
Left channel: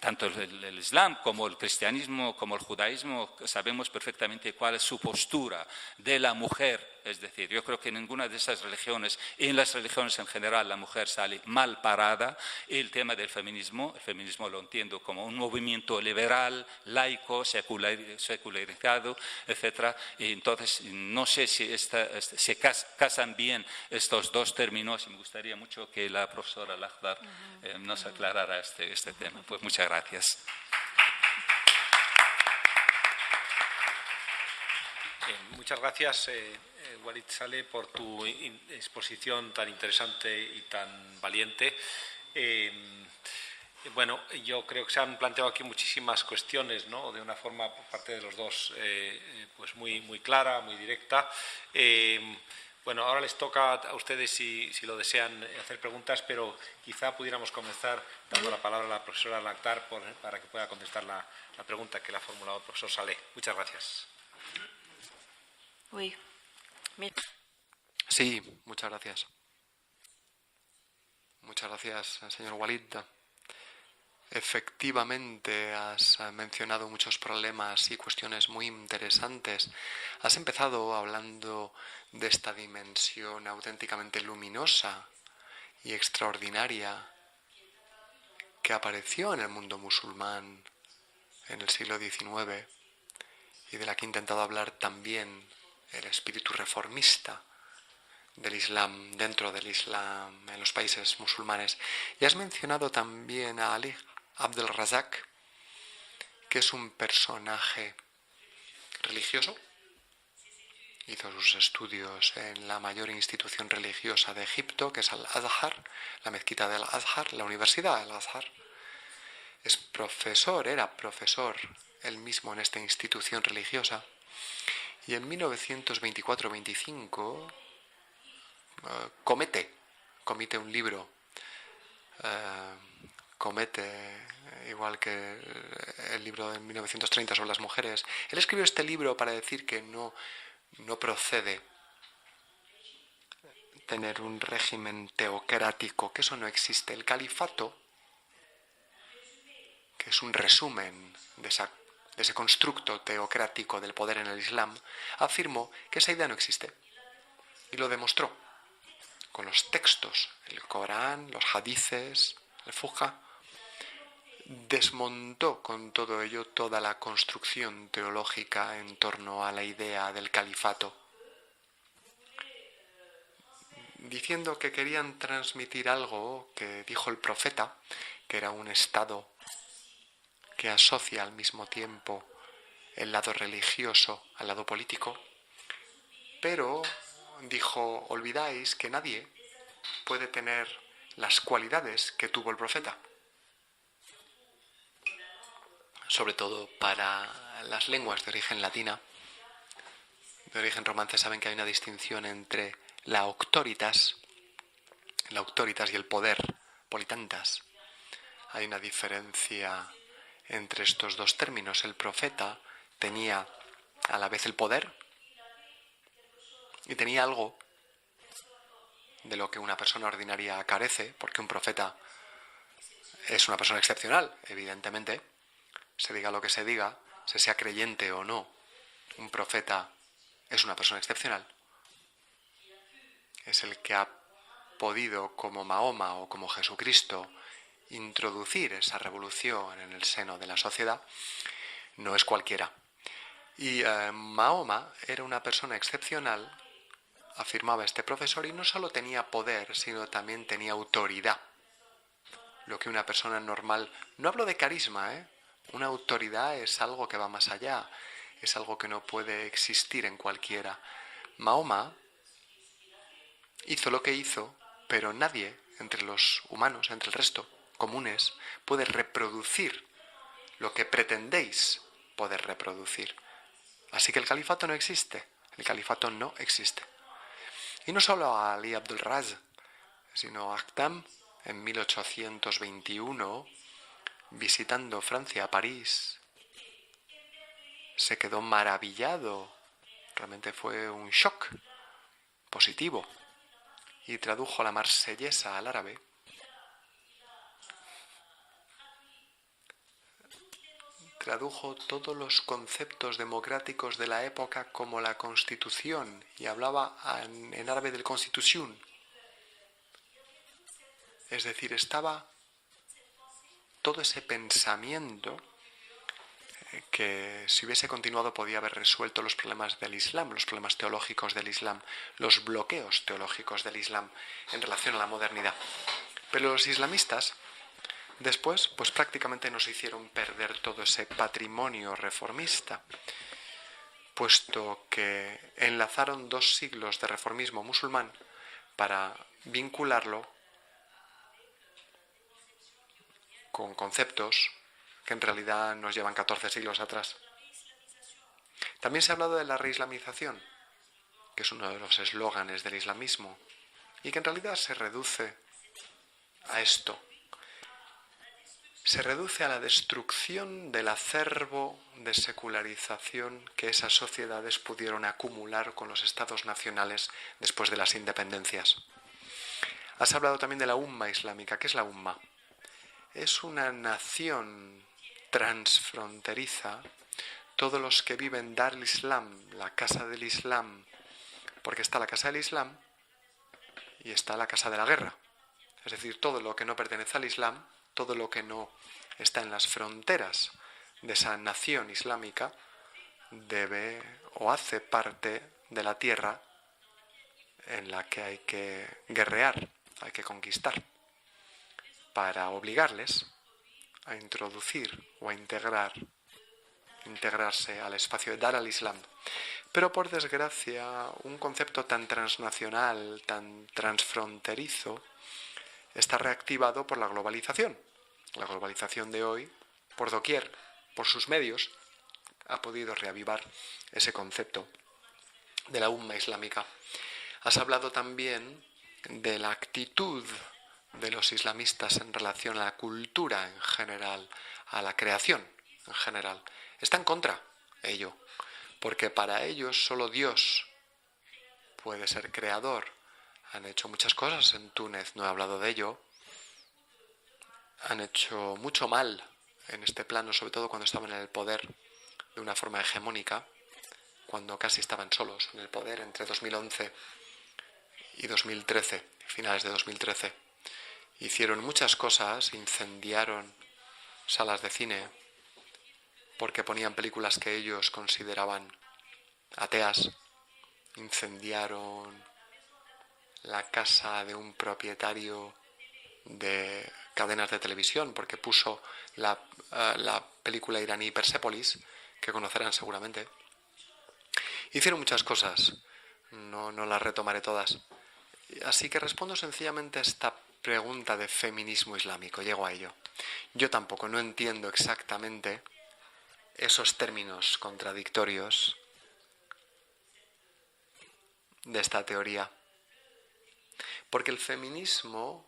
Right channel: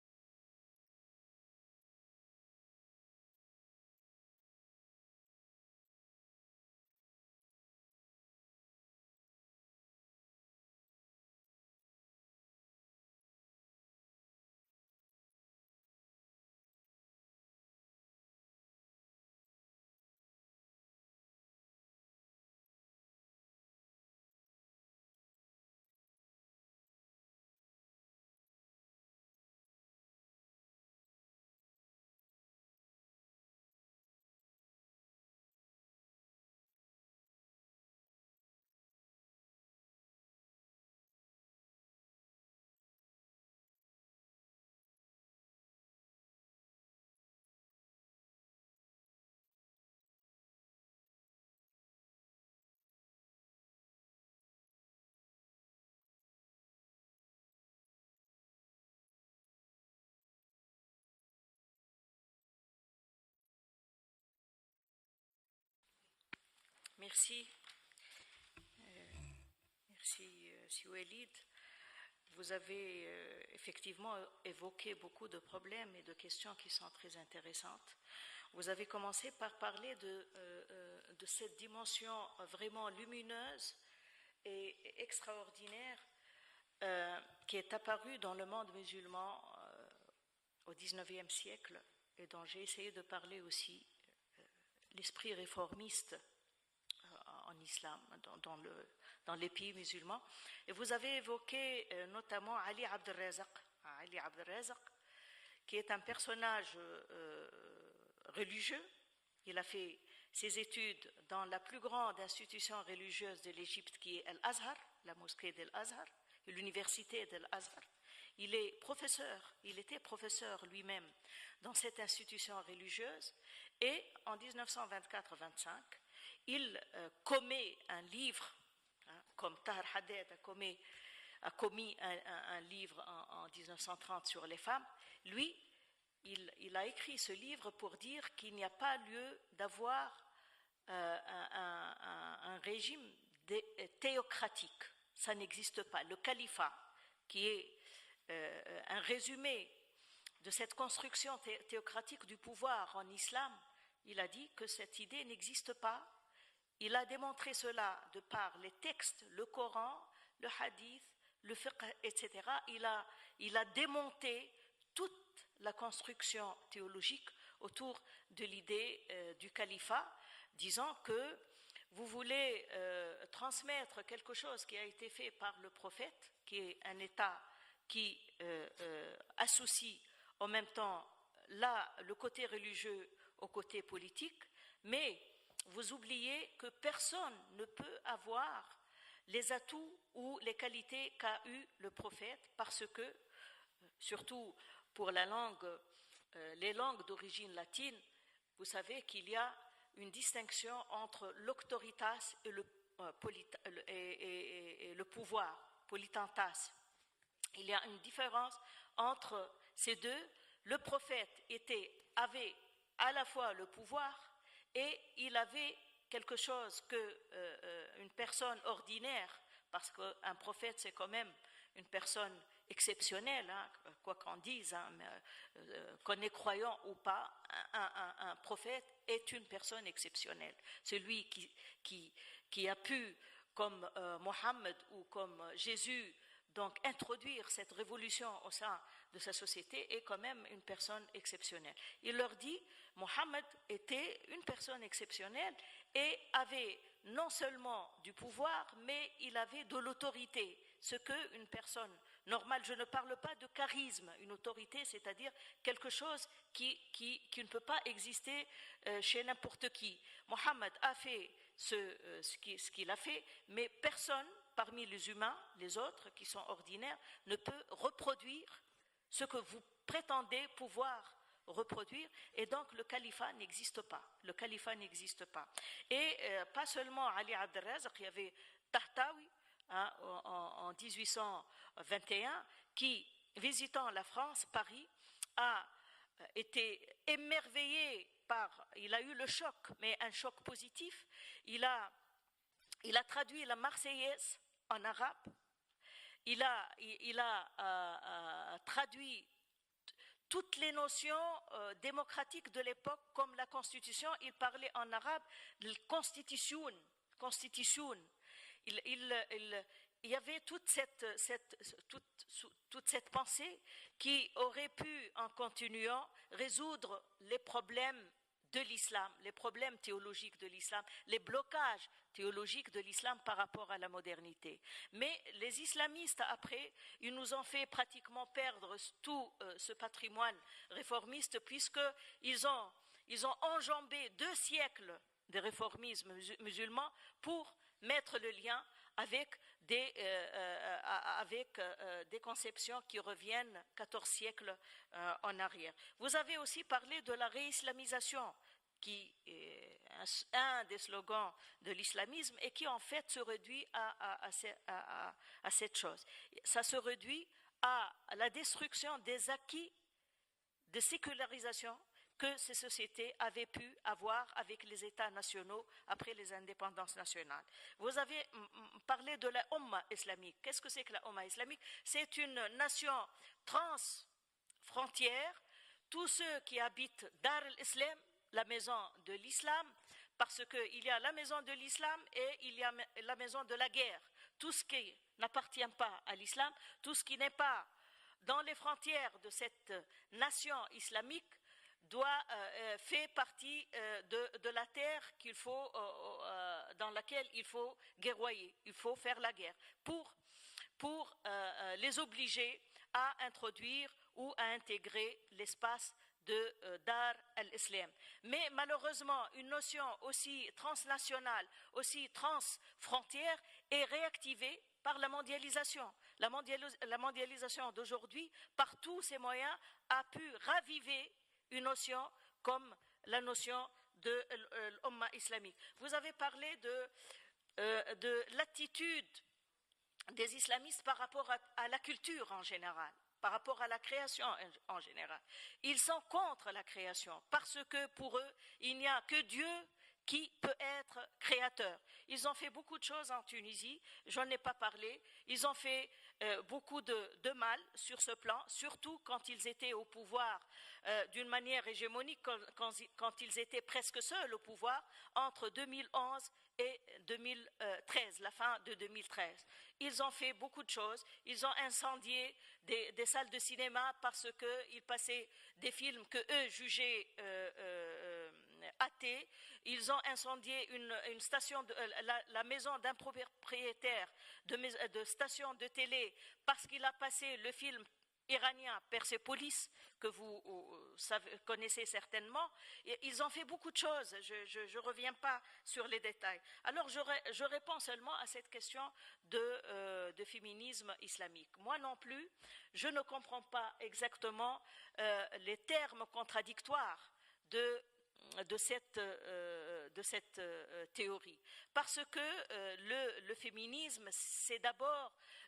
Tanto el Islam como el cristianismo, como el judaísmo, sabemos perfectamente cuál es su postura de la mujer. Es decir, yo creo que en ninguna de esas religiones, en las religiones en general, la mujer sale mal parada. El tema del feminismo, el feminismo lo entiendo como un movimiento liberal, laico, secularizado, etc. Y entonces, no sé si se casan bien estos dos términos, y me gustaría mucho que la profesora Al-Akhbar nos aclarara este tema. Pues muchas gracias. Muchas gracias, Walid Saleh, por tu exposición tan interesante y tan valiente. Bueno, yo creo que se han planteado aquí muchísimas cuestiones, ¿no? De una forma por parte de los dos pues muy, muy clara, muy directa. Bueno, ahora les toca a ustedes, si lo desean, hacer preguntas, pero quizá pudiéramos comenzar dando la palabra a la profesora Al-Akhbar para que pueda contestar la pregunta que le ha formulado el profesor Saleh. Muchas gracias. Oui, merci. Sí, muchas gracias. Merci, Walid. Muchas gracias, señor Walid. Efectivamente, has mencionado muchos problemas y cuestiones muy interesantes. Has empezado hablando de esta dimensión auténticamente luminosa y extraordinaria que apareció en el mundo musulmán en el siglo XIX y de la que he intentado hablar también el espíritu reformista del Islam, dentro del Islam, en los países musulmanes. Y has mencionado también a Ali Abdel Razak, que es un personaje religioso Hizo sus estudios en la mayor institución religiosa de Egipto, que es Al-Azhar, la mezquita del Azhar, la Universidad del Azhar. Era profesor él mismo en esta institución religiosa. Y en 1924-25 comete un libro. Comete, igual que el libro de 1930 sobre las mujeres. Él escribió este libro para decir que no procede tener un régimen teocrático, que eso no existe. El califato, que es un resumen de ese constructo teocrático del poder en el Islam, afirmó que esa idea no existe. Y lo demostró con los textos, el Corán, los hadices, el Fuqah. Desmontó con todo ello toda la construcción teológica en torno a la idea del califato, diciendo que querían transmitir algo que dijo el profeta, que era un estado que asocia al mismo tiempo el lado religioso al lado político. Pero dijo, olvidáis que nadie puede tener las cualidades que tuvo el profeta. Sobre todo para las lenguas de origen latina, de origen romance, saben que hay una distinción entre la auctoritas y el poder, politantas. Hay una diferencia entre estos dos términos. El profeta tenía a la vez el poder y tenía algo de lo que una persona ordinaria carece, porque un profeta es una persona excepcional, evidentemente. Se diga lo que se diga, se sea creyente o no, un profeta es una persona excepcional. Es el que ha podido, como Mahoma o como Jesucristo, introducir esa revolución en el seno de la sociedad. No es cualquiera. Y Mahoma era una persona excepcional, afirmaba este profesor, y no solo tenía poder, sino también tenía autoridad. Lo que una persona normal... No hablo de carisma, Una autoridad es algo que va más allá, es algo que no puede existir en cualquiera. Mahoma hizo lo que hizo, pero nadie entre los humanos, entre el resto, comunes, puede reproducir lo que pretendéis poder reproducir. Así que el califato no existe. El califato no existe. Y no solo a Ali Abdul Raz, sino Akdam, en 1821, visitando Francia, París, se quedó maravillado. Realmente fue un shock positivo. Y tradujo la marsellesa al árabe. Tradujo todos los conceptos democráticos de la época como la Constitución y hablaba en árabe del Constitución. Es decir, estaba todo ese pensamiento que si hubiese continuado podía haber resuelto los problemas del Islam, los problemas teológicos del Islam, los bloqueos teológicos del Islam en relación a la modernidad. Pero los islamistas después, pues prácticamente nos hicieron perder todo ese patrimonio reformista, puesto que enlazaron 2 siglos de reformismo musulmán para vincularlo con conceptos que en realidad nos llevan 14 siglos atrás. También se ha hablado de la reislamización, que es uno de los eslóganes del islamismo, y que en realidad se reduce a esto. Se reduce a la destrucción del acervo de secularización que esas sociedades pudieron acumular con los estados nacionales después de las independencias. Has hablado también de la Umma islámica. ¿Qué es la Umma? Es una nación transfronteriza. Todos los que viven Dar al-Islam, la casa del Islam, porque está la casa del Islam y está la casa de la guerra. Es decir, todo lo que no pertenece al Islam, todo lo que no está en las fronteras de esa nación islámica debe o hace parte de la tierra en la que hay que guerrear, hay que conquistar, para obligarles a introducir o a integrar integrarse al espacio, dar al Islam. Pero por desgracia, un concepto tan transnacional, tan transfronterizo, está reactivado por la globalización. La globalización de hoy, por doquier, por sus medios, ha podido reavivar ese concepto de la umma islámica. Has hablado también de la actitud de los islamistas en relación a la cultura en general, a la creación en general. Están contra ello, porque para ellos solo Dios puede ser creador. Han hecho muchas cosas en Túnez, no he hablado de ello. Han hecho mucho mal en este plano, sobre todo cuando estaban en el poder de una forma hegemónica, cuando casi estaban solos en el poder entre 2011 y 2013, finales de 2013. Hicieron muchas cosas, incendiaron salas de cine porque ponían películas que ellos consideraban ateas, incendiaron la casa de un propietario de cadenas de televisión porque puso la película iraní Persepolis, que conocerán seguramente. Hicieron muchas cosas, no las retomaré todas. Así que respondo sencillamente a esta pregunta de feminismo islámico, llego a ello. Yo tampoco no entiendo exactamente esos términos contradictorios de esta teoría, porque el feminismo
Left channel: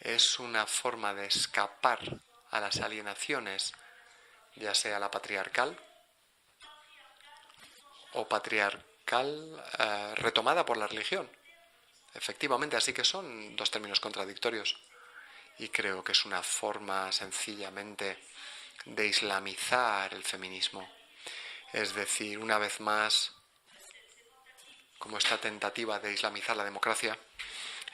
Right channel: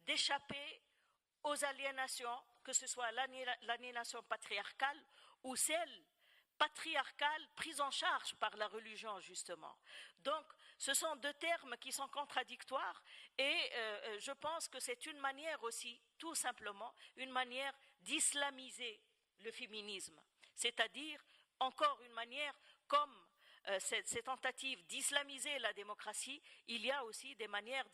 es una forma de escapar a las alienaciones, ya sea la patriarcal o patriarcal retomada por la religión. Efectivamente, así que son dos términos contradictorios y creo que es una forma sencillamente de islamizar el feminismo. Es decir, una vez más, como esta tentativa de islamizar la democracia,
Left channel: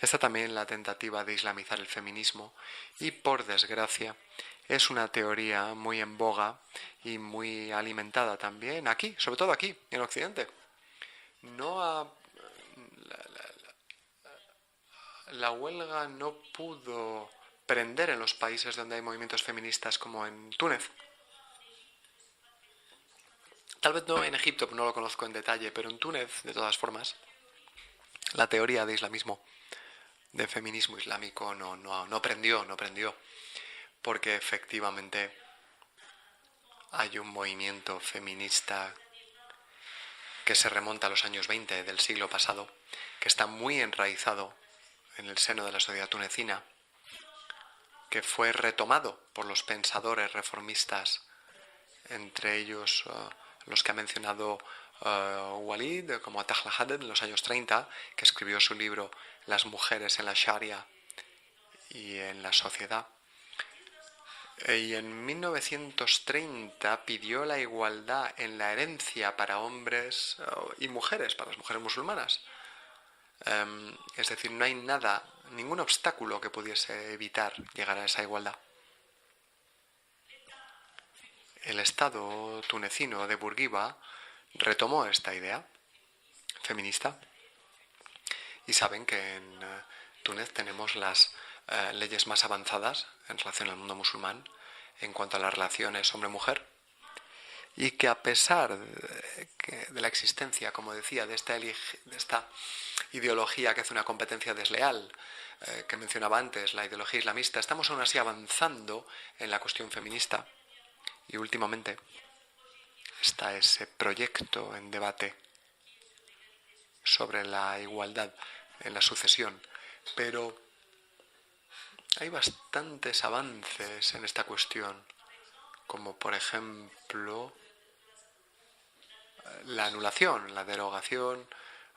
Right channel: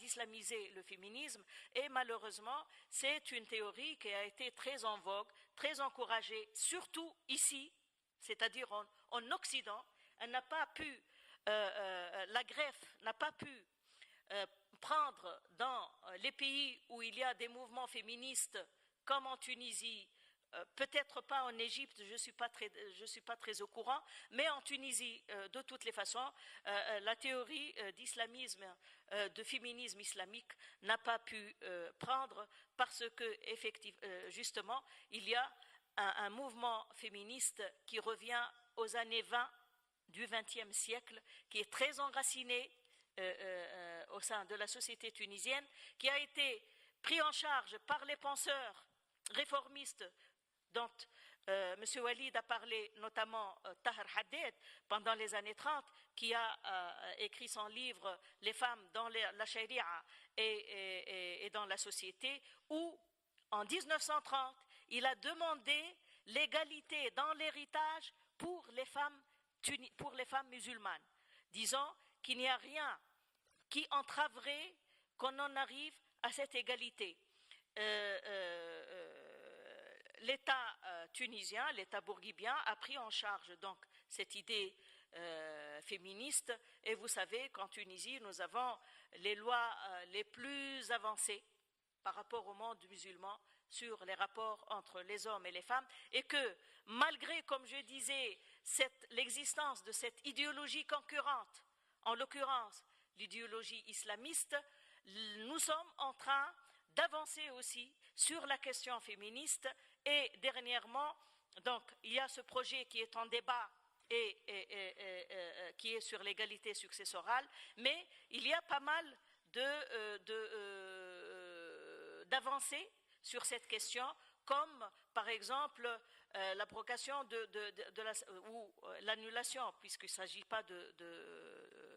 está también la tentativa de islamizar el feminismo y, por desgracia, es una teoría muy en boga y muy alimentada también aquí, sobre todo aquí, en Occidente. La huelga no pudo prender en los países donde hay movimientos feministas como en Túnez. Tal vez no en Egipto, no lo conozco en detalle, pero en Túnez, de todas formas, la teoría de islamismo, de feminismo islámico no prendió, porque efectivamente hay un movimiento feminista que se remonta a los años 20 del siglo pasado, que está muy enraizado en el seno de la sociedad tunecina, que fue retomado por los pensadores reformistas, entre ellos los que ha mencionado Walid, como Tahla Haddad en los años 30, que escribió su libro Las mujeres en la Sharia y en la sociedad. Y en 1930 pidió la igualdad en la herencia para hombres y mujeres, para las mujeres musulmanas. Es decir, no hay nada, ningún obstáculo que pudiese evitar llegar a esa igualdad. El Estado tunecino de Bourguiba retomó esta idea feminista y saben que en Túnez tenemos las leyes más avanzadas en relación al mundo musulmán en cuanto a las relaciones hombre-mujer y que a pesar de la existencia, como decía, de esta ideología que hace una competencia desleal que mencionaba antes, la ideología islamista, estamos aún así avanzando en la cuestión feminista y últimamente está ese proyecto en debate sobre la igualdad en la sucesión, pero hay bastantes avances en esta cuestión, como por ejemplo la anulación, la derogación,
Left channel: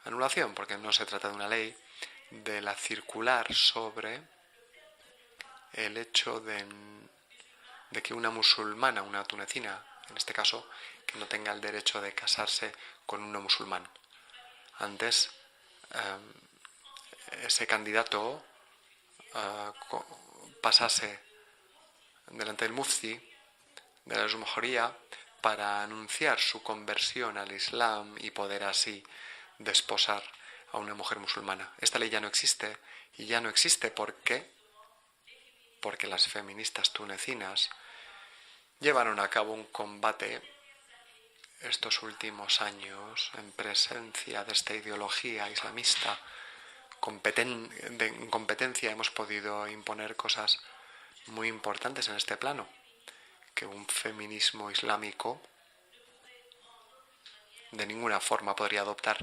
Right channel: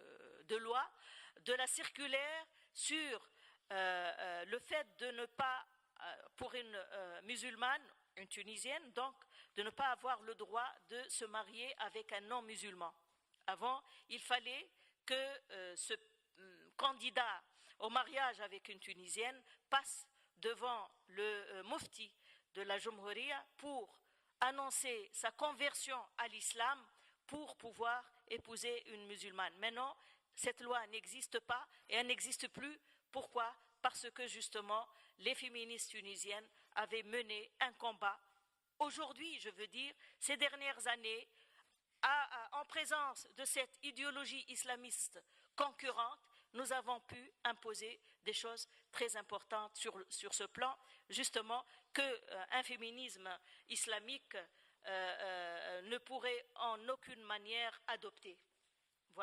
anulación, porque no se trata de una ley, de la circular sobre el hecho de que una musulmana, una tunecina, en este caso, que no tenga el derecho de casarse con un no musulmán. Antes, ese candidato pasase delante del mufti de la Jumhuría para anunciar su conversión al Islam y poder así desposar a una mujer musulmana. Esta ley ya no existe, y ya no existe porque las feministas tunecinas llevaron a cabo un combate estos últimos años en presencia de esta ideología islamista. En competencia hemos podido imponer cosas muy importantes en este plano, que un feminismo islámico de ninguna forma podría adoptar.